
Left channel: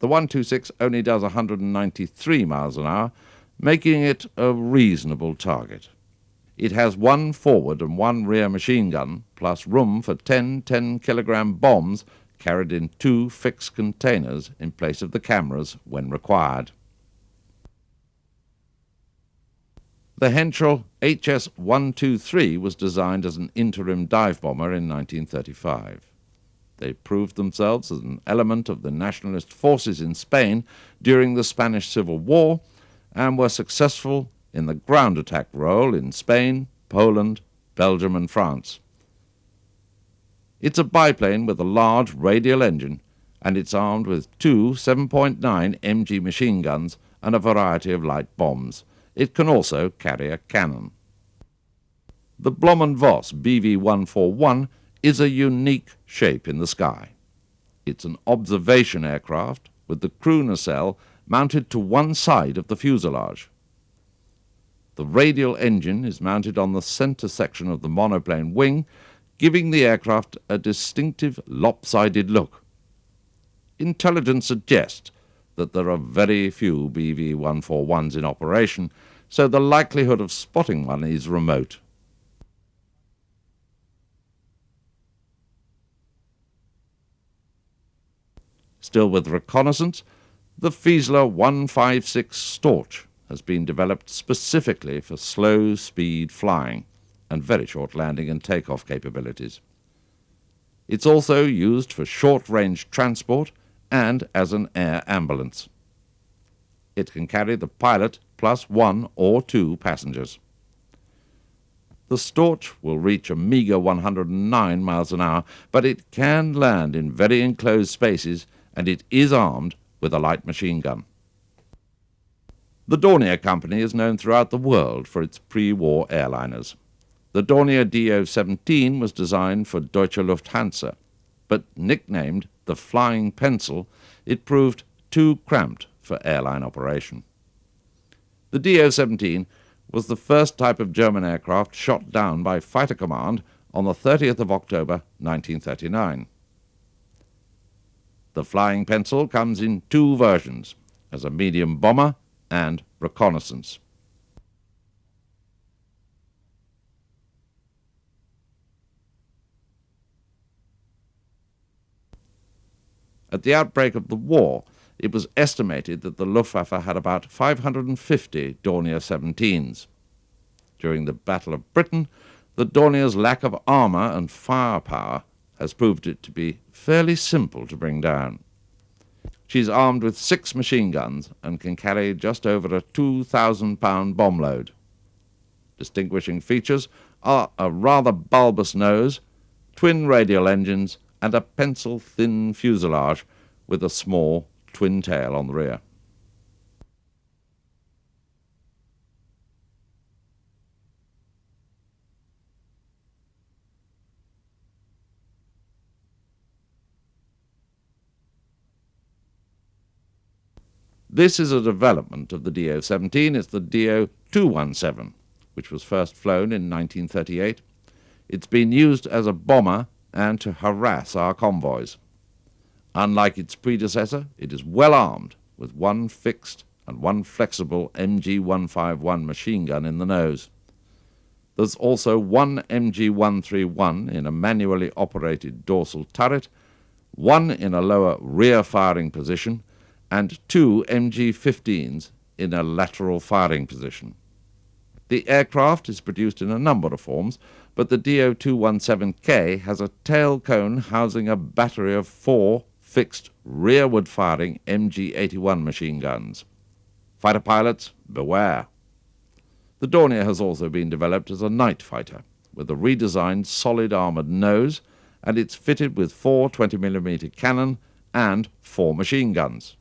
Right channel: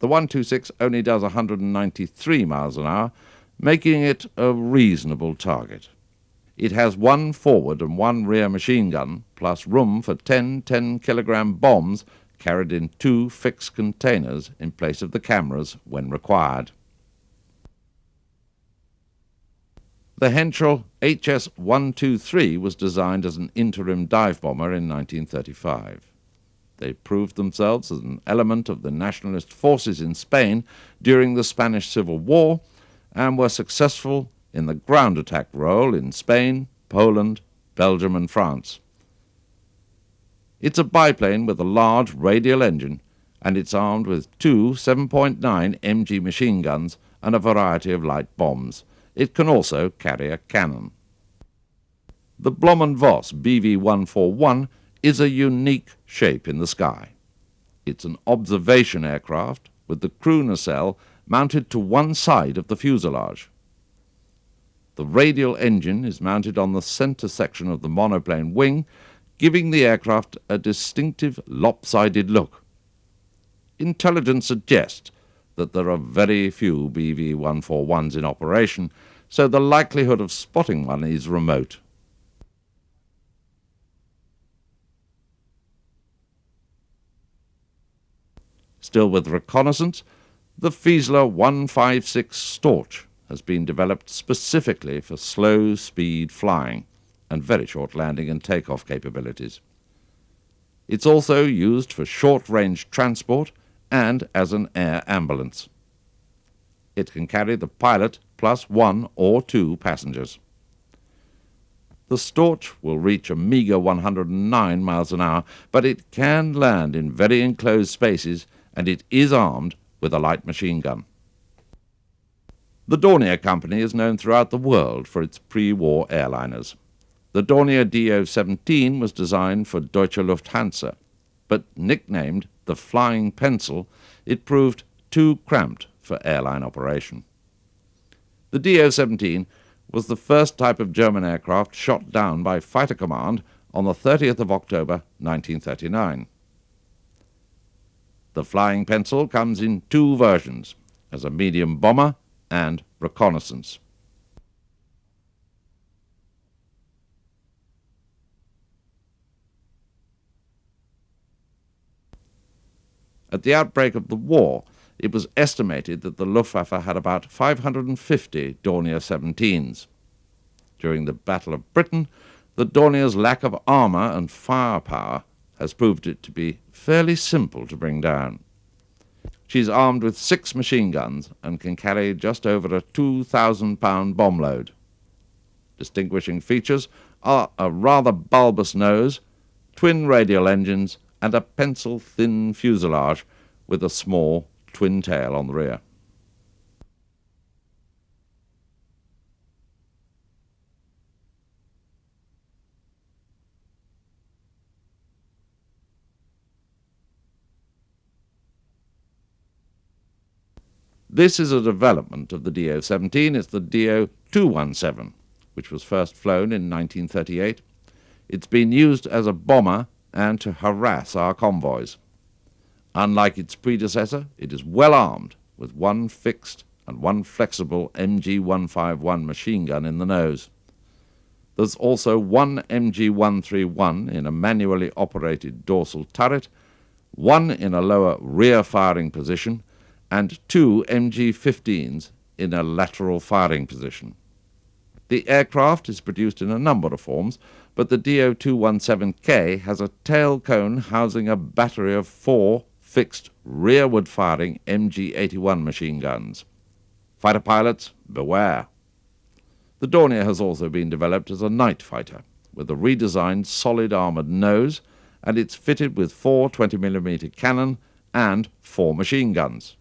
The 126 only does 193 miles an hour, making it a reasonable target. It has 1 forward and 1 rear machine gun, plus room for 10 10-kilogram bombs carried in 2 fixed containers in place of the cameras when required. The Henschel HS-123 was designed as an interim dive bomber in 1935. They proved themselves as an element of the nationalist forces in Spain during the Spanish Civil War and were successful in the ground attack role in Spain, Poland, Belgium and France. It's a biplane with a large radial engine, and it's armed with 2 7.9 MG machine guns and a variety of light bombs. It can also carry a cannon. The Blohm & Voss BV-141 is a unique shape in the sky. It's an observation aircraft with the crew nacelle mounted to one side of the fuselage. The radial engine is mounted on the center section of the monoplane wing, giving the aircraft a distinctive lopsided look. Intelligence suggests that there are very few BV-141s in operation, so the likelihood of spotting one is remote. Still with reconnaissance, the Fieseler 156 Storch has been developed specifically for slow-speed flying and very short landing and takeoff capabilities. It's also used for short-range transport and as an air ambulance. It can carry the pilot plus 1 or 2 passengers. The Storch will reach a meagre 109 miles an hour, but it can land in very enclosed spaces, and it is armed with a light machine gun. The Dornier Company is known throughout the world for its pre-war airliners. The Dornier Do-17 was designed for Deutsche Lufthansa, but nicknamed the Flying Pencil, it proved too cramped for airline operation. The Do-17 was the first type of German aircraft shot down by Fighter Command on the 30th of October 1939. The Flying Pencil comes in 2 versions, as a medium bomber and reconnaissance. At the outbreak of the war, it was estimated that the Luftwaffe had about 550 Dornier 17s. During the Battle of Britain, the Dornier's lack of armour and firepower has proved it to be fairly simple to bring down. She's armed with 6 machine guns and can carry just over a 2,000-pound bomb load. Distinguishing features are a rather bulbous nose, twin radial engines, and a pencil-thin fuselage with a small twin tail on the rear. This is a development of the Do-17. It's the Do-217, which was first flown in 1938. It's been used as a bomber and to harass our convoys. Unlike its predecessor, it is well armed with 1 fixed and 1 flexible MG-151 machine gun in the nose. There's also 1 MG-131 in a manually operated dorsal turret, 1 in a lower rear firing position, and 2 MG-15s in a lateral firing position. The aircraft is produced in a number of forms, but the Do-217K has a tail cone housing a battery of 4 fixed rearward-firing MG-81 machine guns. Fighter pilots, beware. The Dornier has also been developed as a night fighter, with a redesigned solid armoured nose, and it's fitted with 4 20mm cannon and 4 machine guns.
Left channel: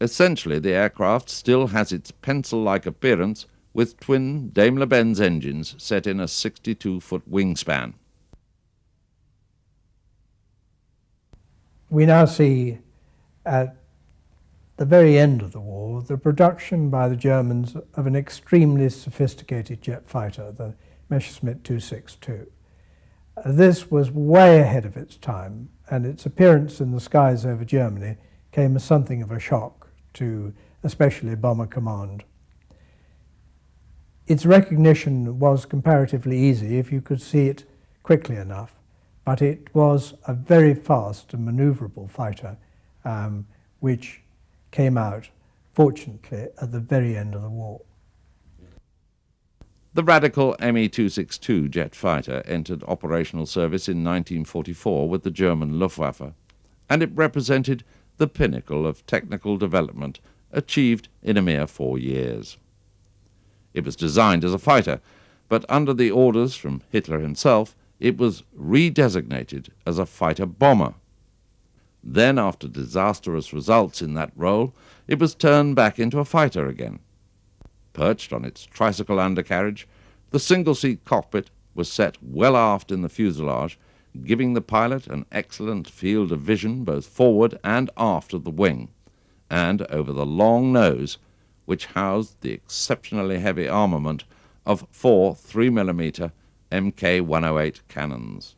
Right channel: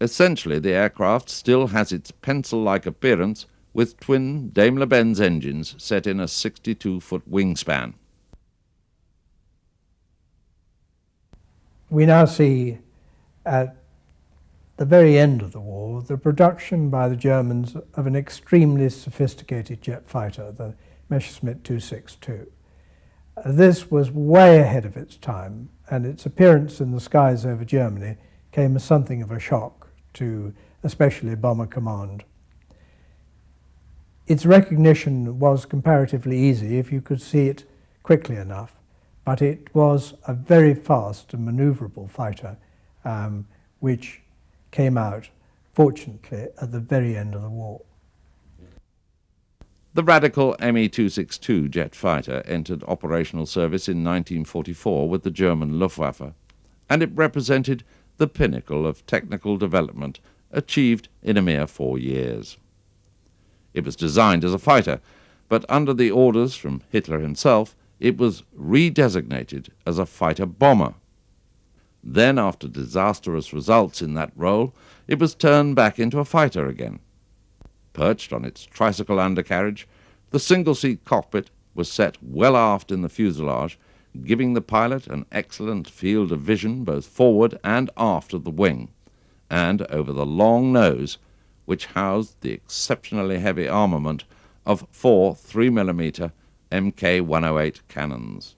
Essentially, the aircraft still has its pencil-like appearance, with twin Daimler-Benz engines set in a 62-foot wingspan. We now see at the very end of the war the production by the Germans of an extremely sophisticated jet fighter, the Messerschmitt 262. This was way ahead of its time, and its appearance in the skies over Germany came as something of a shock to especially Bomber Command. Its recognition was comparatively easy if you could see it quickly enough, but it was a very fast and manoeuvrable fighter, which came out, fortunately, at the very end of the war. The radical Me-262 jet fighter entered operational service in 1944 with the German Luftwaffe, and it represented the pinnacle of technical development achieved in a mere 4 years. It was designed as a fighter, but under the orders from Hitler himself, it was redesignated as a fighter-bomber. Then, after disastrous results in that role, it was turned back into a fighter again. Perched on its tricycle undercarriage, the single-seat cockpit was set well aft in the fuselage, giving the pilot an excellent field of vision both forward and aft of the wing, and over the long nose, which housed the exceptionally heavy armament of 4 3mm Mk108 cannons.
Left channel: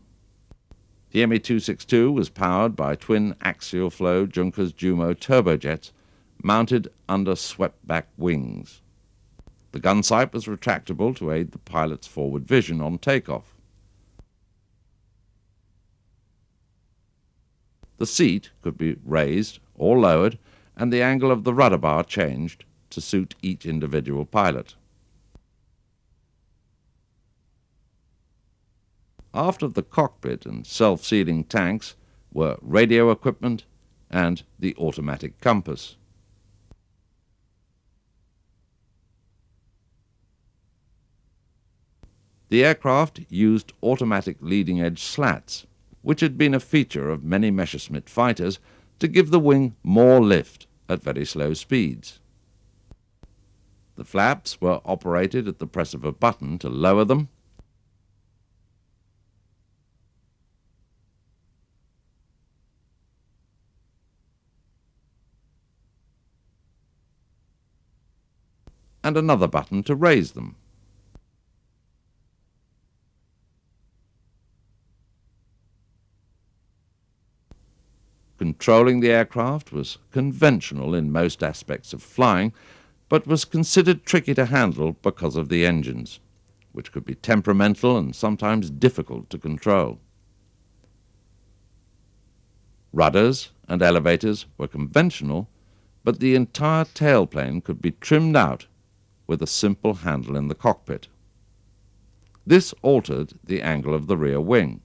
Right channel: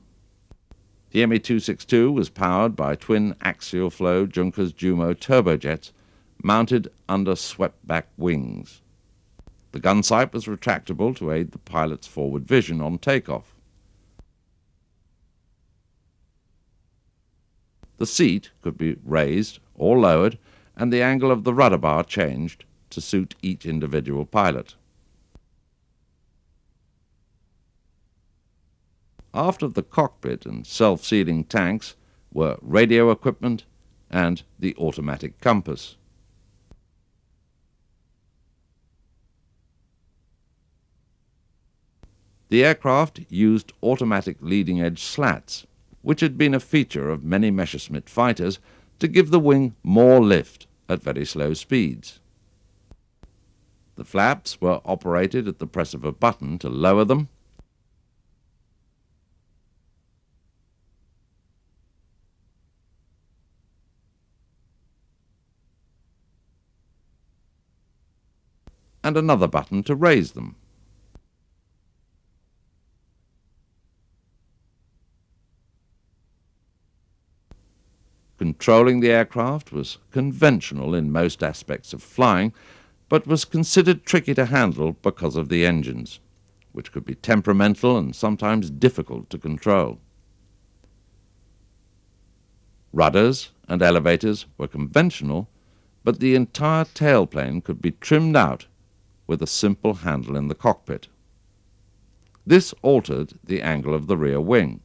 The Me-262 was powered by twin axial-flow Junkers Jumo turbojets mounted under swept-back wings. The gun sight was retractable to aid the pilot's forward vision on takeoff. The seat could be raised or lowered, and the angle of the rudder bar changed to suit each individual pilot. Aft of the cockpit and self-sealing tanks were radio equipment and the automatic compass. The aircraft used automatic leading-edge slats, which had been a feature of many Messerschmitt fighters to give the wing more lift at very slow speeds. The flaps were operated at the press of a button to lower them, and another button to raise them. Controlling the aircraft was conventional in most aspects of flying, but was considered tricky to handle because of the engines, which could be temperamental and sometimes difficult to control. Rudders and elevators were conventional, but the entire tailplane could be trimmed out with a simple handle in the cockpit. This altered the angle of the rear wing.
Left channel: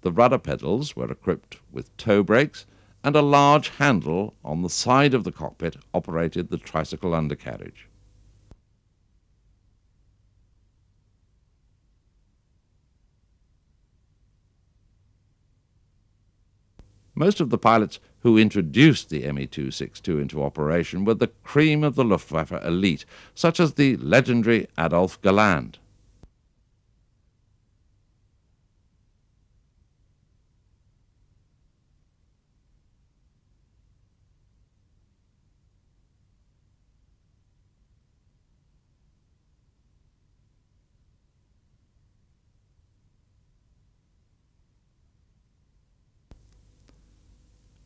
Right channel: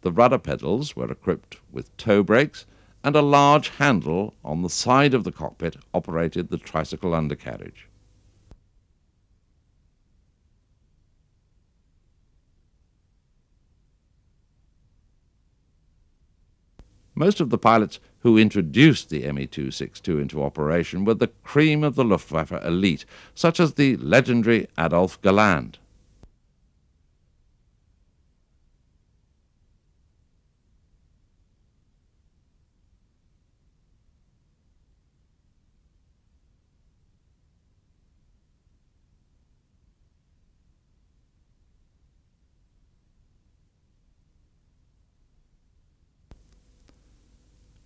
The rudder pedals were equipped with toe brakes, and a large handle on the side of the cockpit operated the tricycle undercarriage. Most of the pilots who introduced the Me-262 into operation were the cream of the Luftwaffe elite, such as the legendary Adolf Galland.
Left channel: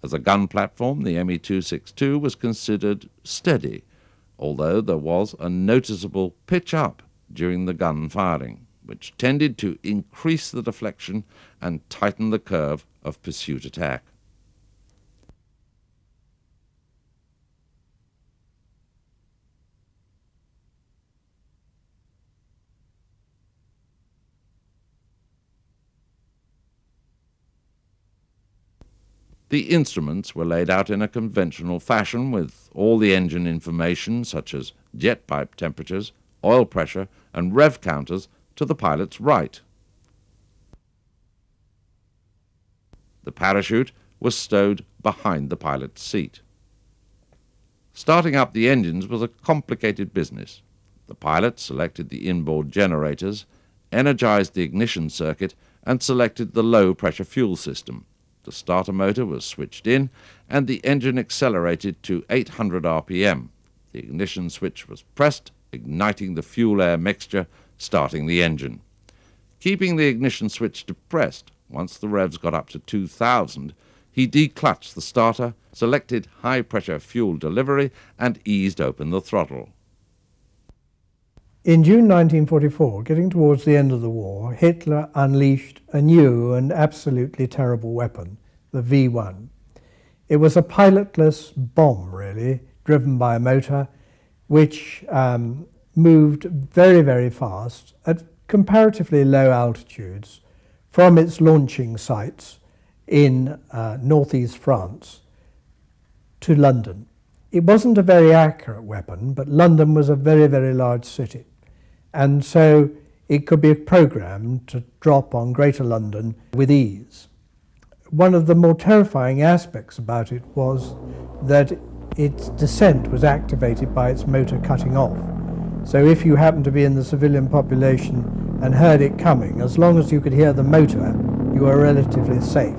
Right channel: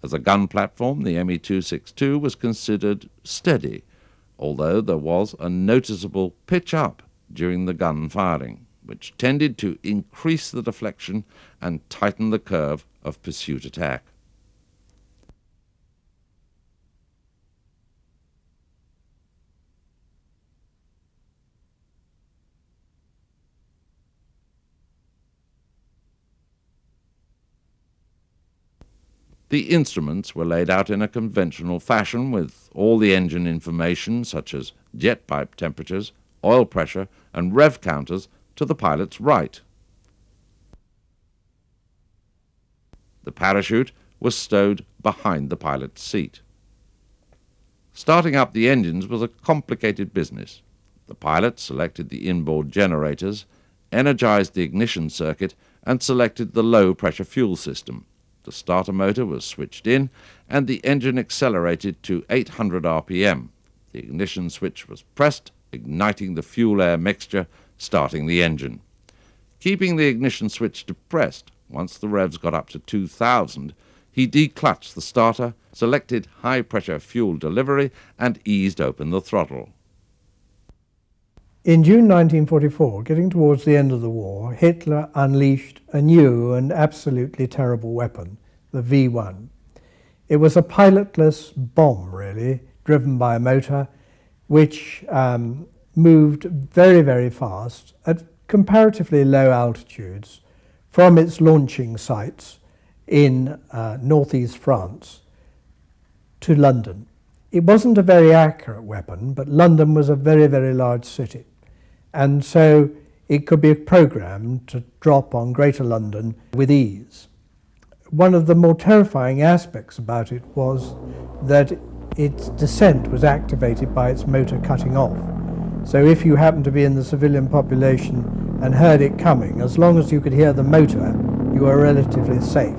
As a gun platform, the Me-262 was considered steady, although there was a noticeable pitch up during the gun firing, which tended to increase the deflection and tighten the curve of pursuit attack. The instruments were laid out in a conventional fashion with all the engine information such as jet pipe temperatures, oil pressure and rev counters to the pilot's right. The parachute was stowed behind the pilot's seat. Starting up the engines was a complicated business. The pilot selected the inboard generators, energized the ignition circuit and selected the low-pressure fuel system. The starter motor was switched in and the engine accelerated to 800 RPM. The ignition switch was pressed, igniting the fuel-air mixture, starting the engine. Keeping the ignition switch depressed, once the revs got up to 2000, he declutched the starter, selected high-pressure fuel delivery and eased open the throttle. In June 1944, getting towards the end of the war, Hitler unleashed a new and absolutely terrible weapon, the V1. It was a pilotless bomb, really, driven by a motor, which moved very, very fast at comparatively low altitudes from its launching sites in northeast France to London. It wasn't a very accurate weapon, but London was a very, very large city. And so it could be programmed to drop on Greater London with ease. One of the more terrifying aspects about it was that its descent was activated by its motor cutting off. So if you happened to be in the civilian population and heard it coming, as long as you could hear the motor, you were relatively safe.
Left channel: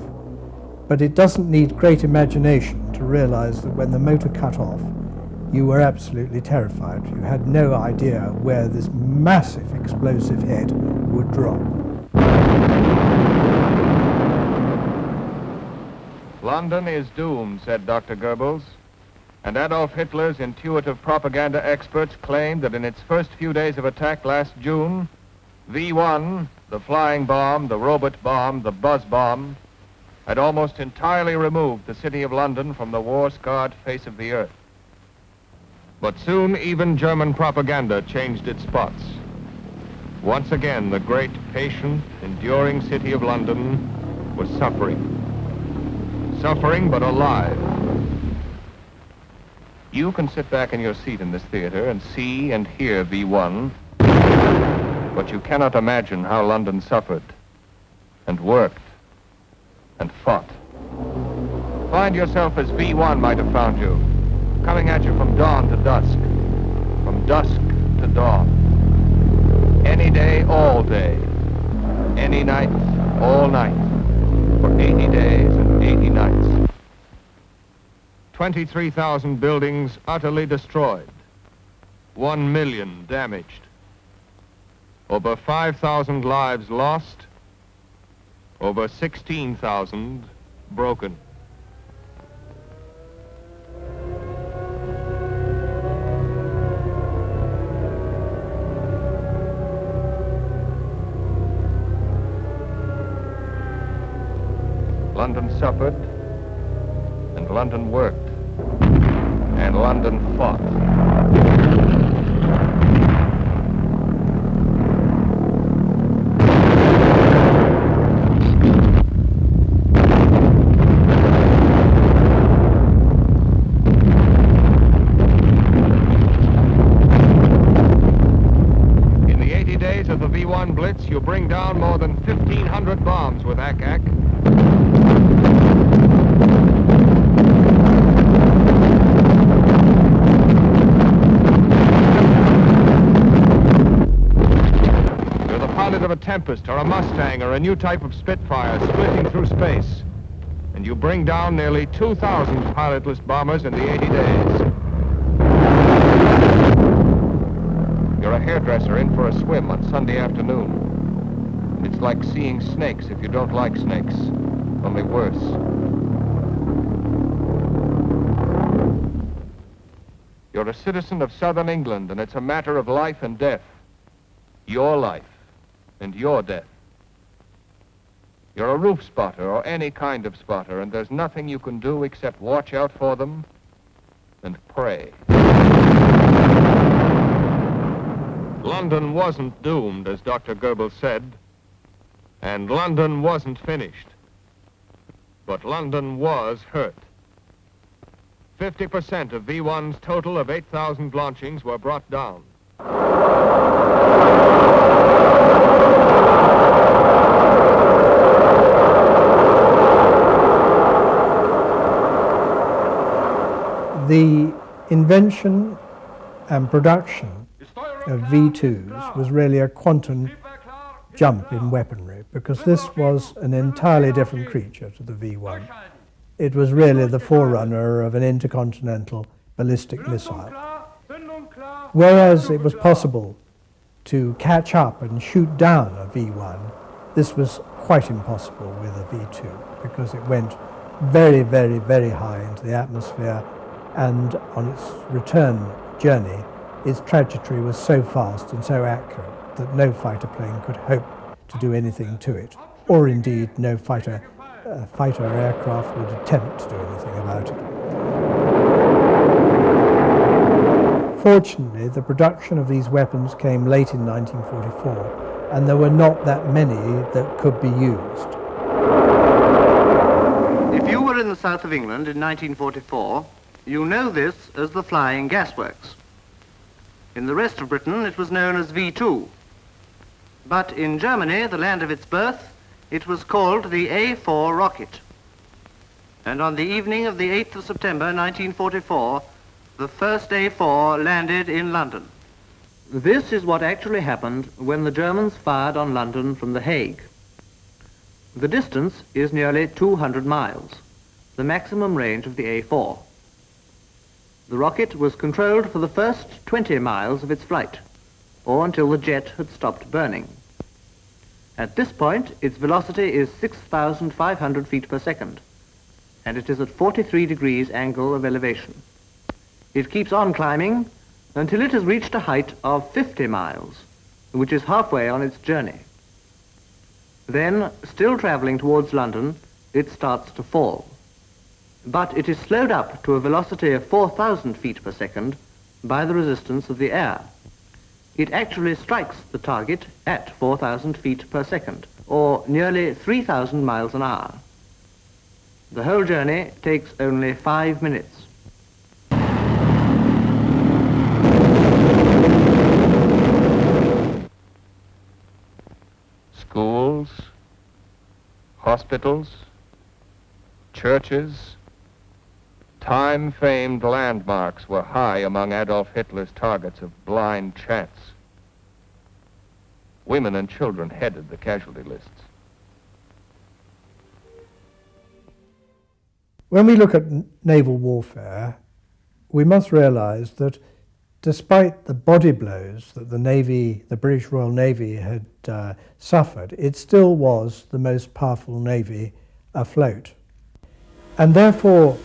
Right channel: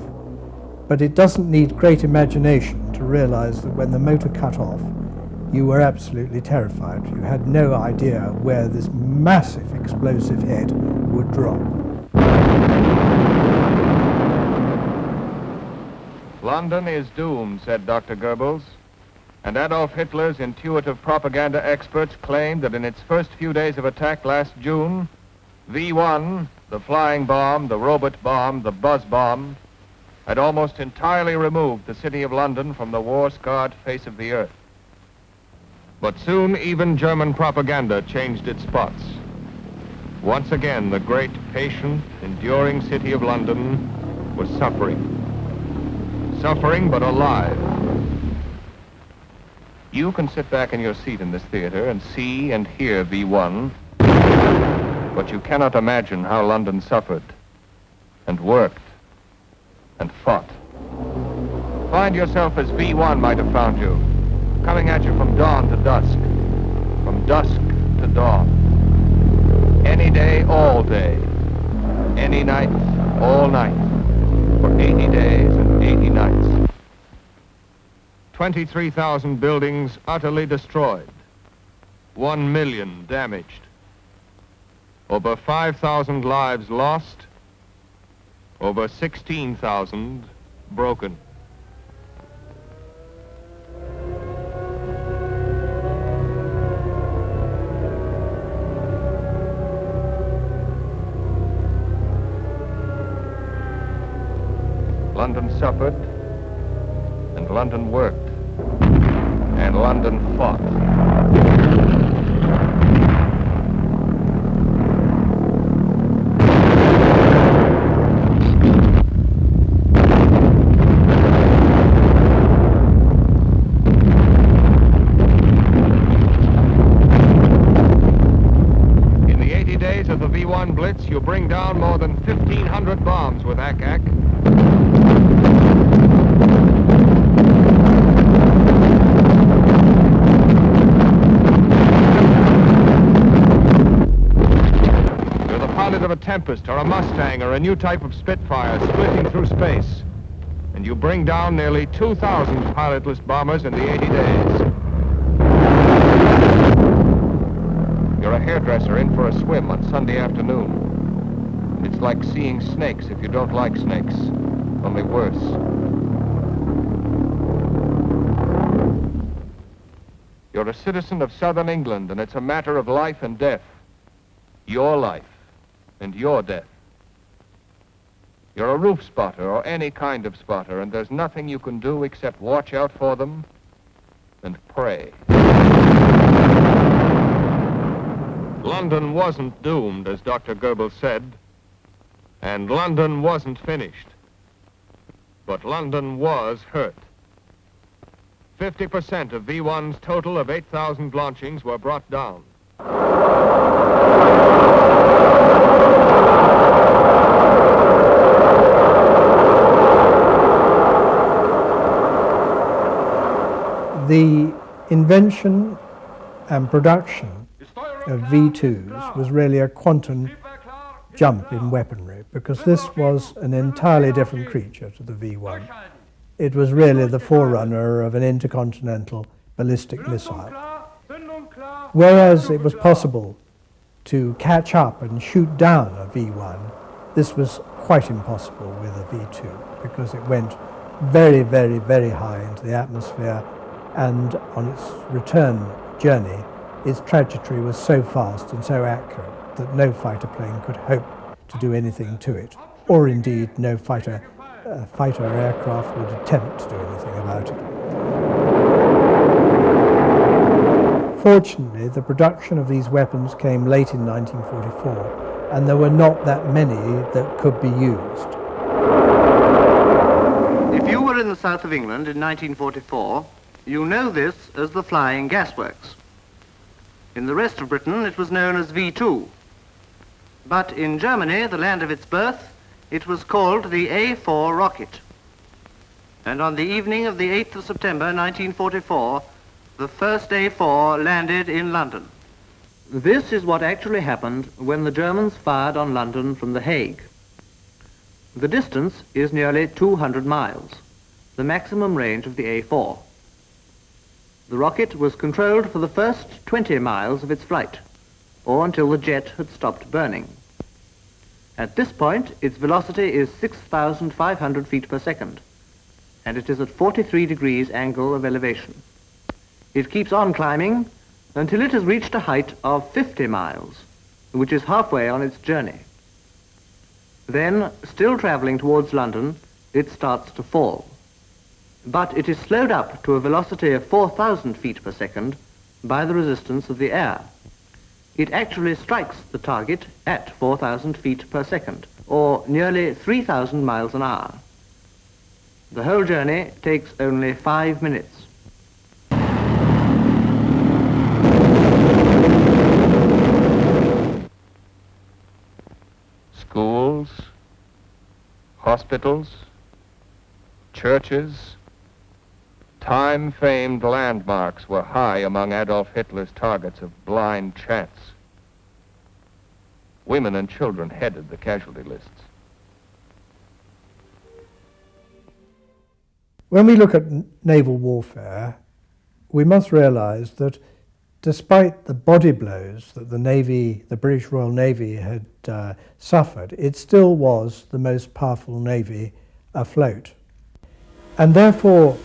But it doesn't need great imagination to realize that when the motor cut off, you were absolutely terrified. You had no idea where this massive explosive head would drop. London is doomed, said Dr. Goebbels, and Adolf Hitler's intuitive propaganda experts claimed that in its first few days of attack last June, V1, the flying bomb, the robot bomb, the buzz bomb, had almost entirely removed the city of London from the war-scarred face of the earth. But soon even German propaganda changed its spots. Once again, the great, patient, enduring city of London was suffering. Suffering, but alive. You can sit back in your seat in this theater and see and hear V1, but you cannot imagine how London suffered and worked and fought. Find yourself as V1 might have found you, coming at you from dawn to dusk, from dusk to dawn. Any day, all day. Any night, all night. For 80 days and 80 nights. 23,000 buildings utterly destroyed. 1 million damaged. Over 5,000 lives lost. Over 16,000 broken. London suffered, and London worked, and London fought. In the 80 days of the V1 Blitz, you bring down more than 1,500 bombs with Ack-Ack. Of a Tempest or a Mustang or a new type of Spitfire splitting through space, and you bring down nearly 2,000 pilotless bombers in the 80 days. You're a hairdresser in for a swim on Sunday afternoon. It's like seeing snakes if you don't like snakes, only worse. You're a citizen of southern England, and it's a matter of life and death. Your life and your death. You're a roof spotter or any kind of spotter, and there's nothing you can do except watch out for them and pray. London wasn't doomed, as Dr. Goebbels said, and London wasn't finished. But London was hurt. 50% of V1's total of 8,000 launchings were brought down. The invention and production of V2s was really a quantum jump in weaponry, because this was an entirely different creature to the V1. It was really the forerunner of an intercontinental ballistic missile. Whereas it was possible to catch up and shoot down a V1, this was quite impossible with a V2, because it went very, very, very high into the atmosphere, and on its return journey, its trajectory was so fast and so accurate that no fighter plane could hope to do anything to it, or indeed no fighter aircraft would attempt to do anything about it. Fortunately, the production of these weapons came late in 1944, and there were not that many that could be used. If you were in the south of England in 1944, you know this as the Flying Gasworks. In the rest of Britain, it was known as V2. But in Germany, the land of its birth, it was called the A4 rocket. And on the evening of the 8th of September 1944, the first A4 landed in London. This is what actually happened when the Germans fired on London from The Hague. The distance is nearly 200 miles, the maximum range of the A4. The rocket was controlled for the first 20 miles of its flight, or until the jet had stopped burning. At this point, its velocity is 6,500 feet per second, and it is at 43 degrees angle of elevation. It keeps on climbing until it has reached a height of 50 miles, which is halfway on its journey. Then, still traveling towards London, it starts to fall. But it is slowed up to a velocity of 4,000 feet per second by the resistance of the air. It actually strikes the target at 4,000 feet per second, or nearly 3,000 miles an hour. The whole journey takes only 5 minutes. Schools, hospitals, churches, time-famed landmarks were high among Adolf Hitler's targets of blind chance. Women and children headed the casualty lists. When we look at naval warfare, we must realize that despite the body blows that the British Royal Navy had suffered, it still was the most powerful navy afloat. And therefore,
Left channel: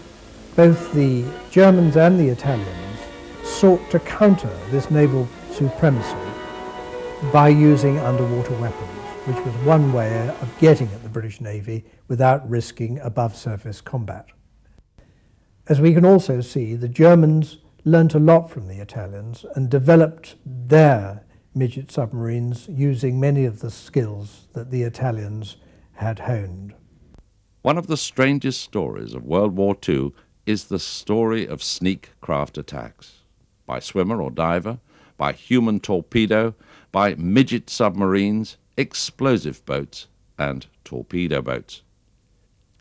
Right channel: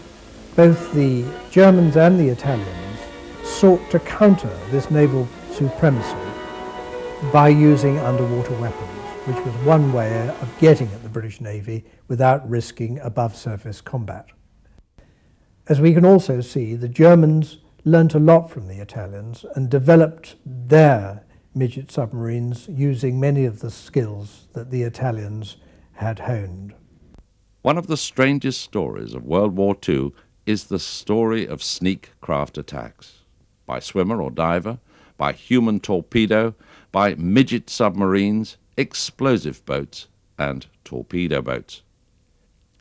both the Germans and the Italians sought to counter this naval supremacy by using underwater weapons, which was one way of getting at the British Navy without risking above-surface combat. As we can also see, the Germans learnt a lot from the Italians and developed their midget submarines using many of the skills that the Italians had honed. One of the strangest stories of World War II is the story of sneak craft attacks, by swimmer or diver, by human torpedo, by midget submarines, explosive boats, and torpedo boats.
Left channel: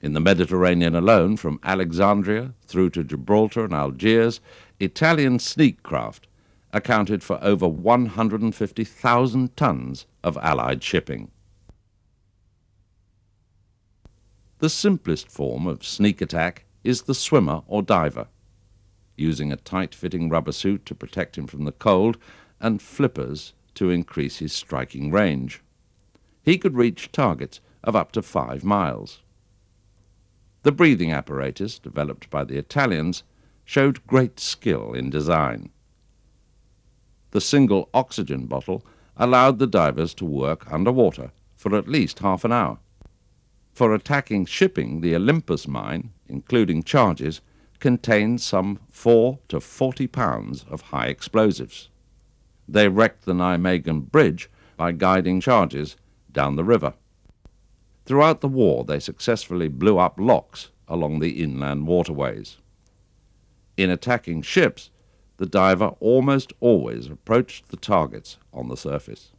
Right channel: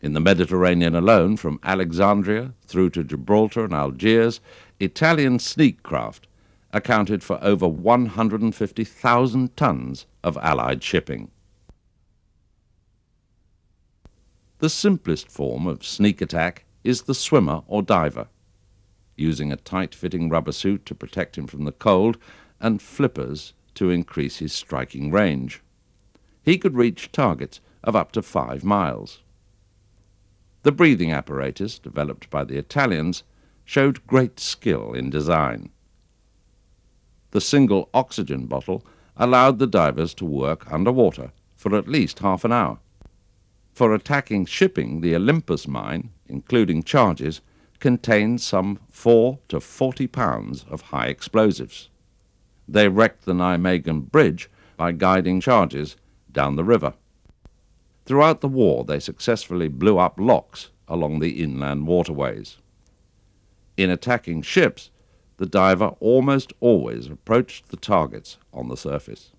In the Mediterranean alone, from Alexandria through to Gibraltar and Algiers, Italian sneak craft accounted for over 150,000 tons of Allied shipping. The simplest form of sneak attack is the swimmer or diver, using a tight-fitting rubber suit to protect him from the cold and flippers to increase his striking range. He could reach targets of up to 5 miles. The breathing apparatus, developed by the Italians, showed great skill in design. The single oxygen bottle allowed the divers to work underwater for at least half an hour. For attacking shipping, the Olympus mine, including charges, contained some 4 to 40 pounds of high explosives. They wrecked the Nijmegen Bridge by guiding charges down the river. Throughout the war, they successfully blew up locks along the inland waterways. In attacking ships, the diver almost always approached the targets on the surface,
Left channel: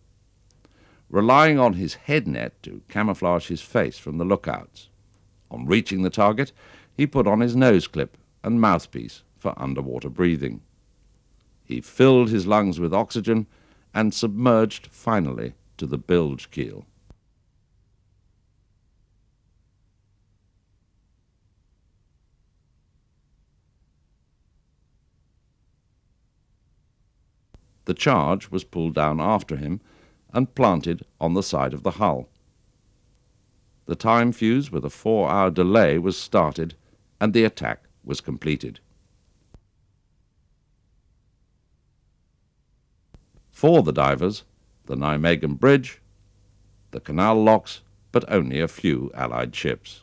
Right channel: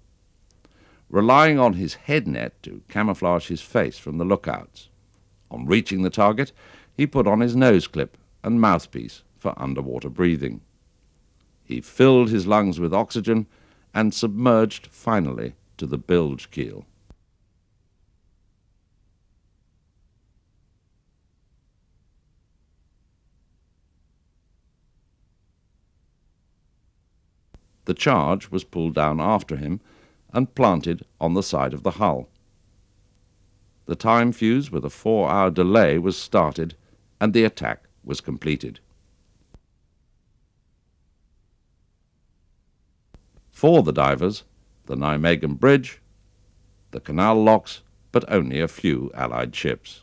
relying on his head net to camouflage his face from the lookouts. On reaching the target, he put on his nose clip and mouthpiece for underwater breathing. He filled his lungs with oxygen and submerged finally to the bilge keel. The charge was pulled down after him and planted on the side of the hull. The time fuse with a 4-hour delay was started and the attack was completed. For the divers, the Nijmegen Bridge, the canal locks, but only a few Allied ships.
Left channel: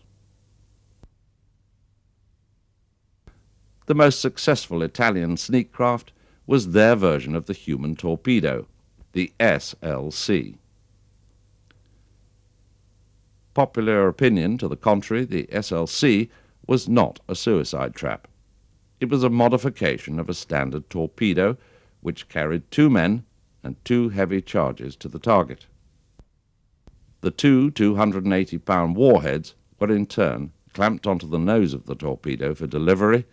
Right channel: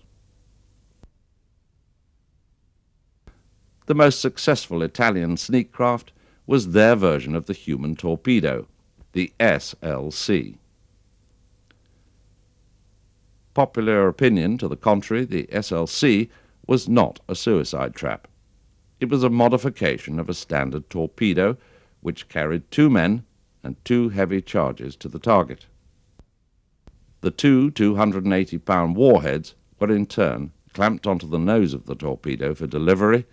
The most successful Italian sneak craft was their version of the human torpedo, the SLC. Popular opinion to the contrary, the SLC was not a suicide trap. It was a modification of a standard torpedo which carried 2 men and 2 heavy charges to the target. The 2 280-pound warheads were in turn clamped onto the nose of the torpedo for delivery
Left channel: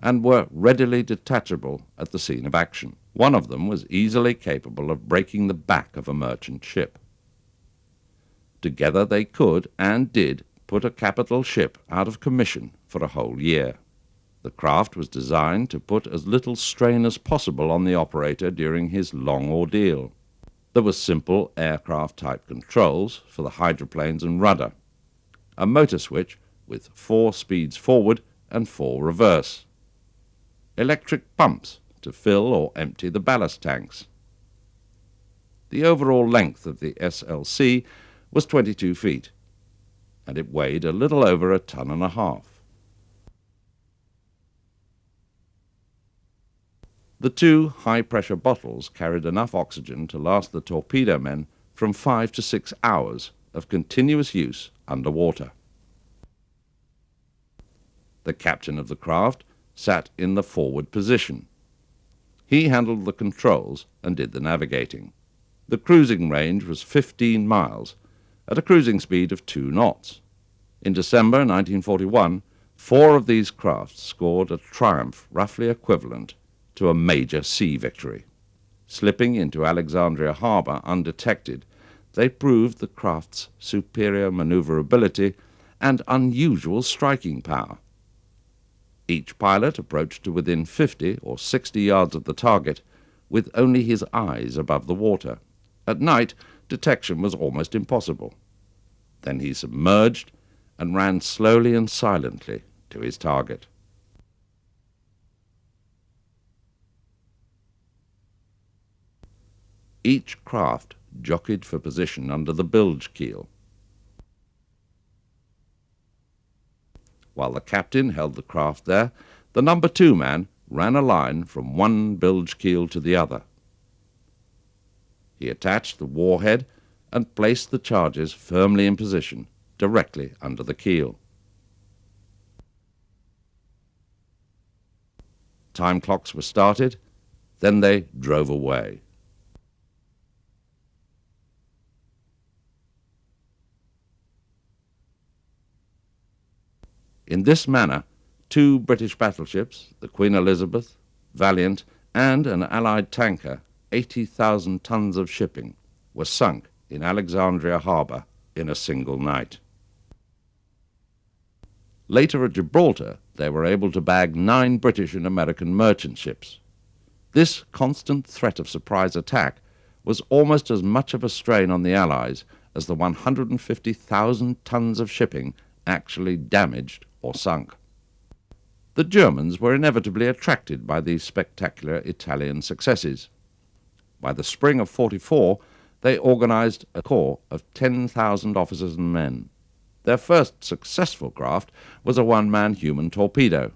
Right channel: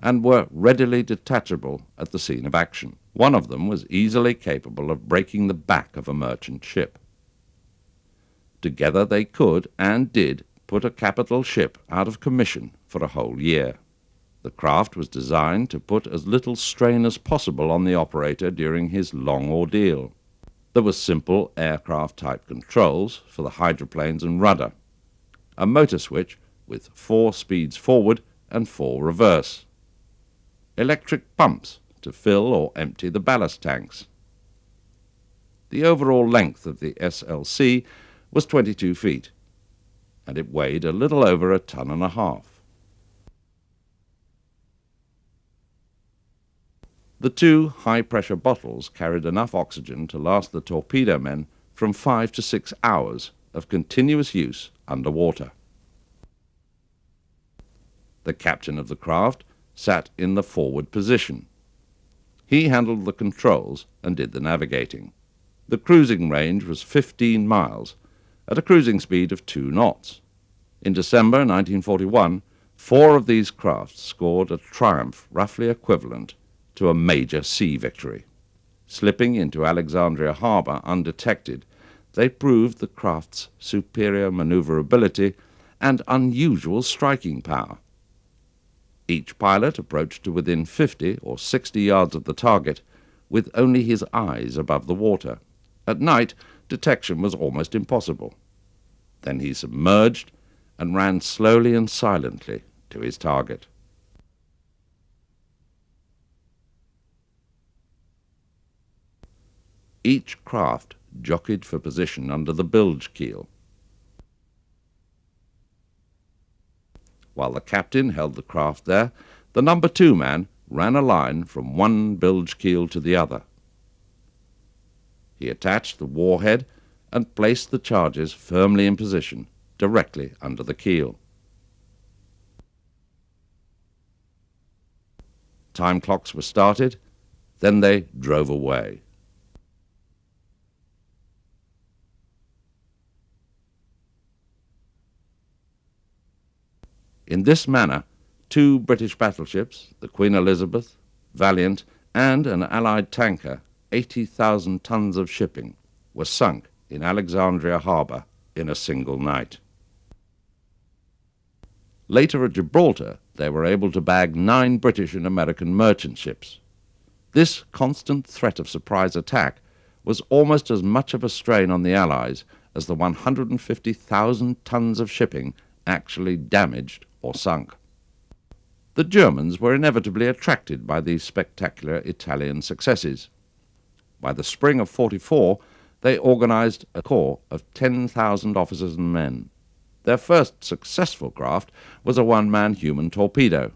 and were readily detachable at the scene of action. One of them was easily capable of breaking the back of a merchant ship. Together they could, and did, put a capital ship out of commission for a whole year. The craft was designed to put as little strain as possible on the operator during his long ordeal. There were simple aircraft-type controls for the hydroplanes and rudder, a motor switch with 4 speeds forward and 4 reverse, electric pumps to fill or empty the ballast tanks. The overall length of the SLC was 22 feet, and it weighed a little over 1.5 tons. The 2 high-pressure bottles carried enough oxygen to last the torpedo men from 5 to 6 hours of continuous use underwater. The captain of the craft sat in the forward position. He handled the controls and did the navigating. The cruising range was 15 miles at a cruising speed of 2 knots. In December 1941, 4 of these crafts scored a triumph roughly equivalent to a major sea victory. Slipping into Alexandria Harbour undetected, they proved the craft's superior maneuverability and unusual striking power. Each pilot approached to within 50 or 60 yards of the target with only his eyes above the water. At night, detection was almost impossible. Then he submerged and ran slowly and silently to his target. Each craft jockeyed for position under the bilge keel. While the captain held the craft there, the number 2 man ran a line from one bilge keel to the other. He attached the warhead and placed the charges firmly in position directly under the keel. Time clocks were started, then they drove away. In this manner, 2 British battleships, the Queen Elizabeth, Valiant, and an Allied tanker, 80,000 tons of shipping, were sunk in Alexandria Harbour in a single night. Later at Gibraltar, they were able to bag 9 British and American merchant ships. This constant threat of surprise attack was almost as much of a strain on the Allies as the 150,000 tons of shipping actually damaged or sunk. The Germans were inevitably attracted by these spectacular Italian successes. By the spring of '44, they organized a corps of 10,000 officers and men. Their first successful craft was a one-man human torpedo.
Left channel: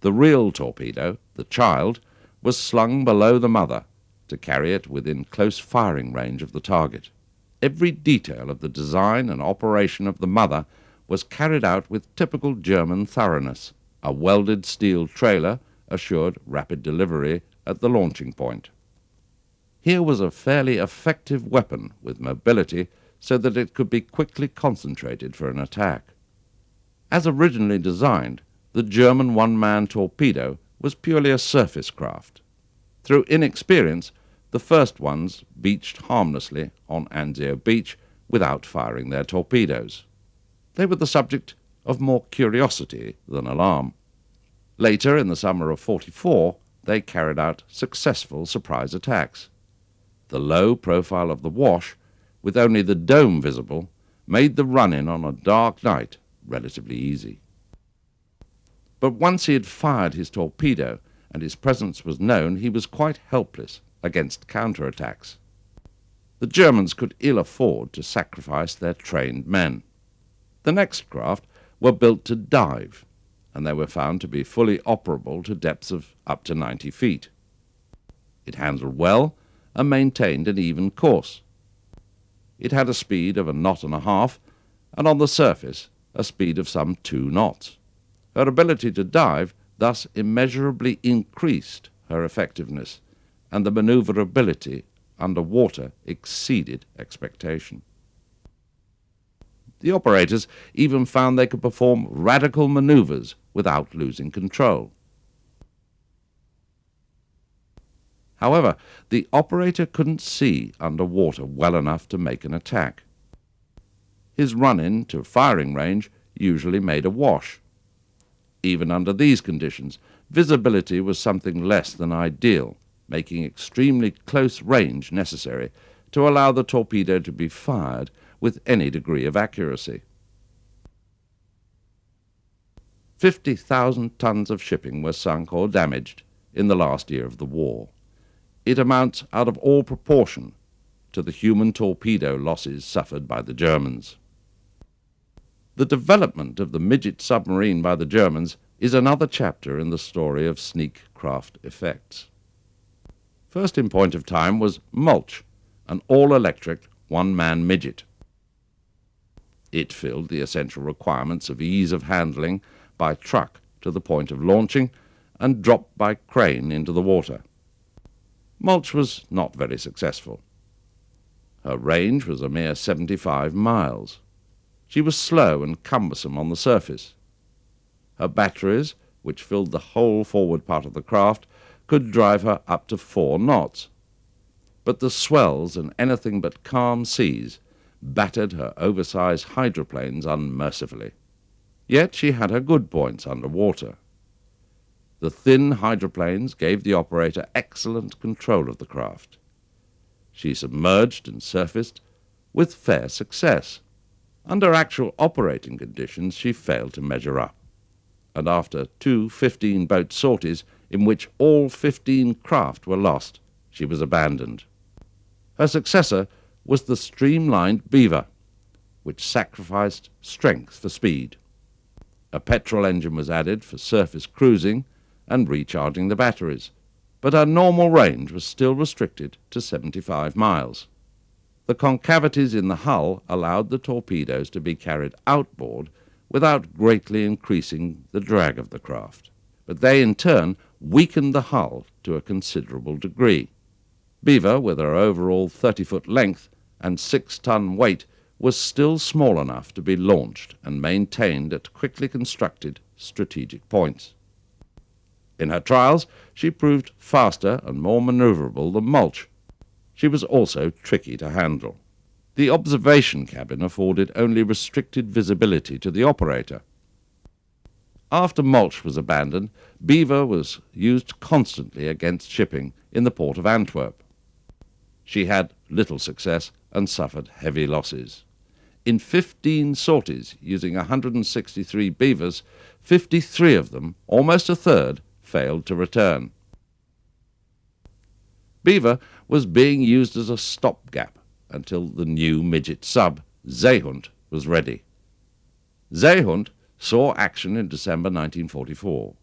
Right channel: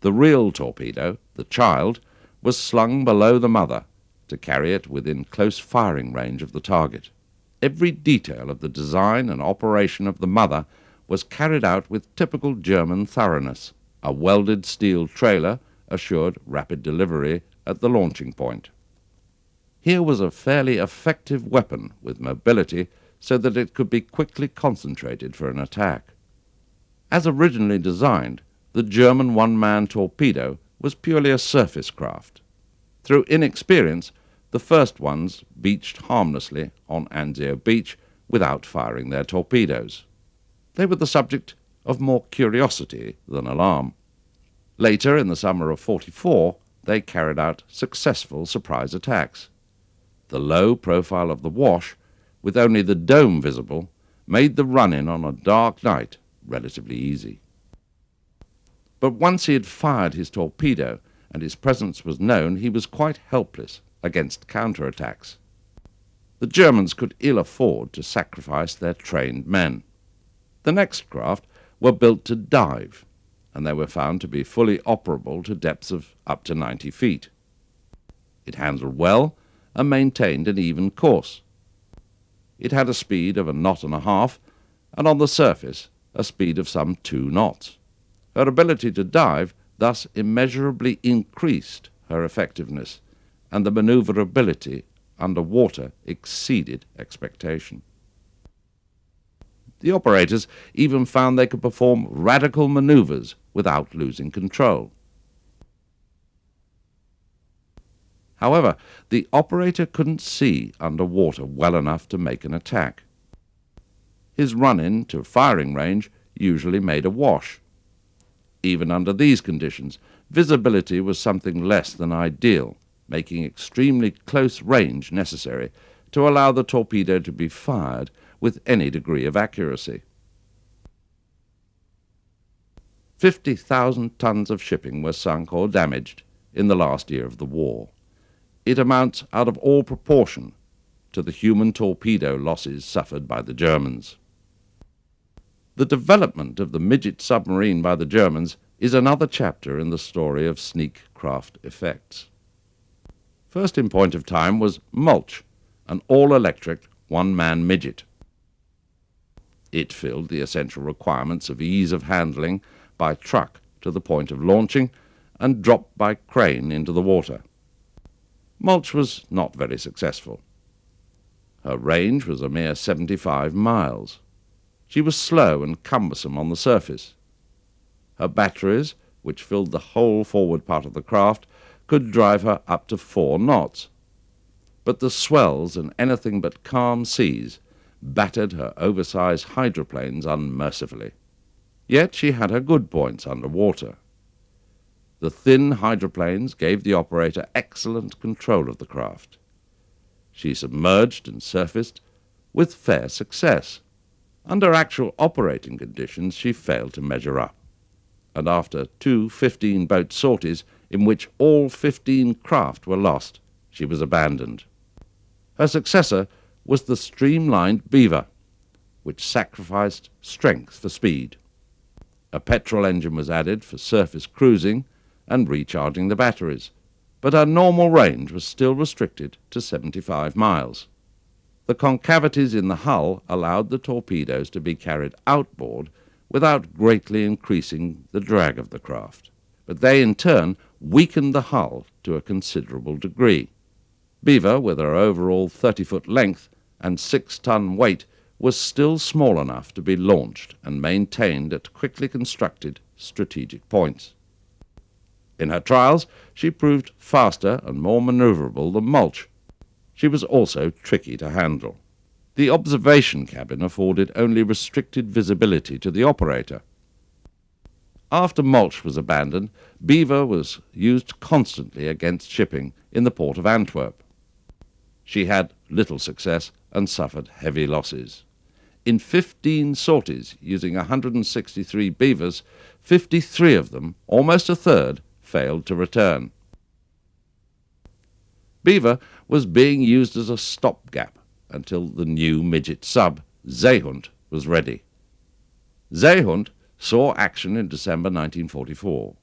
The real torpedo, the Child, was slung below the mother to carry it within close firing range of the target. Every detail of the design and operation of the mother was carried out with typical German thoroughness. A welded steel trailer assured rapid delivery at the launching point. Here was a fairly effective weapon with mobility so that it could be quickly concentrated for an attack. As originally designed, the German one-man torpedo was purely a surface craft. Through inexperience, the first ones beached harmlessly on Anzio Beach without firing their torpedoes. They were the subject of more curiosity than alarm. Later, in the summer of '44, they carried out successful surprise attacks. The low profile of the Wash, with only the dome visible, made the run-in on a dark night relatively easy. But once he had fired his torpedo and his presence was known, he was quite helpless against counterattacks. The Germans could ill afford to sacrifice their trained men. The next craft were built to dive, and they were found to be fully operable to depths of up to 90 feet. It handled well and maintained an even course. It had a speed of 1.5 knots, and on the surface a speed of some 2 knots. Her ability to dive thus immeasurably increased her effectiveness, and the maneuverability under water exceeded expectation. The operators even found they could perform radical maneuvers without losing control. However, the operator couldn't see under water well enough to make an attack. His run-in to firing range usually made a wash. Even under these conditions, visibility was something less than ideal, making extremely close range necessary to allow the torpedo to be fired with any degree of accuracy. 50,000 tons of shipping were sunk or damaged in the last year of the war. It amounts out of all proportion to the human torpedo losses suffered by the Germans. The development of the midget submarine by the Germans is another chapter in the story of sneak craft effects. First in point of time was Mulch, an all-electric one-man midget. It filled the essential requirements of ease of handling by truck to the point of launching and dropped by crane into the water. Mulch was not very successful. Her range was a mere 75 miles. She was slow and cumbersome on the surface. Her batteries, which filled the whole forward part of the craft, could drive her up to 4 knots. But the swells and anything but calm seas battered her oversized hydroplanes unmercifully. Yet she had her good points under water. The thin hydroplanes gave the operator excellent control of the craft. She submerged and surfaced with fair success. Under actual operating conditions, she failed to measure up, and after 2 15-boat sorties in which all 15 craft were lost, she was abandoned. Her successor was the streamlined Beaver, which sacrificed strength for speed. A petrol engine was added for surface cruising and recharging the batteries, but her normal range was still restricted to 75 miles. The concavities in the hull allowed the torpedoes to be carried outboard without greatly increasing the drag of the craft, but they in turn weakened the hull to a considerable degree. Beaver, with her overall 30-foot length and 6-ton weight, was still small enough to be launched and maintained at quickly constructed strategic points. In her trials, she proved faster and more maneuverable than Mulch. She was also tricky to handle. The observation cabin afforded only restricted visibility to the operator. After Mulch was abandoned, Beaver was used constantly against shipping in the port of Antwerp. She had little success and suffered heavy losses. In 15 sorties using 163 Beavers, 53 of them, almost a third, failed to return. Beaver was being used as a stopgap until the new midget sub, Seehund, was ready. Seehund saw action in December 1944.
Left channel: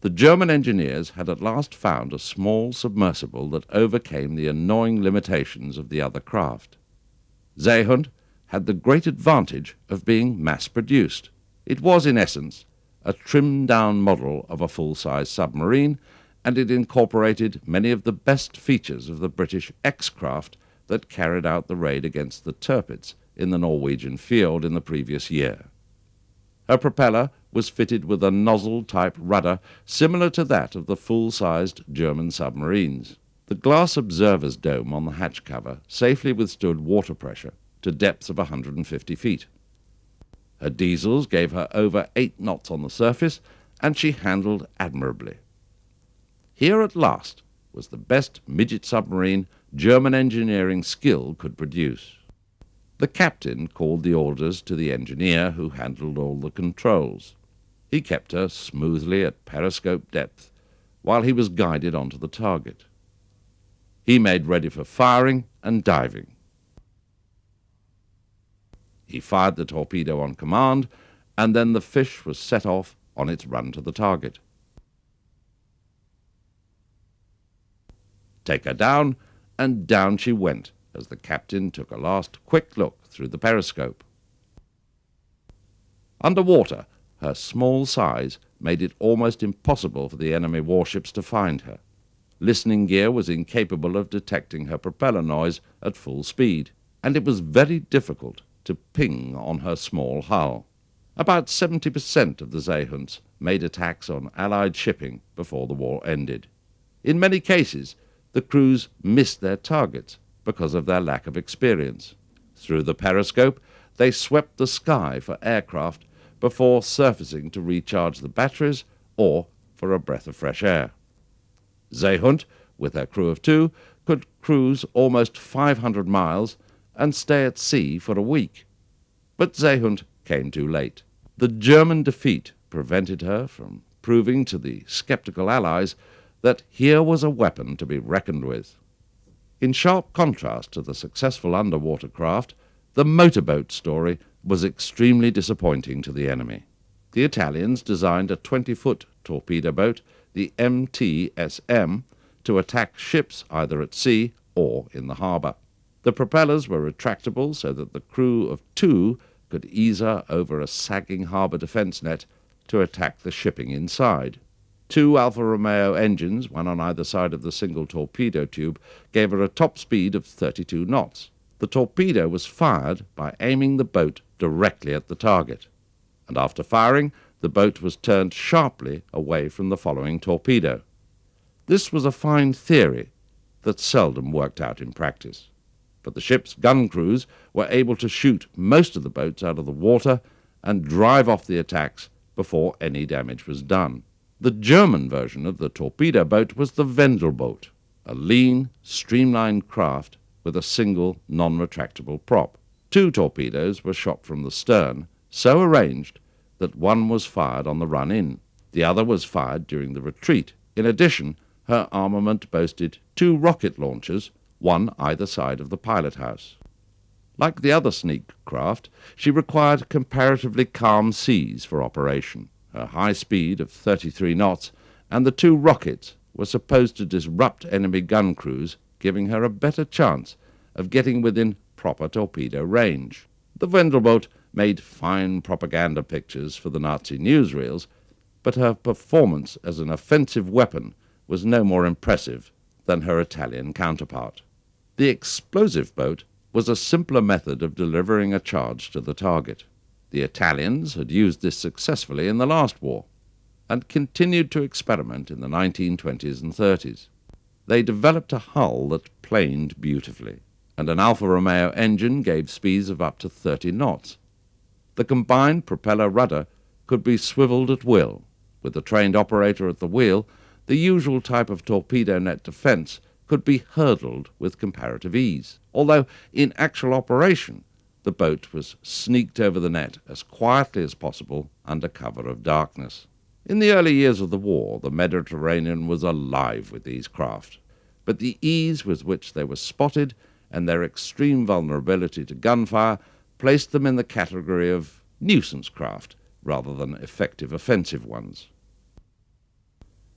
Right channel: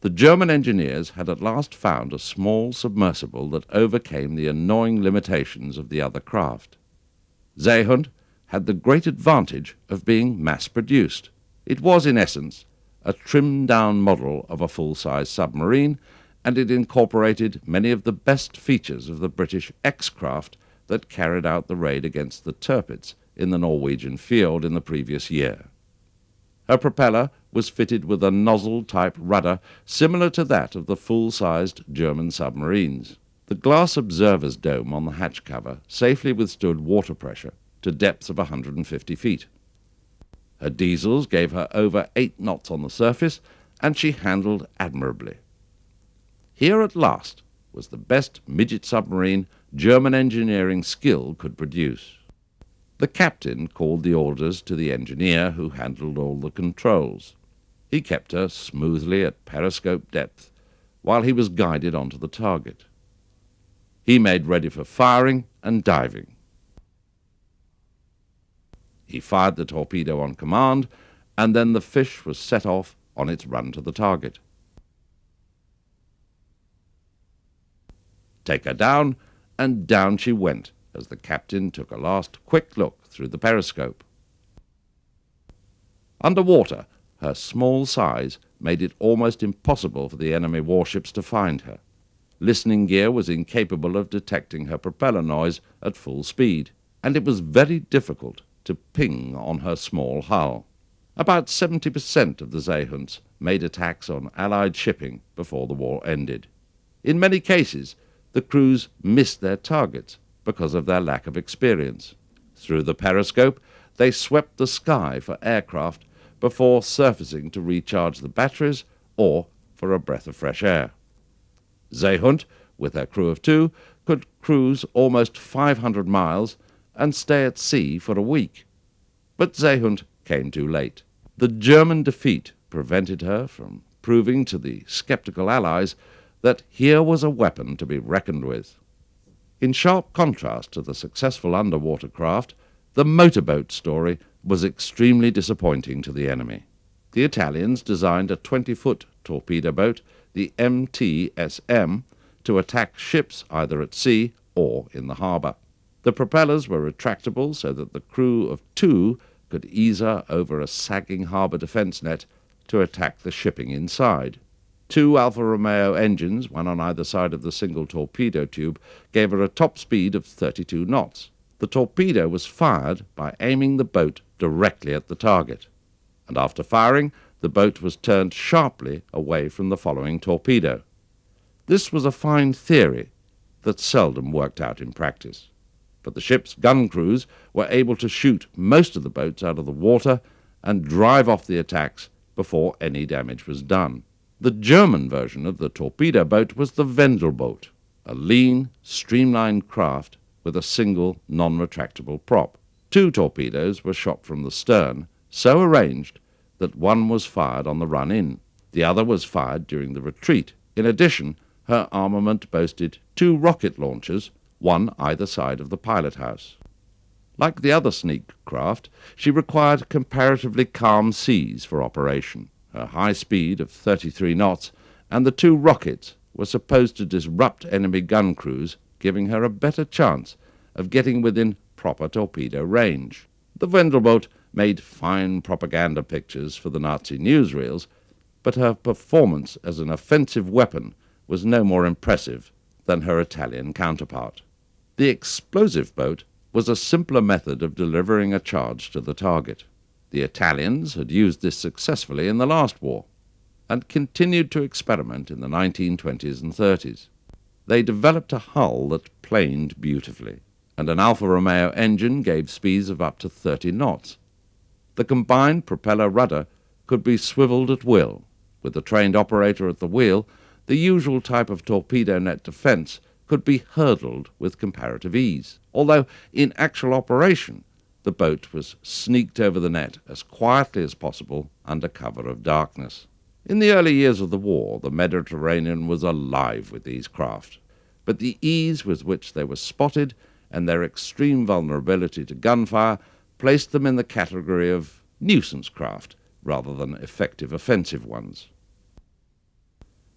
The German engineers had at last found a small submersible that overcame the annoying limitations of the other craft. Seehund had the great advantage of being mass-produced. It was, in essence, a trimmed-down model of a full-size submarine, and it incorporated many of the best features of the British X-craft that carried out the raid against the Tirpitz in the Norwegian fjord in the previous year. Her propeller was fitted with a nozzle-type rudder similar to that of the full-sized German submarines. The glass observer's dome on the hatch cover safely withstood water pressure to depths of 150 feet. Her diesels gave her over 8 knots on the surface, and she handled admirably. Here at last was the best midget submarine German engineering skill could produce. The captain called the orders to the engineer, who handled all the controls. He kept her smoothly at periscope depth while he was guided onto the target. He made ready for firing and diving. He fired the torpedo on command, and then the fish was set off on its run to the target. Take her down, and down she went as the captain took a last quick look through the periscope. Underwater, her small size made it almost impossible for the enemy warships to find her. Listening gear was incapable of detecting her propeller noise at full speed, and it was very difficult to ping on her small hull. About 70% of the Seehunds made attacks on Allied shipping before the war ended. In many cases, the crews missed their targets because of their lack of experience. Through the periscope, they swept the sky for aircraft before surfacing to recharge the batteries or for a breath of fresh air. Seehund, with her crew of 2, could cruise almost 500 miles and stay at sea for a week. But Seehund came too late. The German defeat prevented her from proving to the skeptical Allies that here was a weapon to be reckoned with. In sharp contrast to the successful underwater craft, the motorboat story was extremely disappointing to the enemy. The Italians designed a 20-foot torpedo boat, the MTSM, to attack ships either at sea or in the harbour. The propellers were retractable so that the crew of two could ease her over a sagging harbour defence net to attack the shipping inside. Two Alfa Romeo engines, one on either side of the single torpedo tube, gave her a top speed of 32 knots. The torpedo was fired by aiming the boat directly at the target, and after firing, the boat was turned sharply away from the following torpedo. This was a fine theory that seldom worked out in practice, but the ship's gun crews were able to shoot most of the boats out of the water and drive off the attacks before any damage was done. The German version of the torpedo boat was the Wendelboot, a lean, streamlined craft with a single non-retractable prop. Two torpedoes were shot from the stern, so arranged that one was fired on the run-in. The other was fired during the retreat. In addition, her armament boasted two rocket launchers, one either side of the pilot house. Like the other sneak craft, she required comparatively calm seas for operation. Her high speed of 33 knots and the two rockets were supposed to disrupt enemy gun crews, giving her a better chance of getting within proper torpedo range. The Wendelboot made fine propaganda pictures for the Nazi newsreels, but her performance as an offensive weapon was no more impressive than her Italian counterpart. The explosive boat was a simpler method of delivering a charge to the target. The Italians had used this successfully in the last war, and continued to experiment in the 1920s and 30s. They developed a hull that planed beautifully, and an Alfa Romeo engine gave speeds of up to 30 knots. The combined propeller rudder could be swiveled at will. With a trained operator at the wheel, the usual type of torpedo net defence could be hurdled with comparative ease, although in actual operation the boat was sneaked over the net as quietly as possible under cover of darkness. In the early years of the war, the Mediterranean was alive with these craft, but the ease with which they were spotted and their extreme vulnerability to gunfire placed them in the category of nuisance craft rather than effective offensive ones.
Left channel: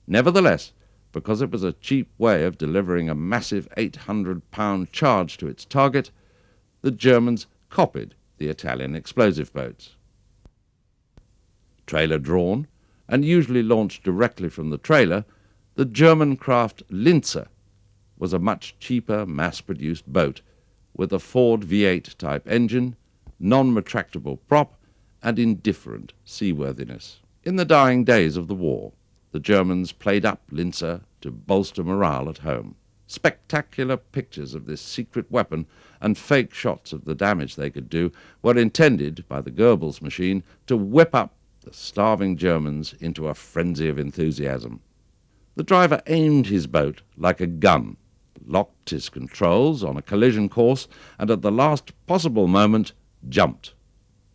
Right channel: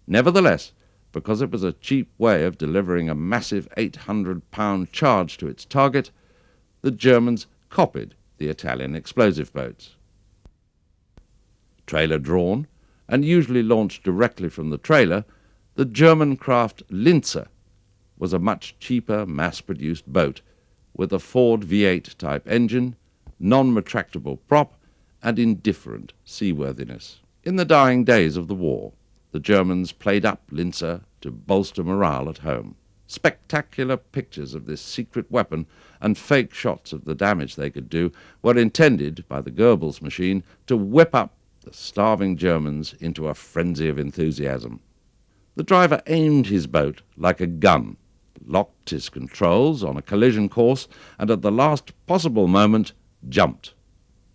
Nevertheless, because it was a cheap way of delivering a massive 800-pound charge to its target, the Germans copied the Italian explosive boats. Trailer-drawn, and usually launched directly from the trailer, the German craft Linzer was a much cheaper mass-produced boat with a Ford V8 type engine, non-retractable prop, and indifferent seaworthiness. In the dying days of the war, the Germans played up Linzer to bolster morale at home. Spectacular pictures of this secret weapon and fake shots of the damage they could do were intended by the Goebbels machine to whip up the starving Germans into a frenzy of enthusiasm. The driver aimed his boat like a gun, locked his controls on a collision course, and at the last possible moment jumped.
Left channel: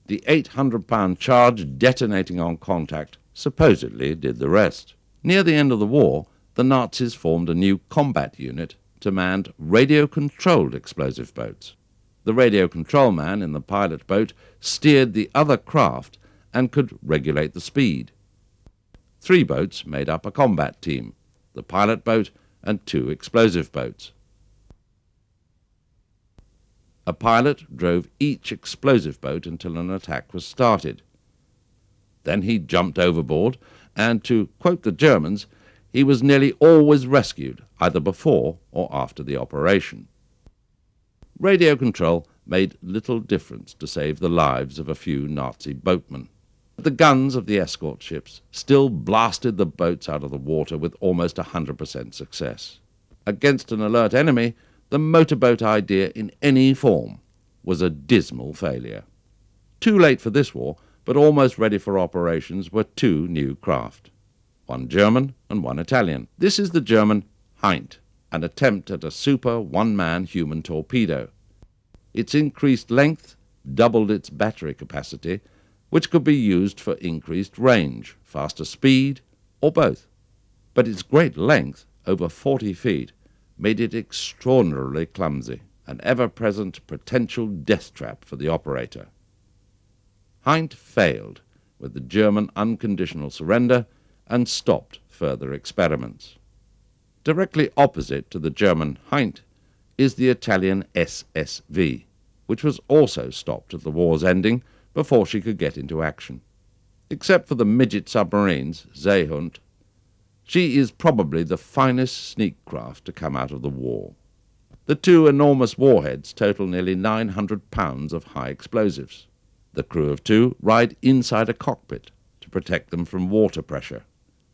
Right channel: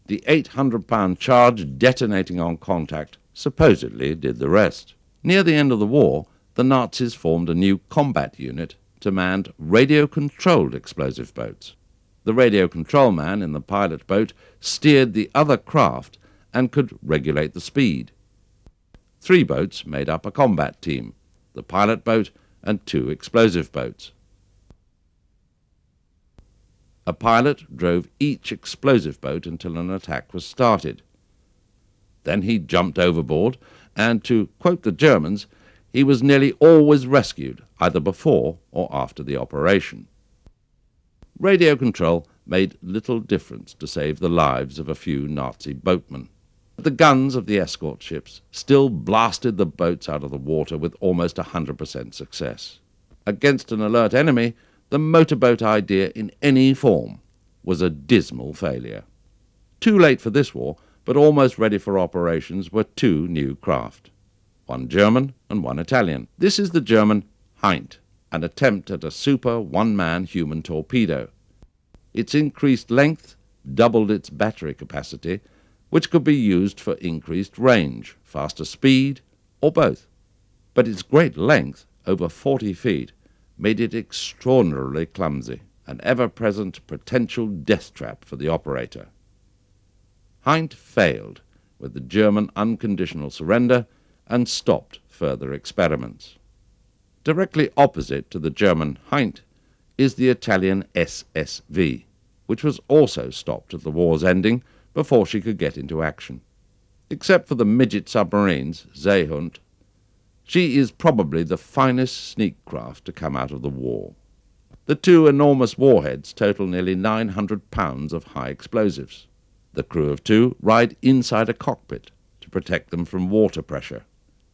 The 800-pound charge detonating on contact supposedly did the rest. Near the end of the war, the Nazis formed a new combat unit to man radio-controlled explosive boats. The radio control man in the pilot boat steered the other craft and could regulate the speed. 3 boats made up a combat team, the pilot boat and 2 explosive boats. A pilot drove each explosive boat until an attack was started. Then he jumped overboard, and to quote the Germans, he was nearly always rescued, either before or after the operation. Radio control made little difference to save the lives of a few Nazi boatmen. The guns of the escort ships still blasted the boats out of the water with almost 100% success. Against an alert enemy, the motorboat idea in any form was a dismal failure. Too late for this war, but almost ready for operations were 2 new craft, one German and one Italian. This is the German Heint, an attempt at a super one-man human torpedo. Its increased length doubled its battery capacity, which could be used for increased range, faster speed, or both. But its great length, over 40 feet, made it extraordinarily clumsy, an ever-present potential death trap for the operator. Heint failed with the German unconditional surrender and stopped further experiments. Directly opposite to the German Hind is the Italian SSV, which was also stopped at the war's ending before she could get into action. Except for the midget submarines, Seehund, she is probably the finest sneak craft to come out of the war. The two enormous warheads total nearly 900 pounds of high explosives. The crew of two ride inside a cockpit to protect them from water pressure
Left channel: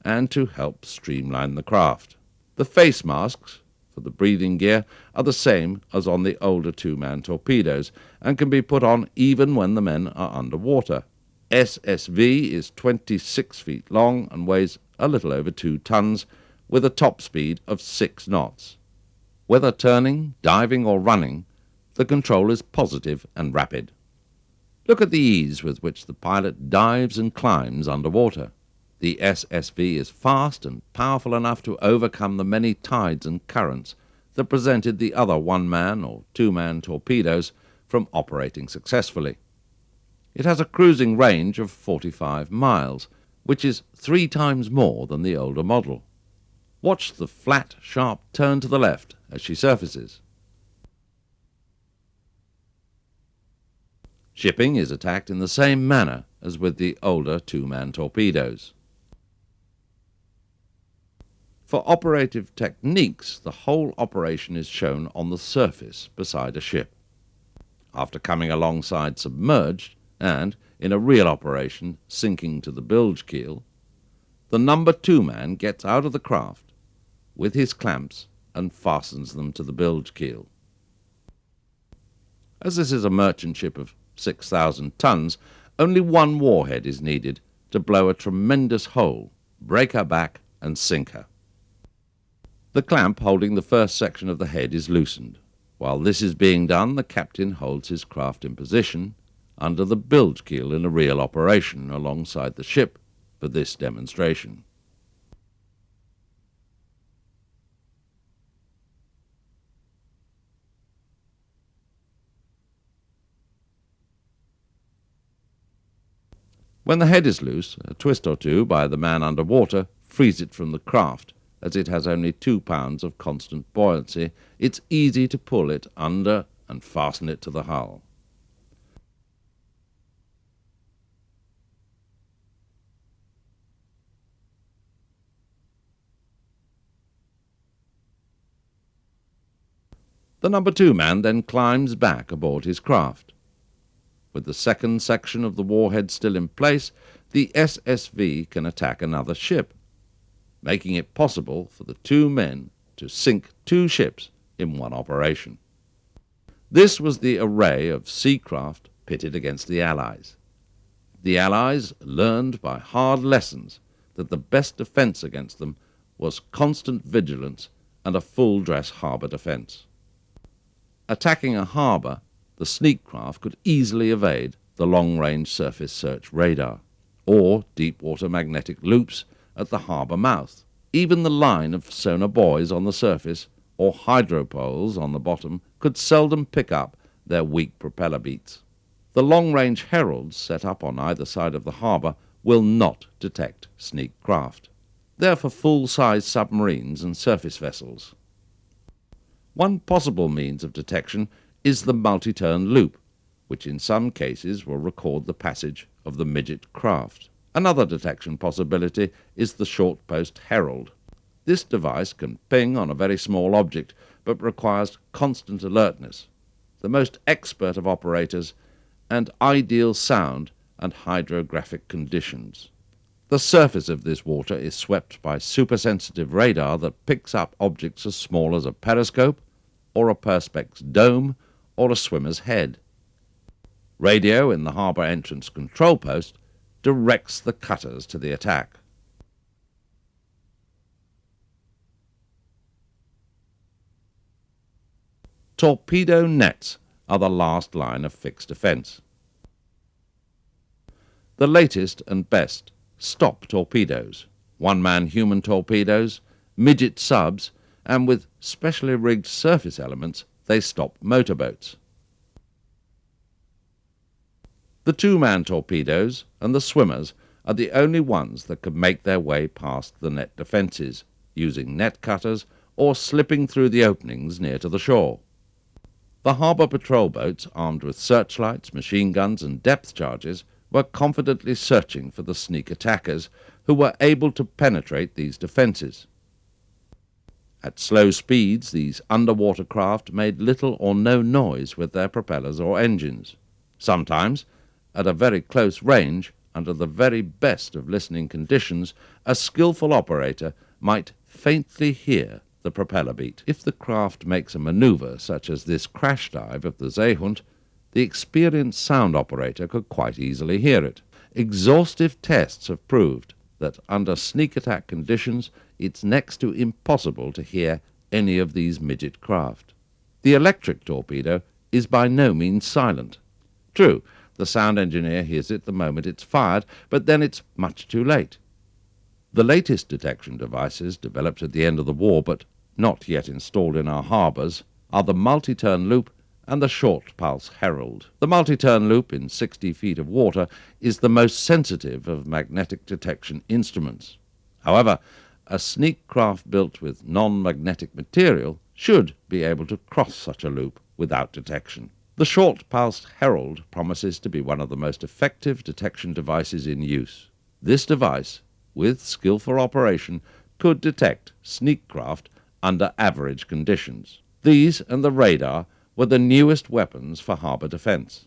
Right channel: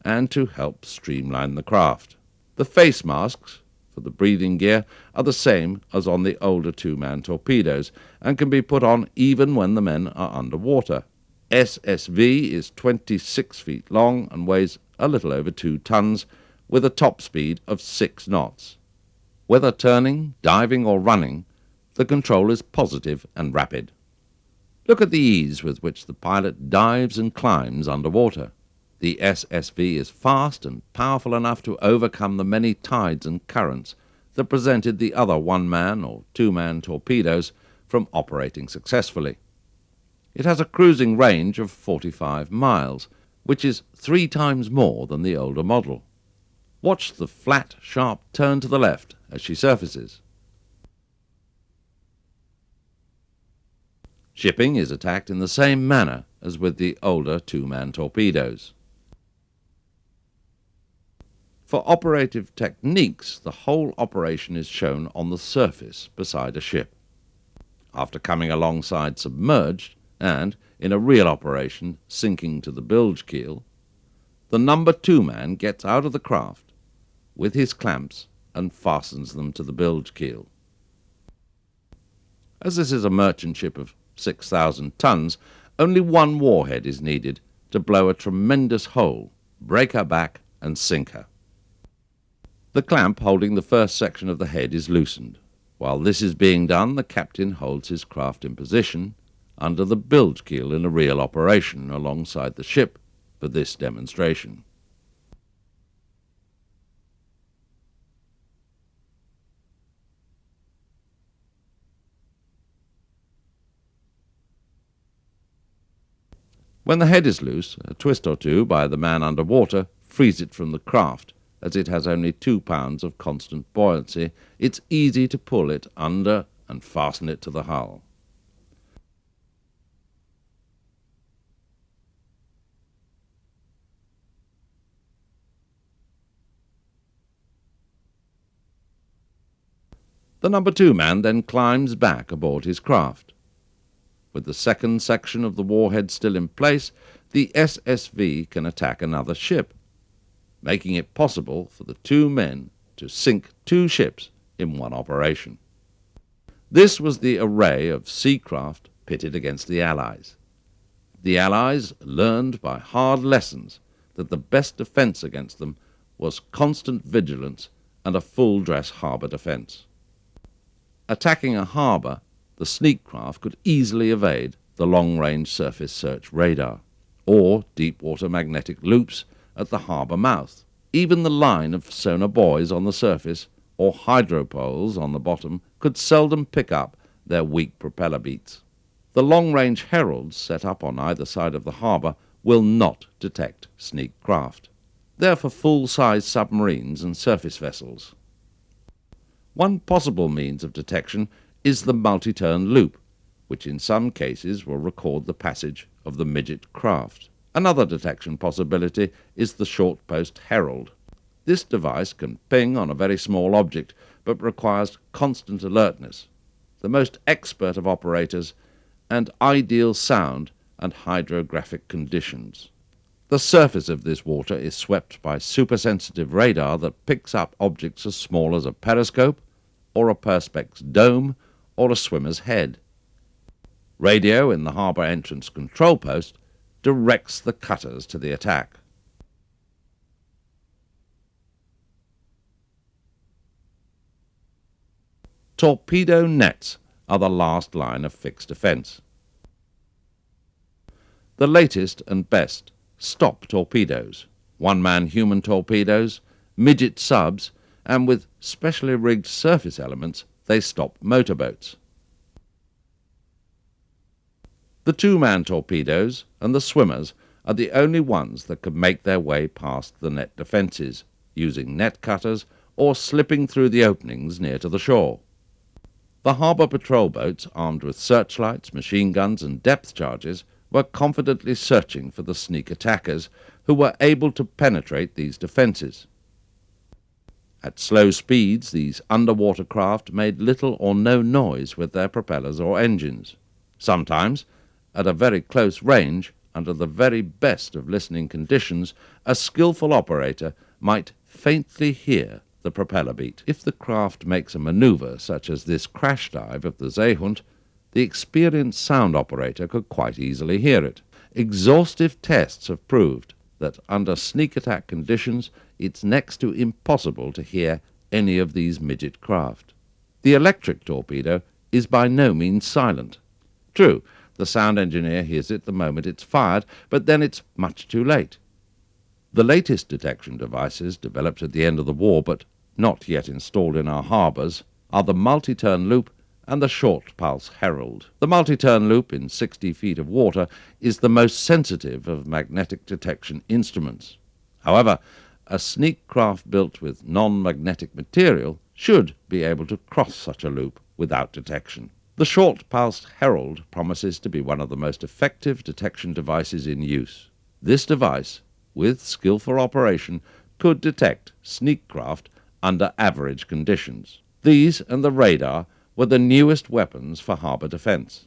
and to help streamline the craft. The face masks for the breathing gear are the same as on the older two-man torpedoes and can be put on even when the men are underwater. SSV is 26 feet long and weighs a little over 2 tons with a top speed of 6 knots. Whether turning, diving or running, the control is positive and rapid. Look at the ease with which the pilot dives and climbs underwater. The SSV is fast and powerful enough to overcome the many tides and currents that prevented the other one-man or two-man torpedoes from operating successfully. It has a cruising range of 45 miles, which is 3 times more than the older model. Watch the flat, sharp turn to the left as she surfaces. Shipping is attacked in the same manner as with the older two-man torpedoes. For operative techniques, the whole operation is shown on the surface beside a ship. After coming alongside submerged, and, in a real operation, sinking to the bilge keel, the number 2 man gets out of the craft with his clamps and fastens them to the bilge keel. As this is a merchant ship of 6,000 tons, only one warhead is needed to blow a tremendous hole, break her back, and sink her. The clamp holding the first section of the head is loosened. While this is being done, the captain holds his craft in position under the bilge keel in a real operation alongside the ship for this demonstration. When the head is loose, a twist or two by the man underwater frees it from the craft. As it has only 2 pounds of constant buoyancy, it's easy to pull it under and fasten it to the hull. The number 2 man then climbs back aboard his craft. With the second section of the warhead still in place, the SSV can attack another ship, making it possible for the 2 men to sink 2 ships in one operation. This was the array of sea craft pitted against the Allies. The Allies learned by hard lessons that the best defence against them was constant vigilance and a full-dress harbour defence. Attacking a harbour, the sneak craft could easily evade the long-range surface search radar, or deep-water magnetic loops at the harbour mouth. Even the line of sonar buoys on the surface, or hydropoles on the bottom, could seldom pick up their weak propeller beats. The long-range heralds set up on either side of the harbour will not detect sneak craft. They're for full-size submarines and surface vessels. One possible means of detection is the multi-turn loop, which in some cases will record the passage of the midget craft. Another detection possibility is the short post herald. This device can ping on a very small object, but requires constant alertness, the most expert of operators, and ideal sound and hydrographic conditions. The surface of this water is swept by supersensitive radar that picks up objects as small as a periscope, or a perspex dome, or a swimmer's head. Radio in the harbour entrance control post directs the cutters to the attack. Torpedo nets are the last line of fixed defence. The latest and best stop torpedoes, one-man human torpedoes, midget subs, and with specially rigged surface elements, they stop motorboats. The two-man torpedoes and the swimmers are the only ones that can make their way past the net defences, using net cutters or slipping through the openings near to the shore. The harbour patrol boats, armed with searchlights, machine guns and depth charges, were confidently searching for the sneak attackers who were able to penetrate these defences. At slow speeds, these underwater craft made little or no noise with their propellers or engines. Sometimes, at a very close range, under the very best of listening conditions, a skillful operator might faintly hear the propeller beat. If the craft makes a manoeuvre such as this crash dive of the Seehund, the experienced sound operator could quite easily hear it. Exhaustive tests have proved that under sneak attack conditions, it's next to impossible to hear any of these midget craft. The electric torpedo is by no means silent. True, the sound engineer hears it the moment it's fired, but then it's much too late. The latest detection devices, developed at the end of the war but not yet installed in our harbours, are the multi-turn loop and the short pulse herald. The multi-turn loop in 60 feet of water is the most sensitive of magnetic detection instruments. However, a sneak craft built with non-magnetic material should be able to cross such a loop without detection. The short pulse herald promises to be one of the most effective detection devices in use. This device, with skillful operation, could detect sneak craft under average conditions. These and the radar were the newest weapons for harbour defence.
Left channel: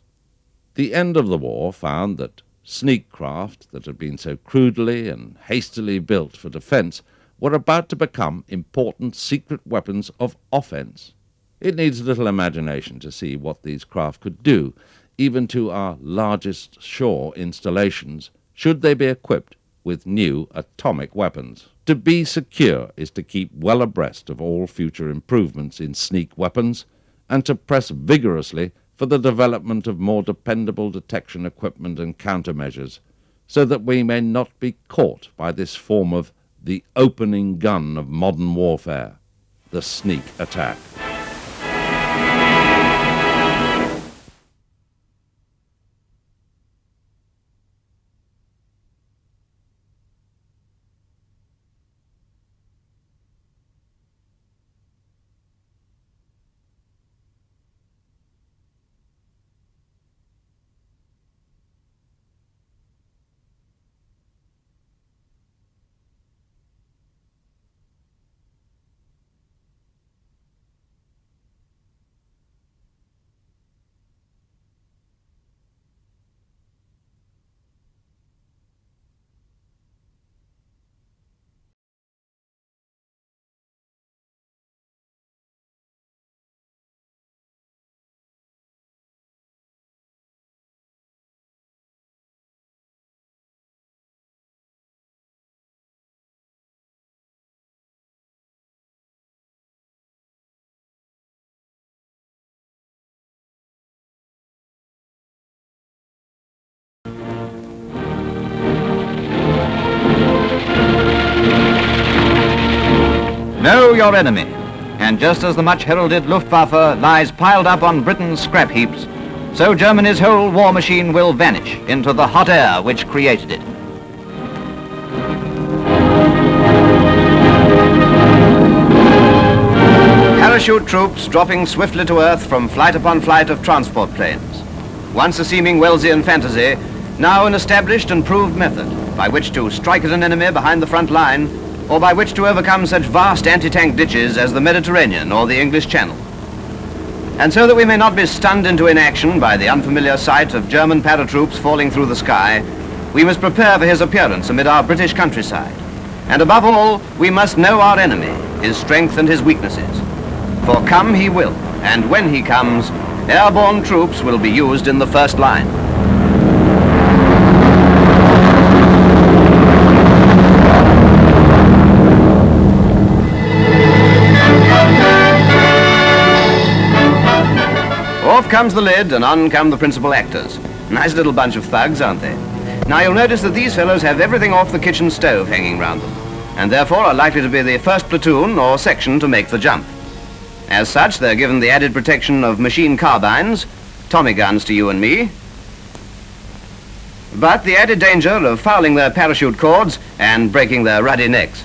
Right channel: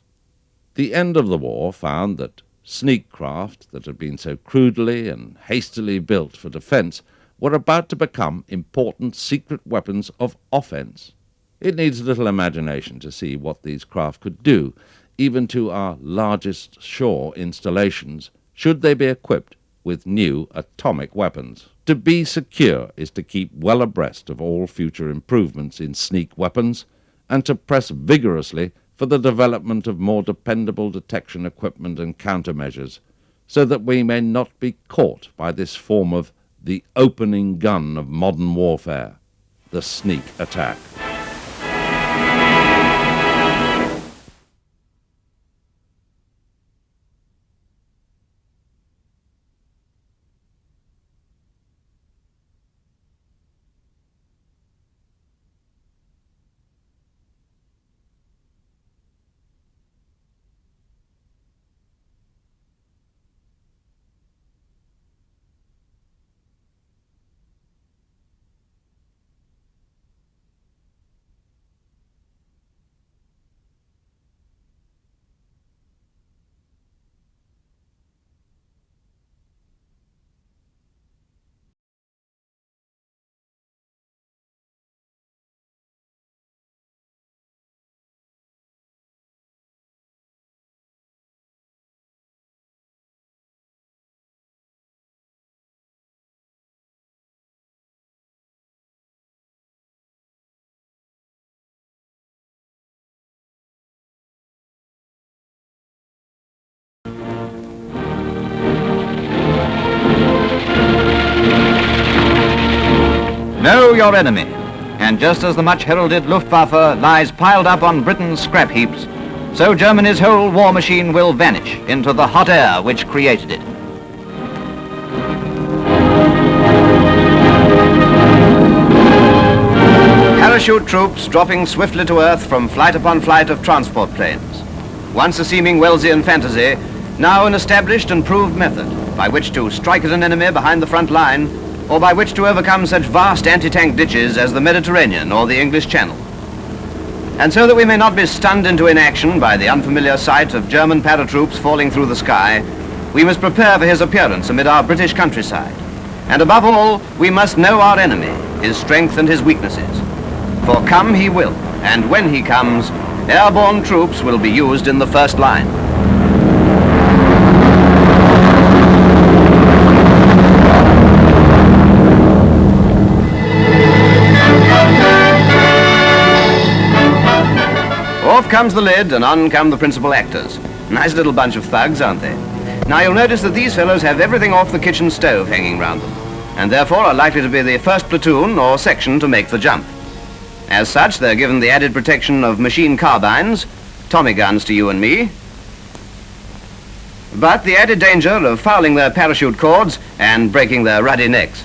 The end of the war found that sneak craft that had been so crudely and hastily built for defence were about to become important secret weapons of offence. It needs little imagination to see what these craft could do, even to our largest shore installations, should they be equipped with new atomic weapons. To be secure is to keep well abreast of all future improvements in sneak weapons, and to press vigorously for the development of more dependable detection equipment and countermeasures, so that we may not be caught by this form of the opening gun of modern warfare, the sneak attack. Know your enemy, and just as the much-heralded Luftwaffe lies piled up on Britain's scrap heaps, so Germany's whole war machine will vanish into the hot air which created it. Parachute troops dropping swiftly to earth from flight upon flight of transport planes. Once a seeming Wellesian fantasy, now an established and proved method by which to strike at an enemy behind the front line, or by which to overcome such vast anti-tank ditches as the Mediterranean or the English Channel. And so that we may not be stunned into inaction by the unfamiliar sight of German paratroops falling through the sky, we must prepare for his appearance amid our British countryside. And above all, we must know our enemy, his strength and his weaknesses. For come he will, and when he comes, airborne troops will be used in the first line. Off comes the lid and on come the principal actors. Nice little bunch of thugs, aren't they? Now you'll notice that these fellows have everything off the kitchen stove hanging round them, and therefore are likely to be the first platoon or section to make the jump. As such, they're given the added protection of machine carbines, Tommy guns to you and me, but the added danger of fouling their parachute cords and breaking their ruddy necks.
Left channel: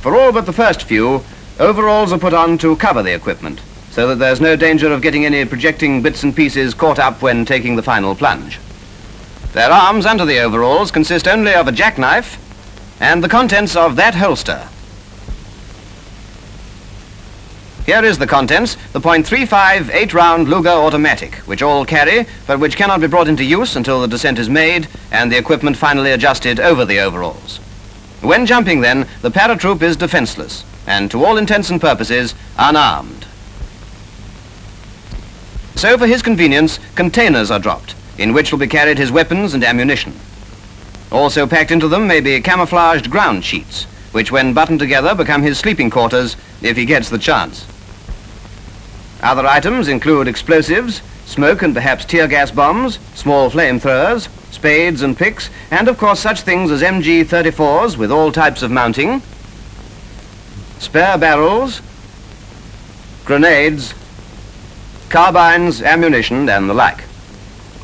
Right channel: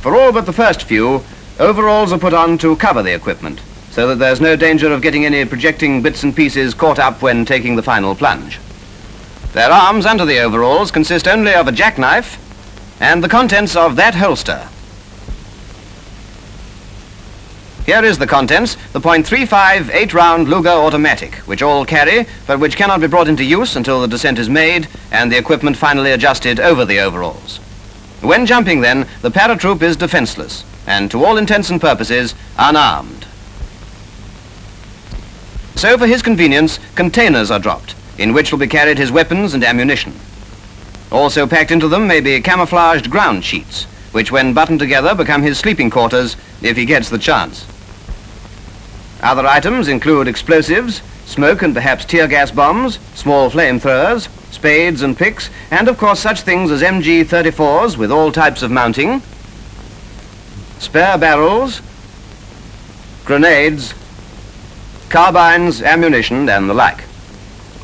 For all but the first few, overalls are put on to cover the equipment, so that there's no danger of getting any projecting bits and pieces caught up when taking the final plunge. Their arms under the overalls consist only of a jackknife and the contents of that holster. Here is the contents, the .35 8-round Luger automatic, which all carry, but which cannot be brought into use until the descent is made and the equipment finally adjusted over the overalls. When jumping then, the paratroop is defenseless and to all intents and purposes unarmed. So for his convenience, containers are dropped, in which will be carried his weapons and ammunition. Also packed into them may be camouflaged ground sheets, which when buttoned together become his sleeping quarters if he gets the chance. Other items include explosives, smoke and perhaps tear gas bombs, small flamethrowers, spades and picks, and of course such things as MG34s with all types of mounting, spare barrels, grenades, carbines, ammunition, and the like,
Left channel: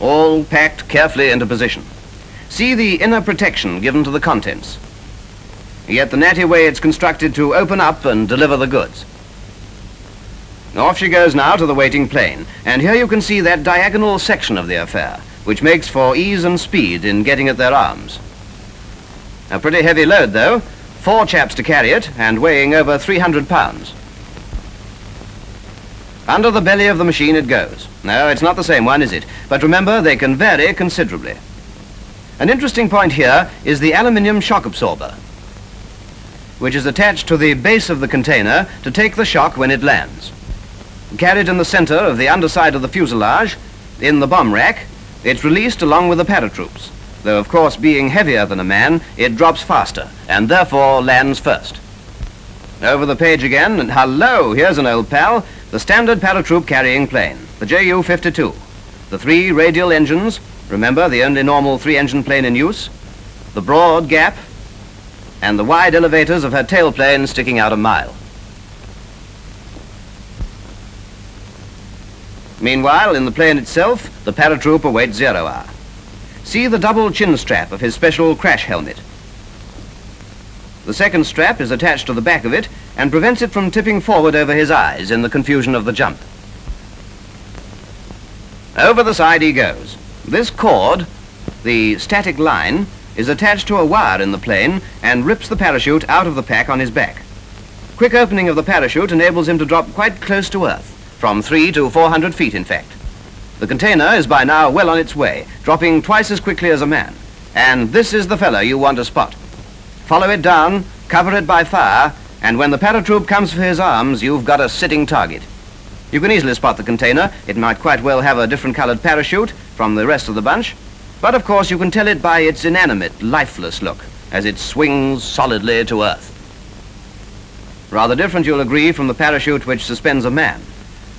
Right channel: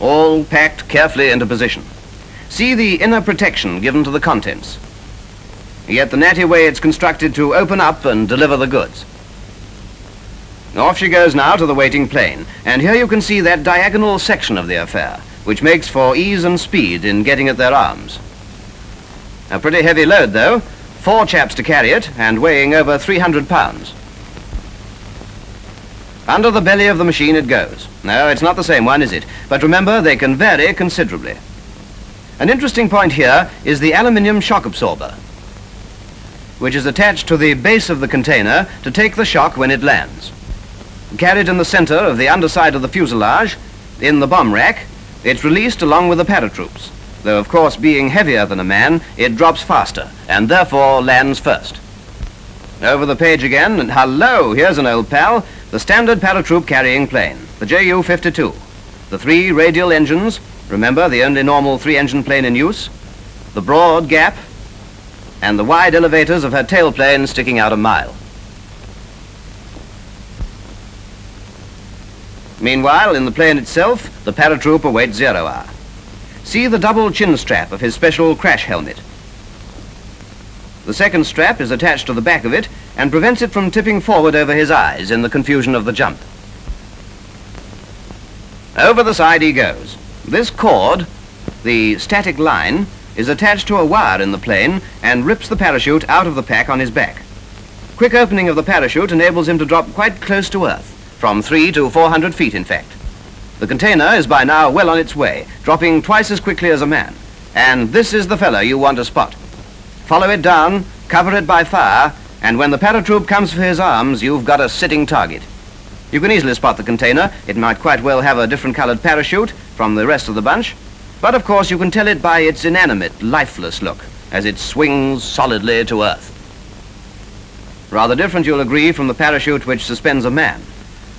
all packed carefully into position. See the inner protection given to the contents. Yet the natty way it's constructed to open up and deliver the goods. Off she goes now to the waiting plane, and here you can see that diagonal section of the affair, which makes for ease and speed in getting at their arms. A pretty heavy load, though, 4 chaps to carry it, and weighing over 300 pounds. Under the belly of the machine it goes. No, it's not the same one, is it? But remember, they can vary considerably. An interesting point here is the aluminium shock absorber, which is attached to the base of the container to take the shock when it lands. Carried in the center of the underside of the fuselage, in the bomb rack, it's released along with the paratroops, though of course being heavier than a man, it drops faster, and therefore lands first. Over the page again, and hello, here's an old pal, the standard paratroop carrying plane, the Ju-52. The 3 radial engines, remember the only normal 3-engine plane in use, the broad gap, and the wide elevators of her tailplane sticking out a mile. Meanwhile, in the plane itself, the paratroop awaits 0 hour. See the double chin strap of his special crash helmet. The second strap is attached to the back of it and prevents it from tipping forward over his eyes in the confusion of the jump. Over the side he goes. This cord, the static line, is attached to a wire in the plane and rips the parachute out of the pack on his back. Quick opening of the parachute enables him to drop quite close to Earth, from 300 to 400 feet in fact. The container is by now well on its way, dropping twice as quickly as a man. And this is the fellow you want to spot. Follow it down, cover it by fire, and when the paratroop comes for his arms, you've got a sitting target. You can easily spot the container. It might quite well have a different colored parachute from the rest of the bunch, but of course you can tell it by its inanimate, lifeless look as it swings solidly to Earth. Rather different, you'll agree, from the parachute which suspends a man,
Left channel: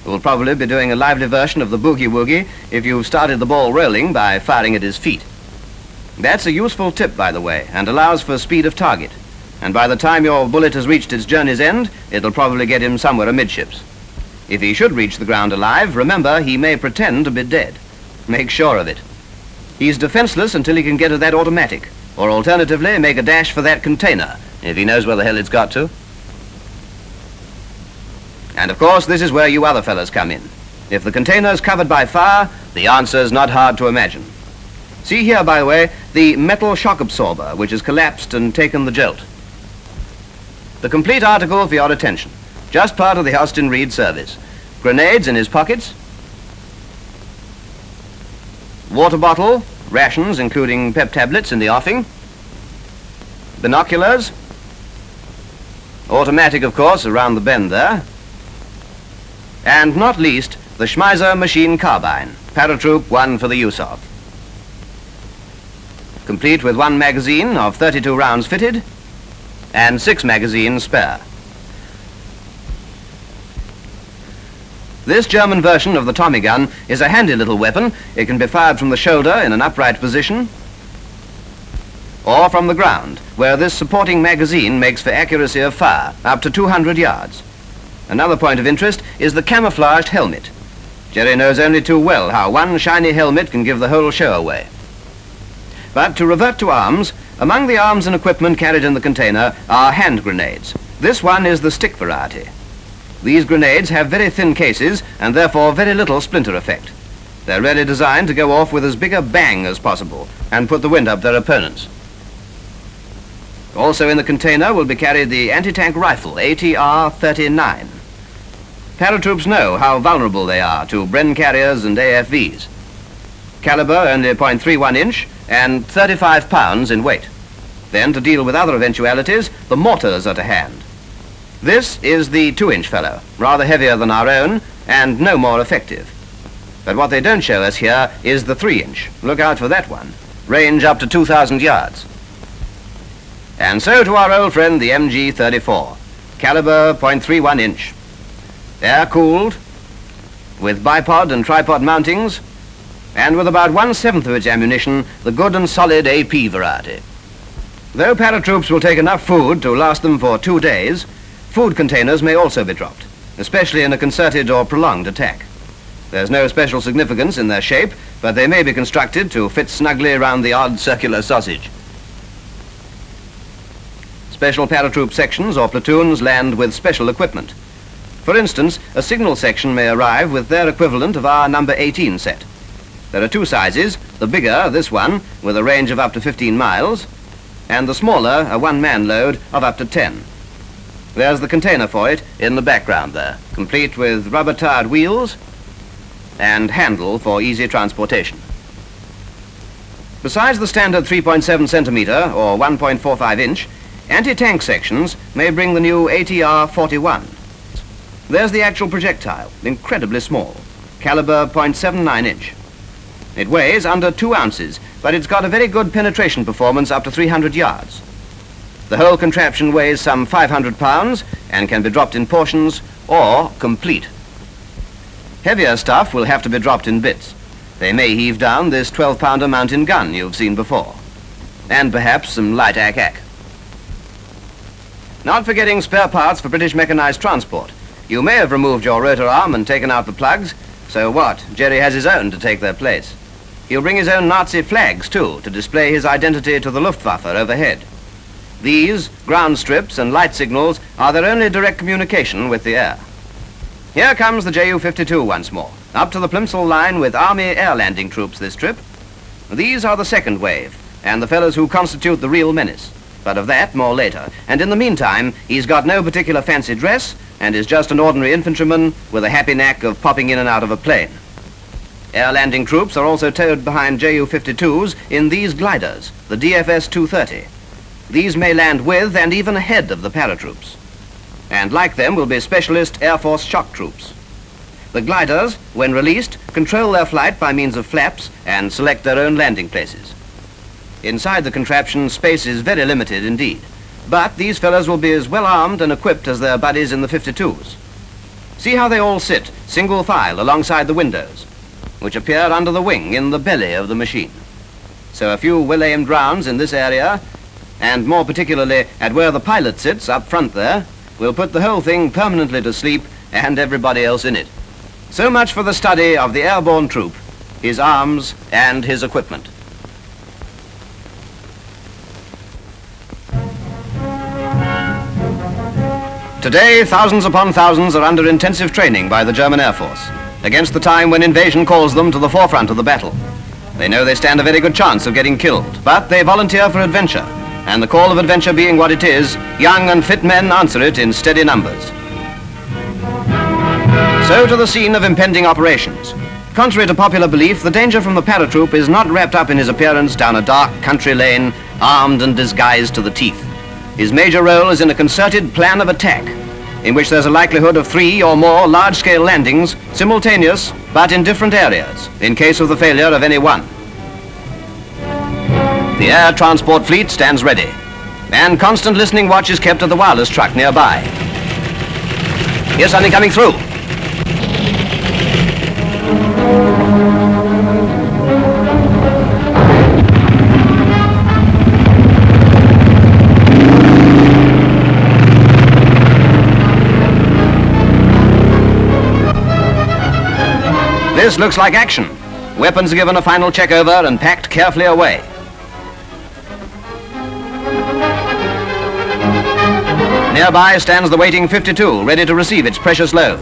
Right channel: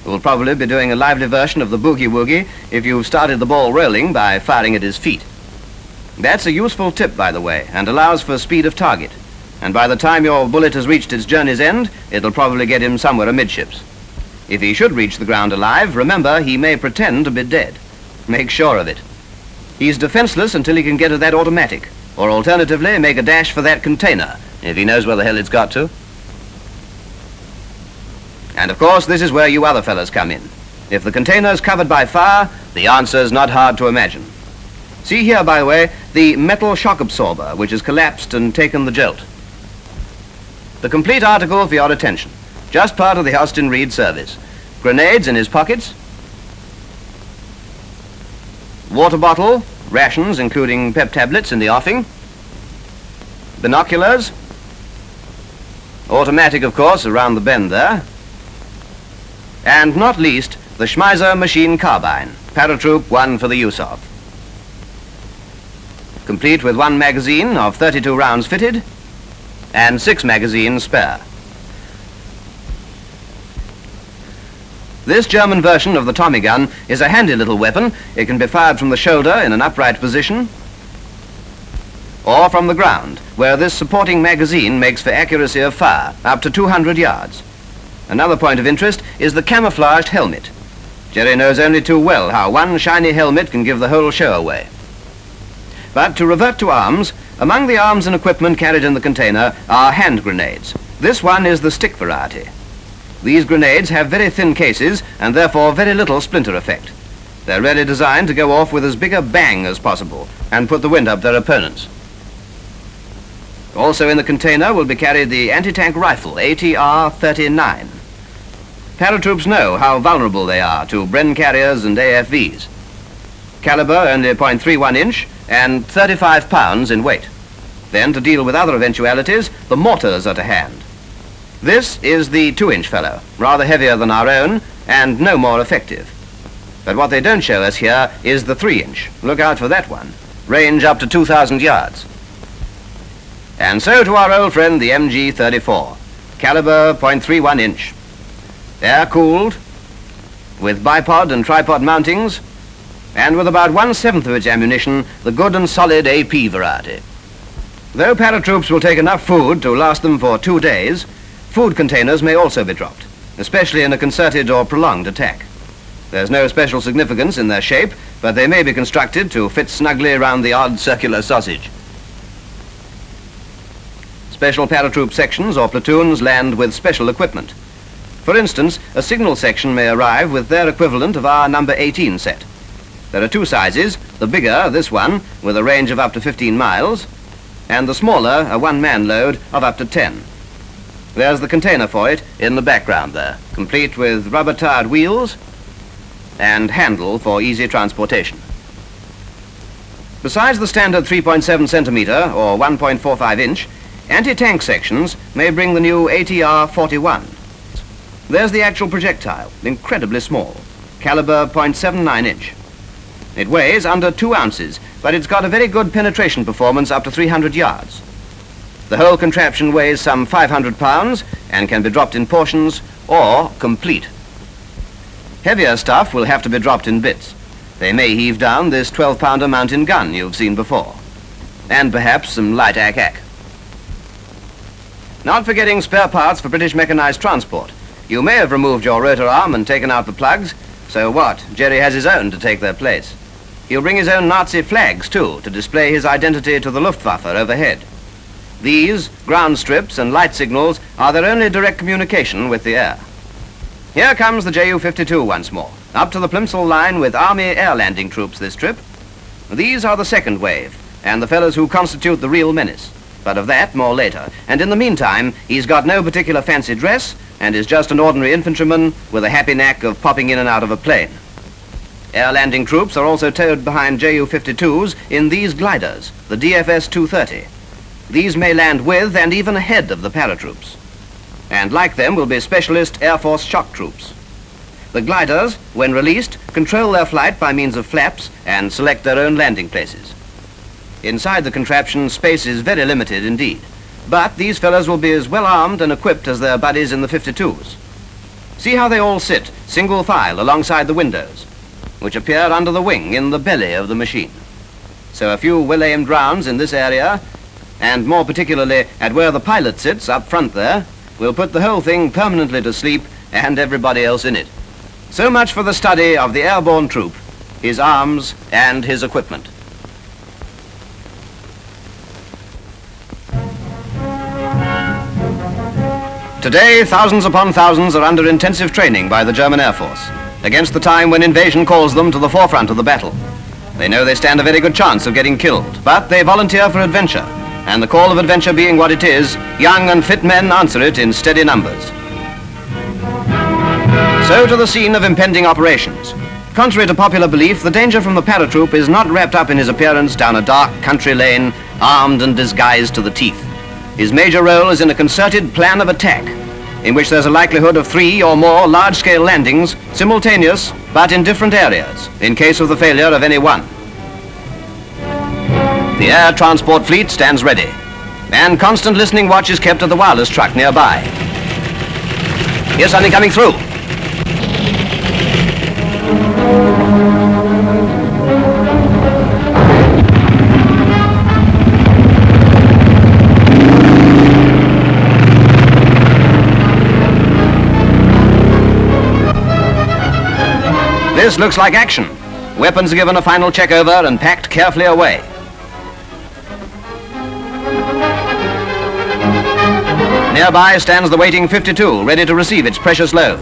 who will probably be doing a lively version of the boogie-woogie if you've started the ball rolling by firing at his feet. That's a useful tip, by the way, and allows for speed of target. And by the time your bullet has reached its journey's end, it'll probably get him somewhere amidships. If he should reach the ground alive, remember, he may pretend to be dead. Make sure of it. He's defenseless until he can get to that automatic, or alternatively, make a dash for that container, if he knows where the hell it's got to. And of course, this is where you other fellas come in. If the container's covered by fire, the answer's not hard to imagine. See here, by the way, the metal shock absorber, which has collapsed and taken the jolt. The complete article for your attention. Just part of the Austin Reed service. Grenades in his pockets. Water bottle, rations including pep tablets in the offing. Binoculars. Automatic, of course, around the bend there. And not least, the Schmeiser machine carbine, paratroop 1 for the use of. Complete with 1 magazine of 32 rounds fitted and 6 magazines spare. This German version of the Tommy gun is a handy little weapon. It can be fired from the shoulder in an upright position or from the ground, where this supporting magazine makes for accuracy of fire up to 200 yards. Another point of interest is the camouflaged helmet. Jerry knows only too well how one shiny helmet can give the whole show away. But to revert to arms, among the arms and equipment carried in the container are hand grenades, This one is the stick variety. These grenades have very thin cases and therefore very little splinter effect. They're really designed to go off with as big a bang as possible and put the wind up their opponents. Also in the container will be carried the anti-tank rifle, ATR-39. Paratroops know how vulnerable they are to Bren carriers and AFVs. Caliber only 0.31 inch and 35 pounds in weight. Then, to deal with other eventualities, the mortars are to hand. This is the 2-inch fellow, rather heavier than our own and no more effective. But what they don't show us here is the 3-inch. Look out for that one. Range up to 2,000 yards. And so to our old friend, the MG-34. Caliber 0.31 inch. Air-cooled, with bipod and tripod mountings, and with about 1/7 of its ammunition, the good and solid AP variety. Though paratroops will take enough food to last them for 2 days, food containers may also be dropped, especially in a concerted or prolonged attack. There's no special significance in their shape, but they may be constructed to fit snugly around the odd circular sausage. Special paratroop sections or platoons land with special equipment. For instance, a signal section may arrive with their equivalent of our number 18 set. There are 2 sizes, the bigger, this one, with a range of up to 15 miles, and the smaller, a 1-man load of up to 10. There's the container for it in the background there, complete with rubber-tired wheels and handle for easy transportation. Besides the standard 3.7 centimeter or 1.45 inch, anti-tank sections may bring the new ATR-41. There's the actual projectile, incredibly small, caliber 0.79 inch. It weighs under 2 ounces, but it's got a very good penetration performance up to 300 yards. The whole contraption weighs some 500 pounds and can be dropped in portions or complete. Heavier stuff will have to be dropped in bits. They may heave down this 12-pounder mountain gun you've seen before, and perhaps some light ack-ack. Not forgetting spare parts for British mechanized transport. You may have removed your rotor arm and taken out the plugs, so what? Jerry has his own to take their place. He'll bring his own Nazi flags, too, to display his identity to the Luftwaffe overhead. These, ground strips and light signals, are their only direct communication with the air. Here comes the Ju-52 once more, up to the Plimsoll line with Army air landing troops this trip. These are the second wave, and the fellows who constitute the real menace. But of that, more later. And in the meantime, he's got no particular fancy dress, and is just an ordinary infantryman with a happy knack of popping in and out of a plane. Air landing troops are also towed behind Ju-52s in these gliders, the DFS-230. These may land with and even ahead of the paratroops. And like them will be specialist Air Force shock troops. The gliders, when released, control their flight by means of flaps and select their own landing places. Inside the contraption, space is very limited indeed. But these fellows will be as well armed and equipped as their buddies in the 52s. See how they all sit, single file, alongside the windows, which appear under the wing in the belly of the machine. So a few well-aimed rounds in this area, and more particularly at where the pilot sits up front there, will put the whole thing permanently to sleep and everybody else in it. So much for the study of the airborne troop, his arms and his equipment. Today, thousands upon thousands are under intensive training by the German Air Force, against the time when invasion calls them to the forefront of the battle. They know they stand a very good chance of getting killed, but they volunteer for adventure, and the call of adventure being what it is, young and fit men answer it in steady numbers. So to the scene of impending operations. Contrary to popular belief, the danger from the paratroop is not wrapped up in his appearance down a dark country lane, armed and disguised to the teeth. His major role is in a concerted plan of attack, in which there's a likelihood of 3 or more large-scale landings, simultaneous, but in different areas, in case of the failure of any one. The air transport fleet stands ready, and constant listening watch is kept at the wireless truck nearby. Here's something coming through. This looks like action. Weapons are given a final check over and packed carefully away. Nearby stands the waiting 52, ready to receive its precious load.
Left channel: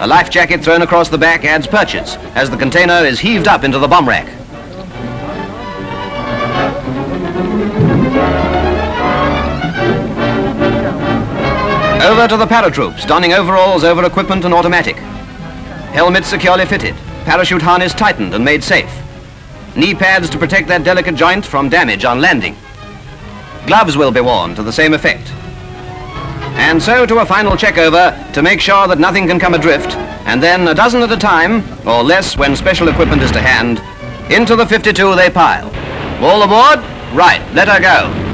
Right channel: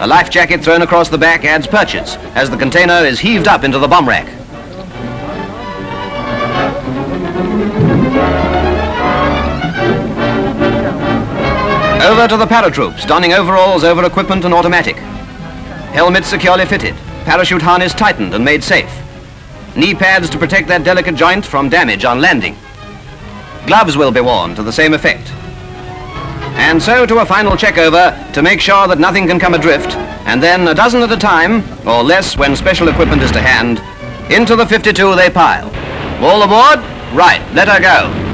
A life jacket thrown across the back adds purchase as the container is heaved up into the bomb rack. Over to the paratroops, donning overalls over equipment and automatic. Helmets securely fitted, parachute harness tightened and made safe. Knee pads to protect that delicate joint from damage on landing. Gloves will be worn to the same effect. And so to a final check-over to make sure that nothing can come adrift, and then a dozen at a time, or less when special equipment is to hand, into the 52 they pile. All aboard? Right, let her go.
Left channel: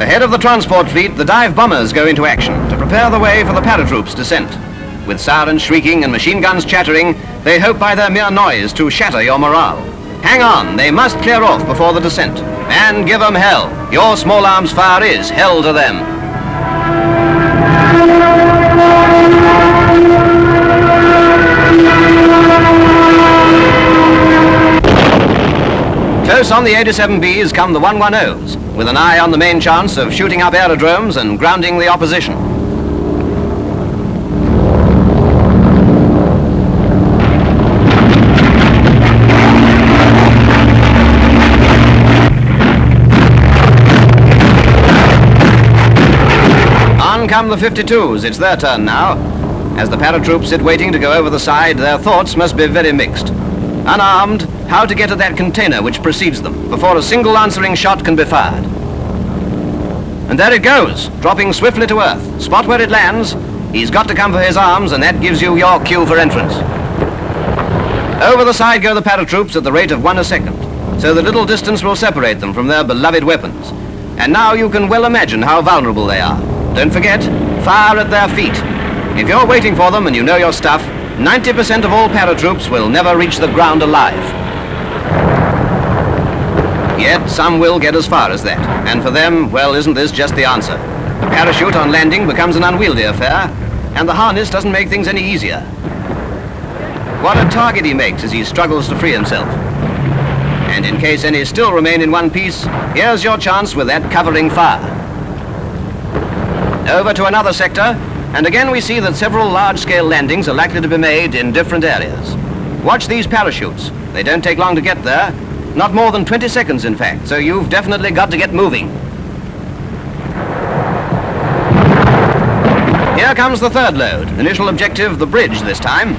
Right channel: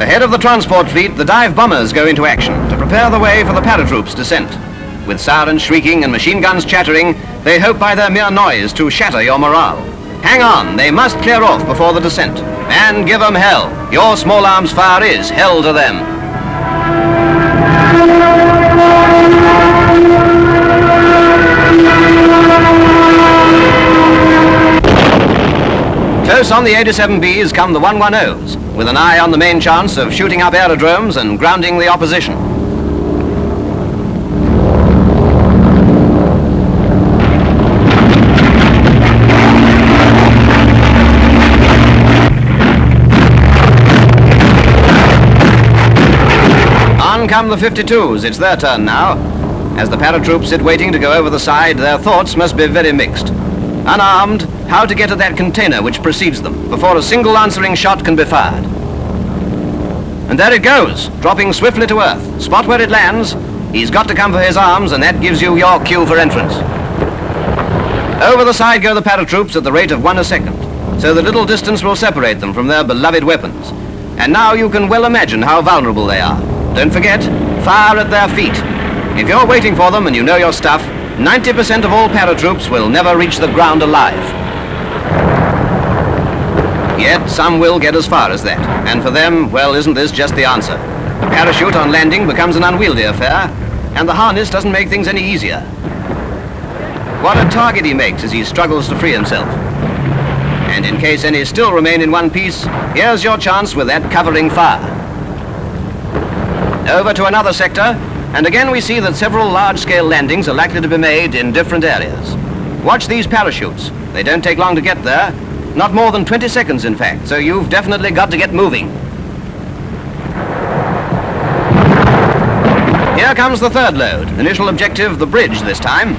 Ahead of the transport fleet, the dive bombers go into action to prepare the way for the paratroops' descent. With sirens shrieking and machine guns chattering, they hope by their mere noise to shatter your morale. Hang on, they must clear off before the descent. And give them hell. Your small arms fire is hell to them. Close on the 87Bs come the 110s, with an eye on the main chance of shooting up aerodromes and grounding the opposition. On come the 52s, it's their turn now. As the paratroops sit waiting to go over the side, their thoughts must be very mixed. Unarmed, how to get at that container which precedes them before a single answering shot can be fired. And there it goes, dropping swiftly to earth. Spot where it lands, he's got to come for his arms, and that gives you your cue for entrance. Over the side go the paratroops at the rate of 1 a second, so the little distance will separate them from their beloved weapons. And now you can well imagine how vulnerable they are. Don't forget, fire at their feet. If you're waiting for them and you know your stuff, 90% of all paratroops will never reach the ground alive. Yet some will get as far as that, and for them, well, isn't this just the answer? A parachute on landing becomes an unwieldy affair, and the harness doesn't make things any easier. What a target he makes as he struggles to free himself. And in case any still remain in one piece, here's your chance with that covering fire. Over to another sector, and again we see that several large-scale landings are likely to be made in different areas. Watch these parachutes. They don't take long to get there. Not more than 20 seconds, in fact, so you've definitely got to get moving. Here comes the third load. Initial objective, the bridge this time.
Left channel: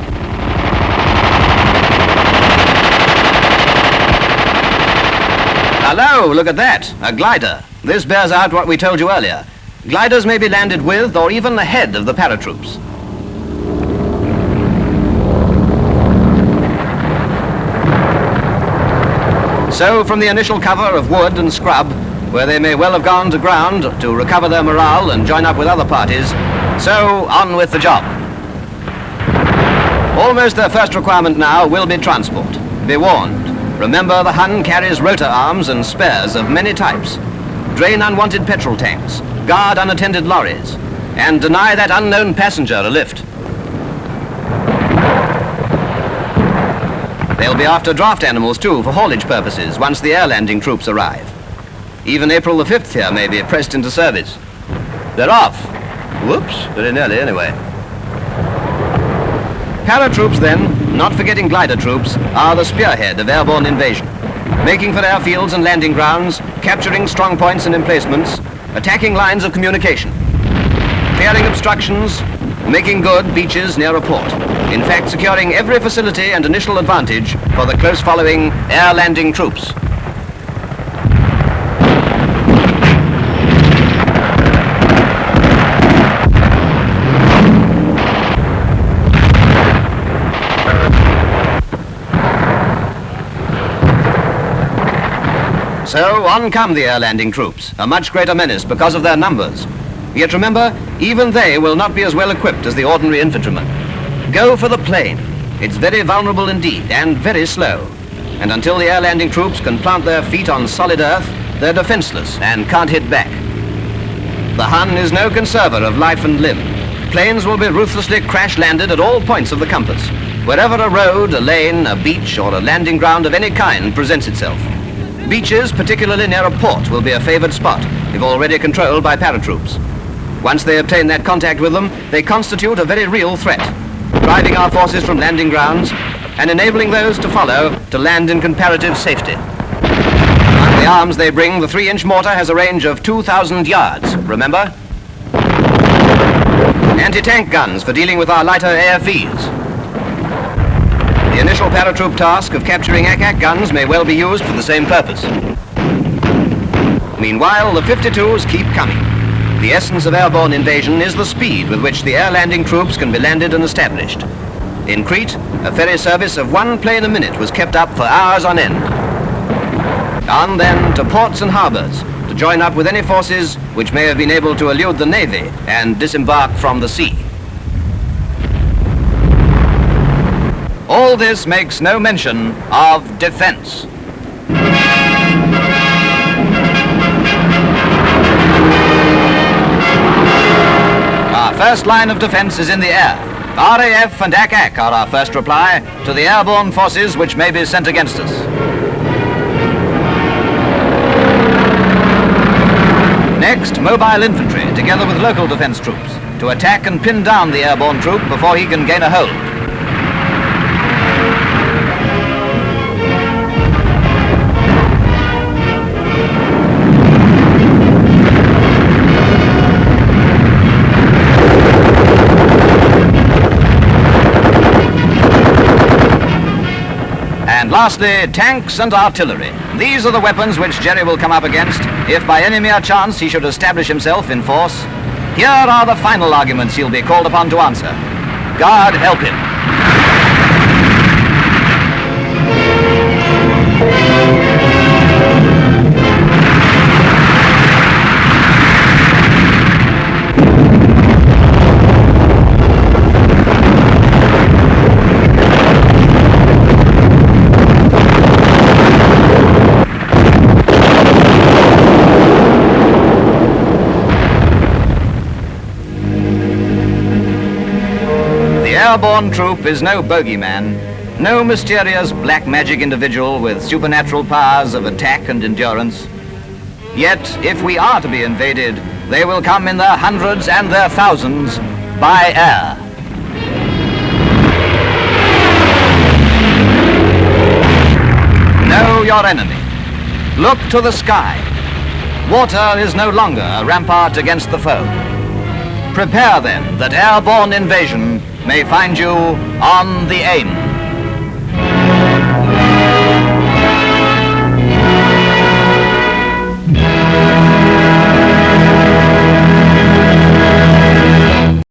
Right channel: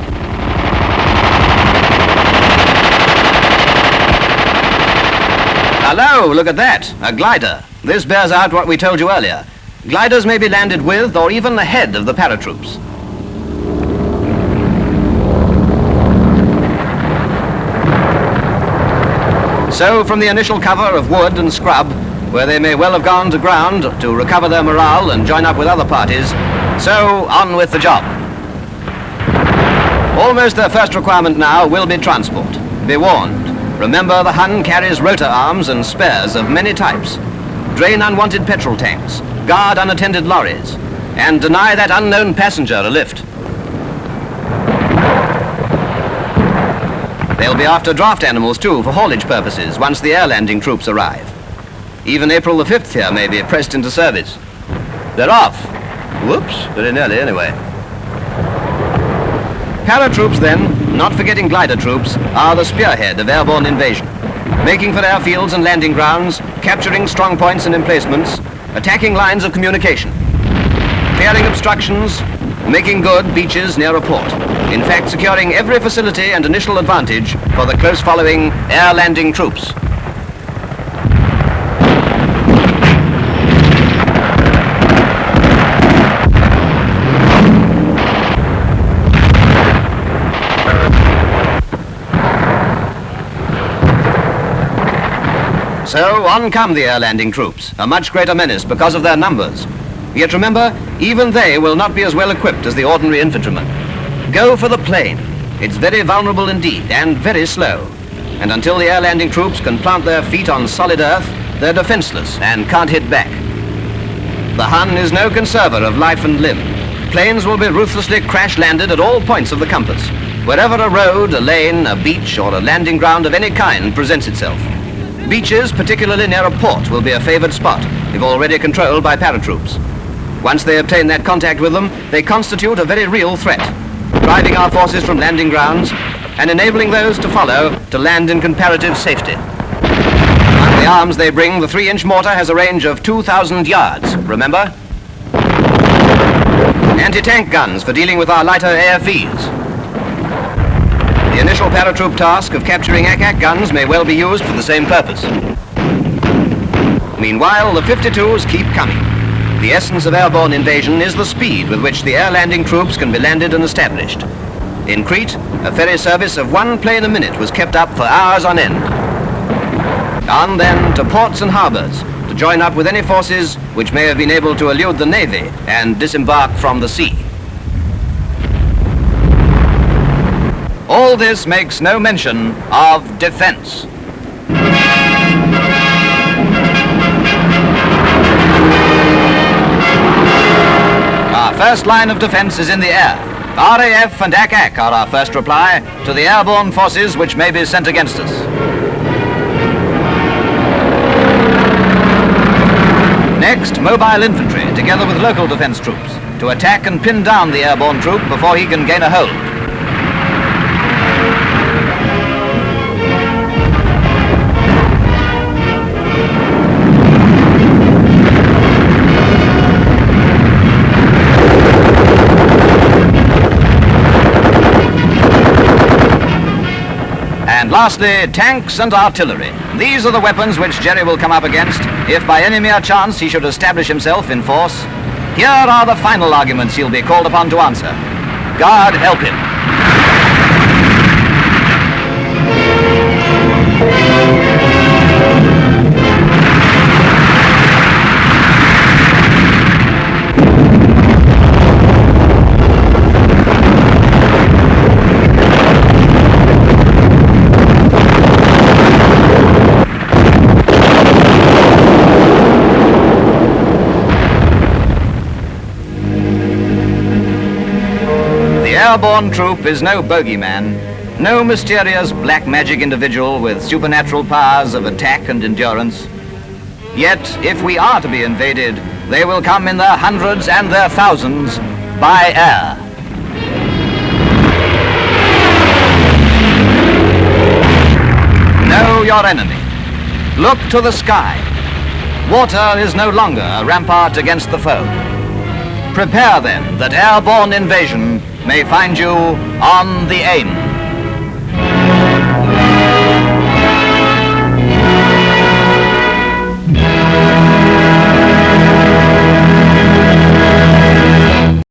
Hello, look at that, a glider. This bears out what we told you earlier. Gliders may be landed with or even ahead of the paratroops. So from the initial cover of wood and scrub, where they may well have gone to ground to recover their morale and join up with other parties, so on with the job. Almost their first requirement now will be transport. Be warned. Remember, the Hun carries rotor arms and spares of many types. Drain unwanted petrol tanks, guard unattended lorries, and deny that unknown passenger a lift. They'll be after draft animals too for haulage purposes once the air landing troops arrive. Even April the 5th here may be pressed into service. They're off. Whoops, very nearly anyway. Paratroops then, not forgetting glider troops, are the spearhead of airborne invasion, making for airfields and landing grounds, capturing strong points and emplacements, attacking lines of communication, clearing obstructions, making good beaches near a port. In fact, securing every facility and initial advantage for the close following air landing troops. So on come the air landing troops, a much greater menace because of their numbers. Yet remember, even they will not be as well equipped as the ordinary infantrymen. Go for the plane. It's very vulnerable indeed, and very slow. And until the air landing troops can plant their feet on solid earth, they're defenseless and can't hit back. The Hun is no conserver of life and limb. Planes will be ruthlessly crash-landed at all points of the compass, wherever a road, a lane, a beach, or a landing ground of any kind presents itself. Beaches, particularly near a port, will be a favored spot, if already controlled by paratroops. Once they obtain that contact with them, they constitute a very real threat, driving our forces from landing grounds and enabling those to follow to land in comparative safety. Among the arms they bring, the 3-inch mortar has a range of 2,000 yards, remember? Anti-tank guns for dealing with our lighter AFVs. The initial paratroop task of capturing Ack-Ack guns may well be used for the same purpose. Meanwhile, the 52s keep coming. The essence of airborne invasion is the speed with which the air landing troops can be landed and established. In Crete, a ferry service of 1 plane a minute was kept up for hours on end. On then to ports and harbors to join up with any forces which may have been able to elude the Navy and disembark from the sea. All this makes no mention of defense. Our first line of defense is in the air. RAF and Ack-Ack are our first reply to the airborne forces which may be sent against us. Next, mobile infantry, together with local defense troops, to attack and pin down the airborne troop before he can gain a hold. And lastly, tanks and artillery. These are the weapons which Jerry will come up against if by any mere chance he should establish himself in force. Here are the final arguments he'll be called upon to answer. God help him. The airborne troop is no bogeyman, no mysterious black magic individual with supernatural powers of attack and endurance. Yet, if we are to be invaded, they will come in their hundreds and their thousands by air. Know your enemy. Look to the sky. Water is no longer a rampart against the foe. Prepare then that airborne invasion may find you on the AIM.